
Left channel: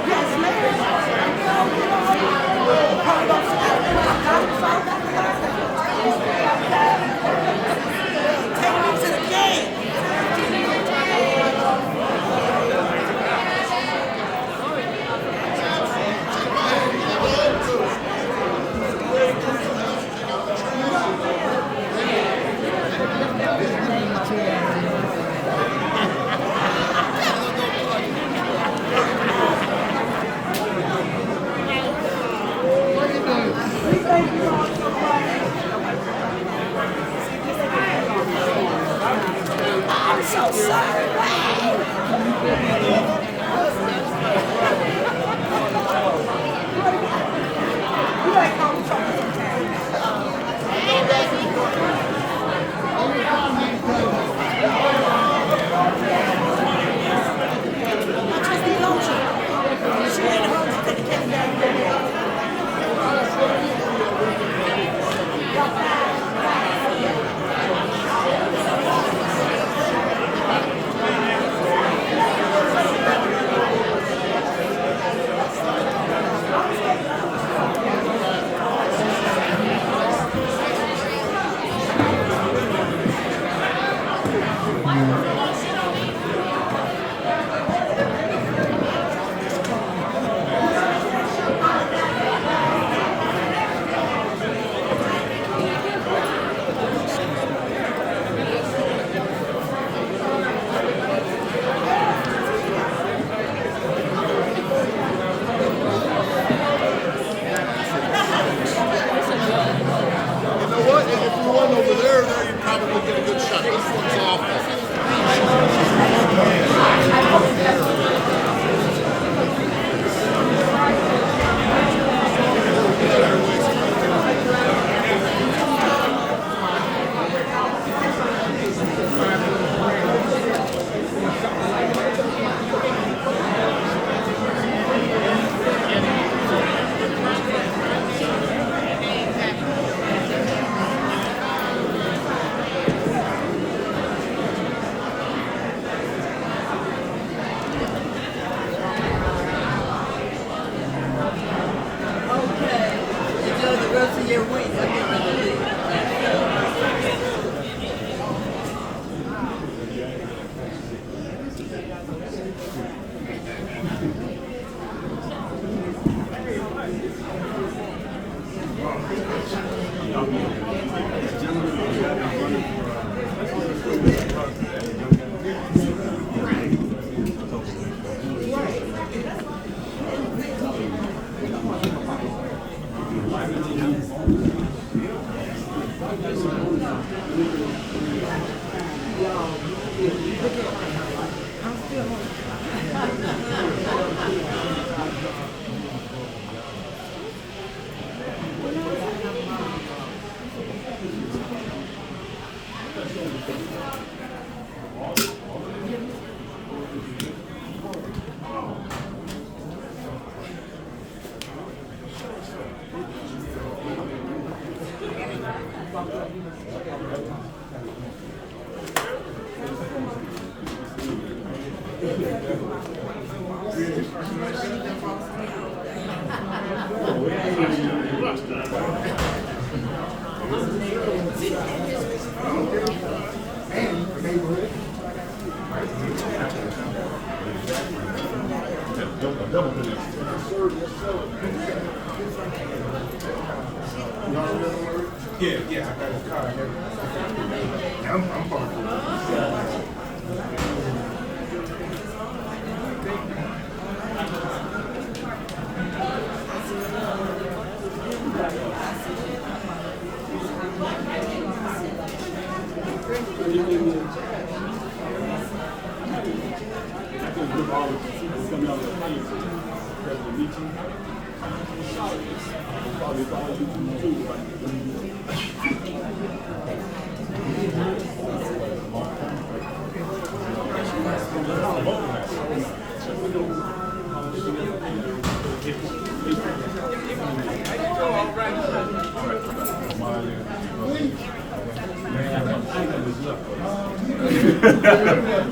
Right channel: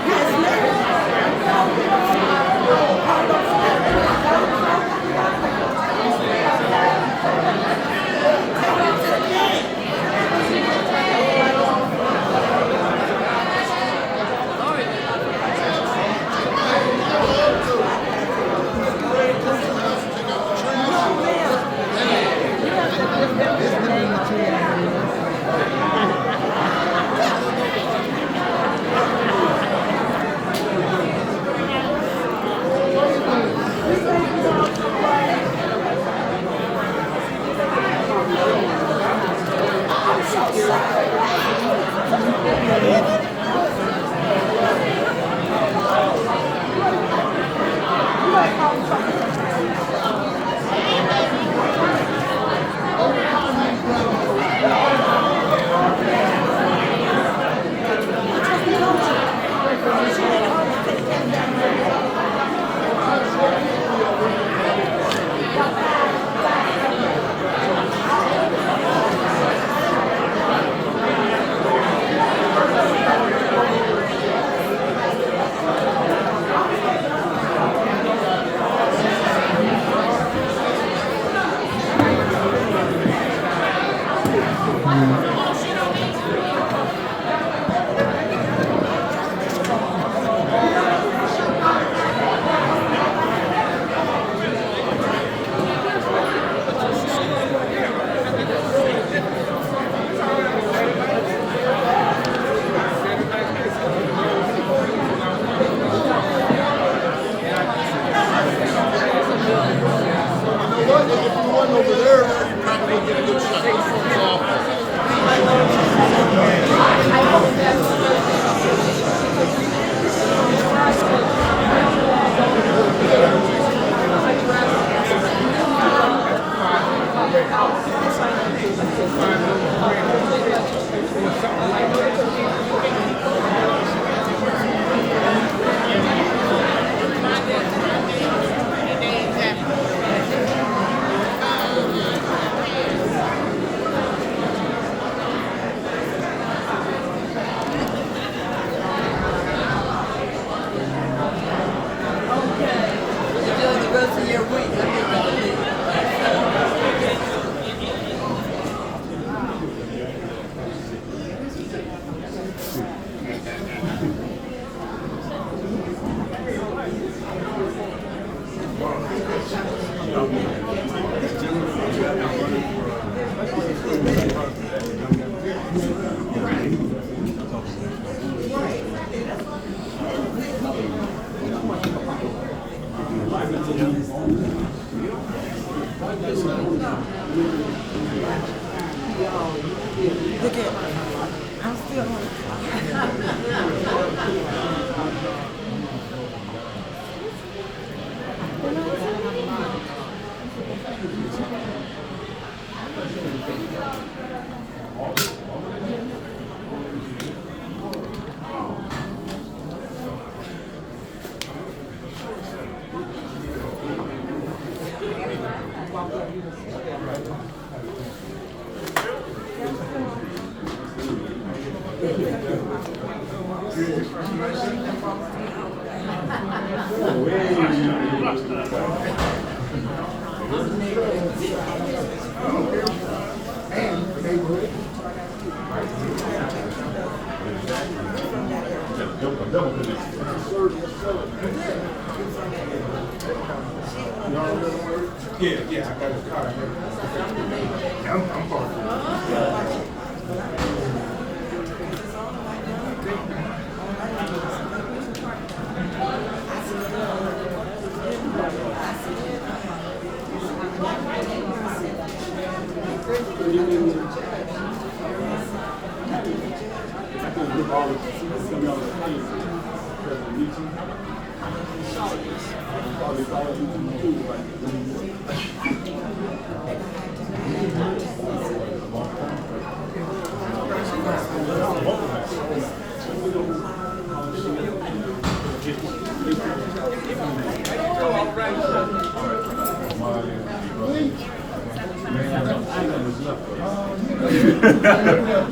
Yes,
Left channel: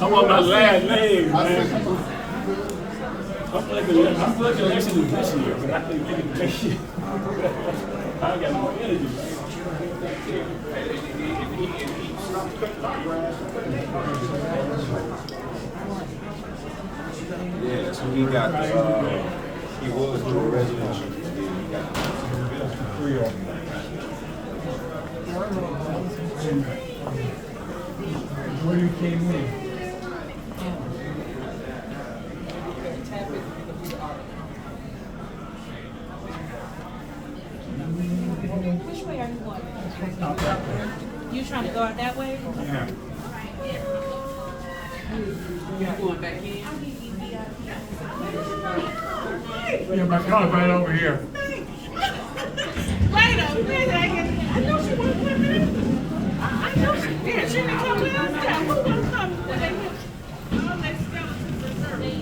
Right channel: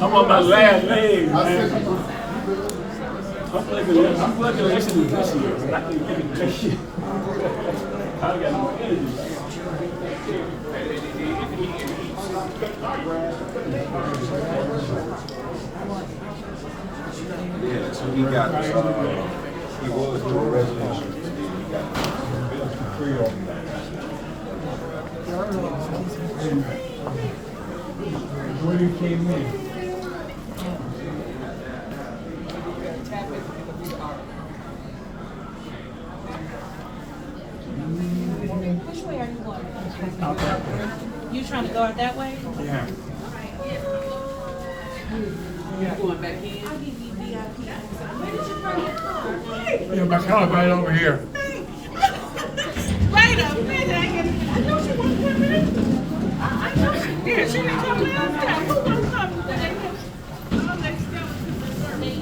I'm on my last leg, man. I'm looking to listen to this year, but I think it next year. I got more energy. Yeah, so we got he was doing resolution. When you came in. Which way are you going? Out that way. You trying to go out that way? Yeah. You going back in? Yeah, my car's right over here. Wait a minute. I know she wasn't coming. I know she did. She didn't come last time. Who was coming when they went? Oh, let's go to the service.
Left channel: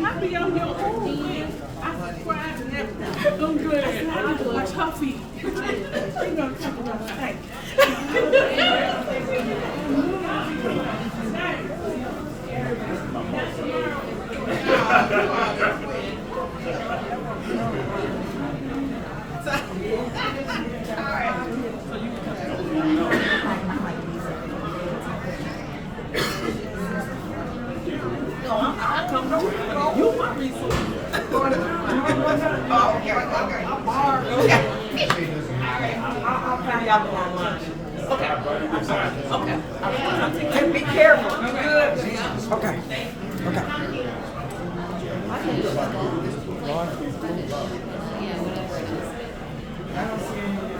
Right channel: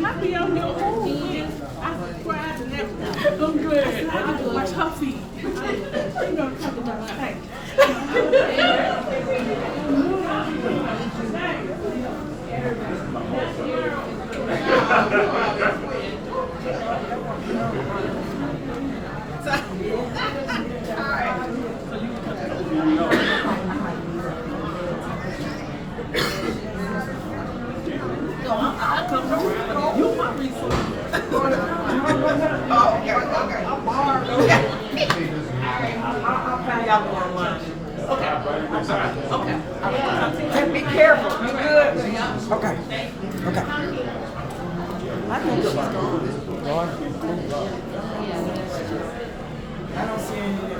I be on your own way. I subscribe and everything. I'm good. I like to watch her feet. You know, talk about things. You my resource. Oh, okay. I'm borrowed. I'll find y'all online. Okay. Just be careful. You good? Okay. Okay. I don't see anything.